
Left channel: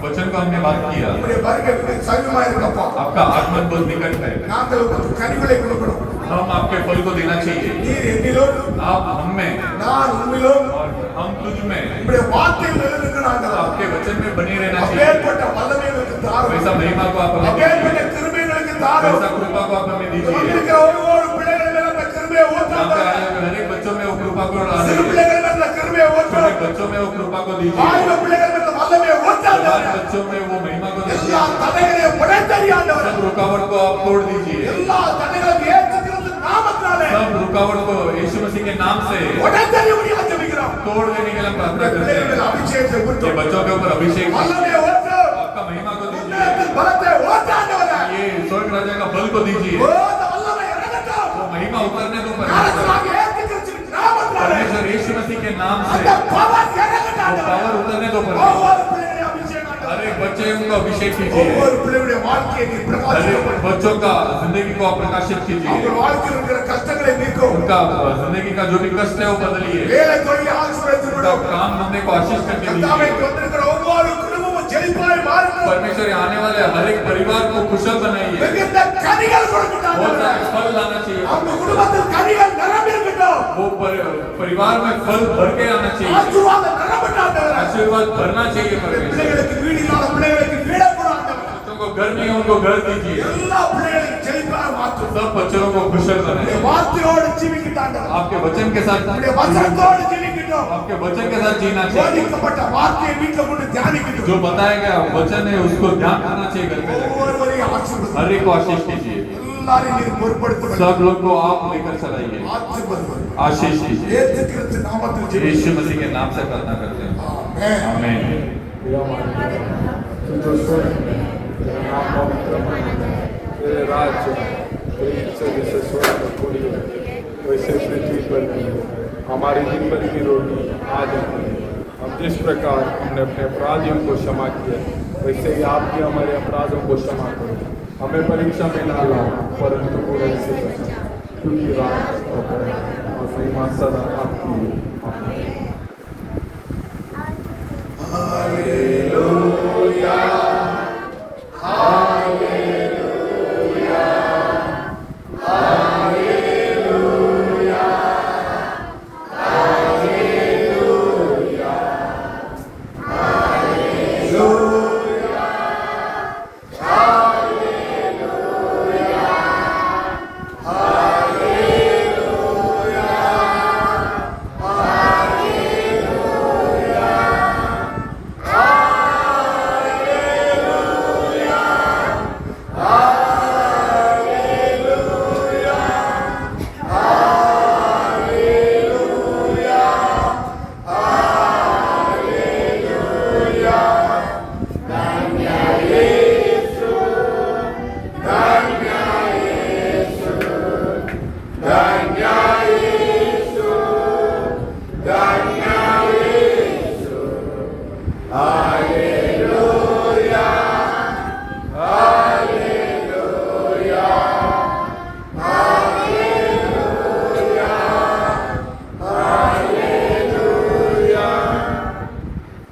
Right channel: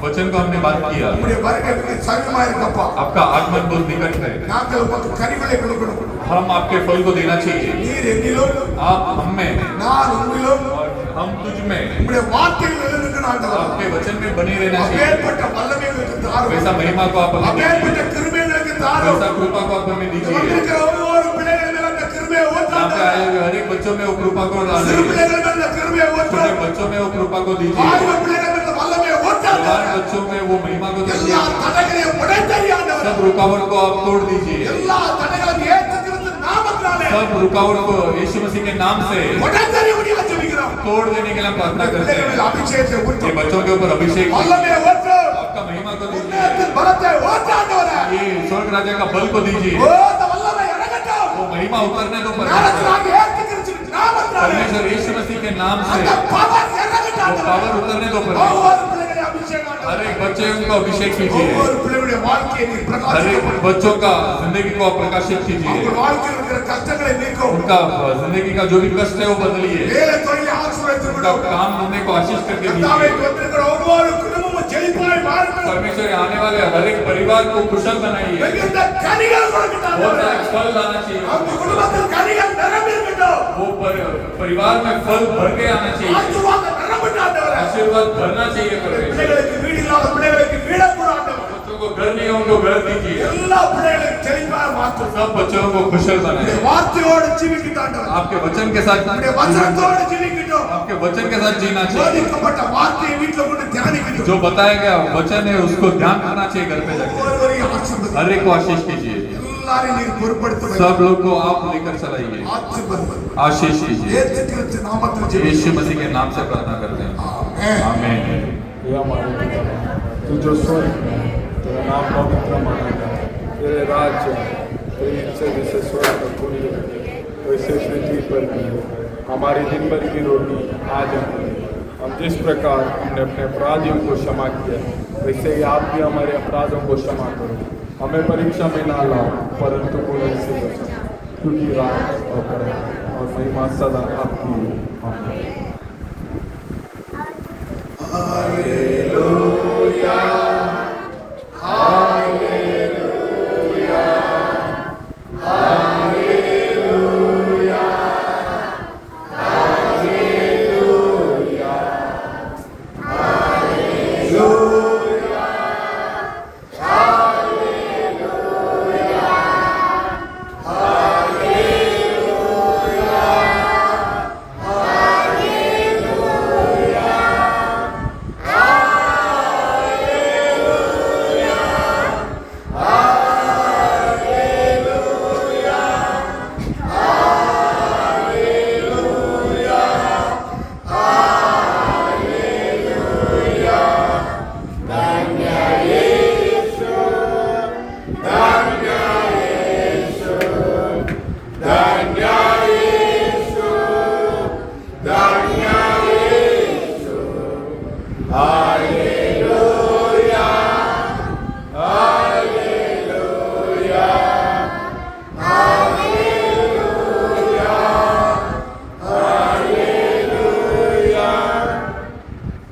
वचन को हमने बात किया। உம்முடைய வருகைக்கு சமீபமா இருக்கப்பா. आपका आगमन बहुत निकट है, நாங்கள் உமக்கு கனிகளை கொடுக்கணும். हम आपके फल को देना चाहिए। நீர் என்னிலும் आप हम में நான் உம்மிலும் और हम तुझ में, உம்முடைய வார்த்தையில் நிலைநிற்கணும் ஆண்டவரே. आपके वचन में बने रहना चाहिए। அப்பேற்பட்ட வல்லமைகளுக்கு தாரும். वैसा महिमा को आप हमें அப்பேற்பட்ட दीजिए, கிருபைகளுக்கு தாரும். वैसा कृपा को आप हमें दीजिए। வந்திருக்கிற ஒவ்வொரு பிள்ளைகள் மேல அந்த கிருபையை यहाँ पे ஊற்றாதே. आए हुए हर एक बच्चों में वो कृपा को சிறு डालिए, பிள்ளைகள் மேல அந்த கிருபையை छोटे ஊற்றாதே. बच्चों में वो कृपा को दीजिए, வாலிப பிள்ளைகள் மேல அந்த வல்லமையை ஊற்றாதே. जवान बच्चों में वो महिमा को दीजिए। எல்லா தடைகளையும் உடைத்தறி ஆண்டவரே सब रुकावट को आप तोड़ दीजिए எல்லா தடைகளையும் இயேசு கிறிஸ்து நாமத்தினாலே सब रुकावट को यीशु मसीह के नाम से உடைத்தறி முடியா ஜெபிக்கிறோம் तोड़ देने के लिए हम प्रार्थना करते பிள்ளைகள் மேல் हैं அபிஷேகத்தை ये ஊற்று बच्चों के ऊपर अभिषेक कीजिए। வல்லமையை ஊற்று आपका महिमा को दीजिए உன்னதத்தின் பலத்தை ஊற்று ஆண்டவரே ये स्वर्ग राजा का बल को दीजिए ஓ அந்த வல்லமை இறங்கட்டும் वो महिमा उतरने दो परमेश्वर ஞானத்தினாலே இயேசு கிறிஸ்து நாமத்தினாலே परमेश्वर यीशु मसीह के नाम से அந்த பவர் இறங்கட்டும் वो पावर उतरने दो परमेश्वर ஒவ்வொரு பிள்ளைகளையும் அபிஷேகம் हर ஆண்டவரே एक बच्चे को अभिषेक कीजिए ஒவ்வொரு பிள்ளைகளுடைய வாழ்க்கையை நீ हर பிரகாசிக்க एक बच्चों का जिंदगी को आप प्रकाशित कीजिए அவங்க வாழ்க்கையில் இருக்கிற கஷ்டங்களை நீக்கும் उनका जिंदगी का जो भी कष्ट है वो बदलिए வேலை தொழிலை ஆசீர்வதித்து उनका விடும் काम धंधे को आशीष करके கர்த்தாவே दीजिए கொண்டிருக்கிற ஒவ்வொரு குடும்பமும் செழிப்பாய் மாறட்டும் परमेश्वर यहाँ आने वाले हर एक परिवार को कुशल बनाइए மிகுந்த கனிகள் கொடுக்கட்டும் बहुत ஆண்டவரே. सारे फल लाना चाहिए அவங்க குடும்பத்தில் கனிகள் நிரம்பி இருக்கட்டும் वो परिवार में फल भर के आना चाहिए ஆசீர்வாதம் நிரம்பட்டும் ஆண்டவரே. आशीर्वाद भरना चाहिए परमेश्वर பிள்ளைகளுக்கு வீடு இல்லாத பிள்ளைகளுக்கு வீடை கொடு ஆண்டவரே. बच्चों को घर नहीं है उनको घर दीजिए எல்லா பிள்ளைகளையும் செழிப்பாய் மாற்றும் सब बच्चों को कुशल உம்முடைய बनाए வார்த்தையோடு ஜீவிக்கட்டும் ஆண்டவரே. आपके वचन के साथ உம்முடைய வசனத்தோடு ஜீவிக்கட்டும் आपके वचन के साथ जीना चाहिए போதிக்கப்பட்ட வார்த்தையை வீட்டுல கொண்டு தியானிக்கட்டும் जो बताया गया वचन है उसको ध्यान करना चाहिए घर पे जाके ஒவ்வொருவரையும் ஆசீர்வதியும் हर एक को आशीष कीजिए எல்லாரையும் நீர் பொறுப்படுத்த सब लोग को आप लेकर चलाइए ஆசீர்வதியும் आशीष कीजिए இயேசு கிறிஸ்து நாமத்தில் यीशु ஜெபிக்கிறோம். मसीह के नाम से प्रार्थना करते हैं ஆமென். आमीन हे हमारे पिता, तू जो स्वर्ग में है, तेरा नाम पवित्र माना जाए, तेरे राज्य आए, तेरी इच्छा जैसे स्वर्ग में पूरी होती है वैसे पृथ्वी पर भी हो। हमारी दिन भर की रोटी आज हमें दे। हम जिस प्रकार हमने अपने अपराधियों को क्षमा किया वैसे ही आप भी हमारे अपराधों को क्षमा करो। हमें परीक्षा में ना लाओ परंतु बुराई से बचाओ, क्योंकि राज और बड़ाई और महिमा सदा आपकी है। आमीन।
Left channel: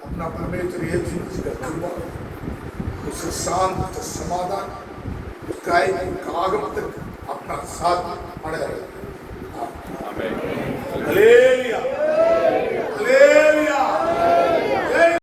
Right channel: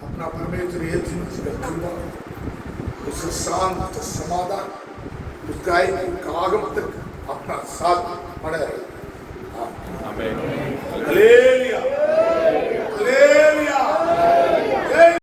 अपना परमेश्वर यीशु मसीह का कृपा उसका शांत समाधान उसका आगम तक अपना साथ बने रहे आमीन हालेलुया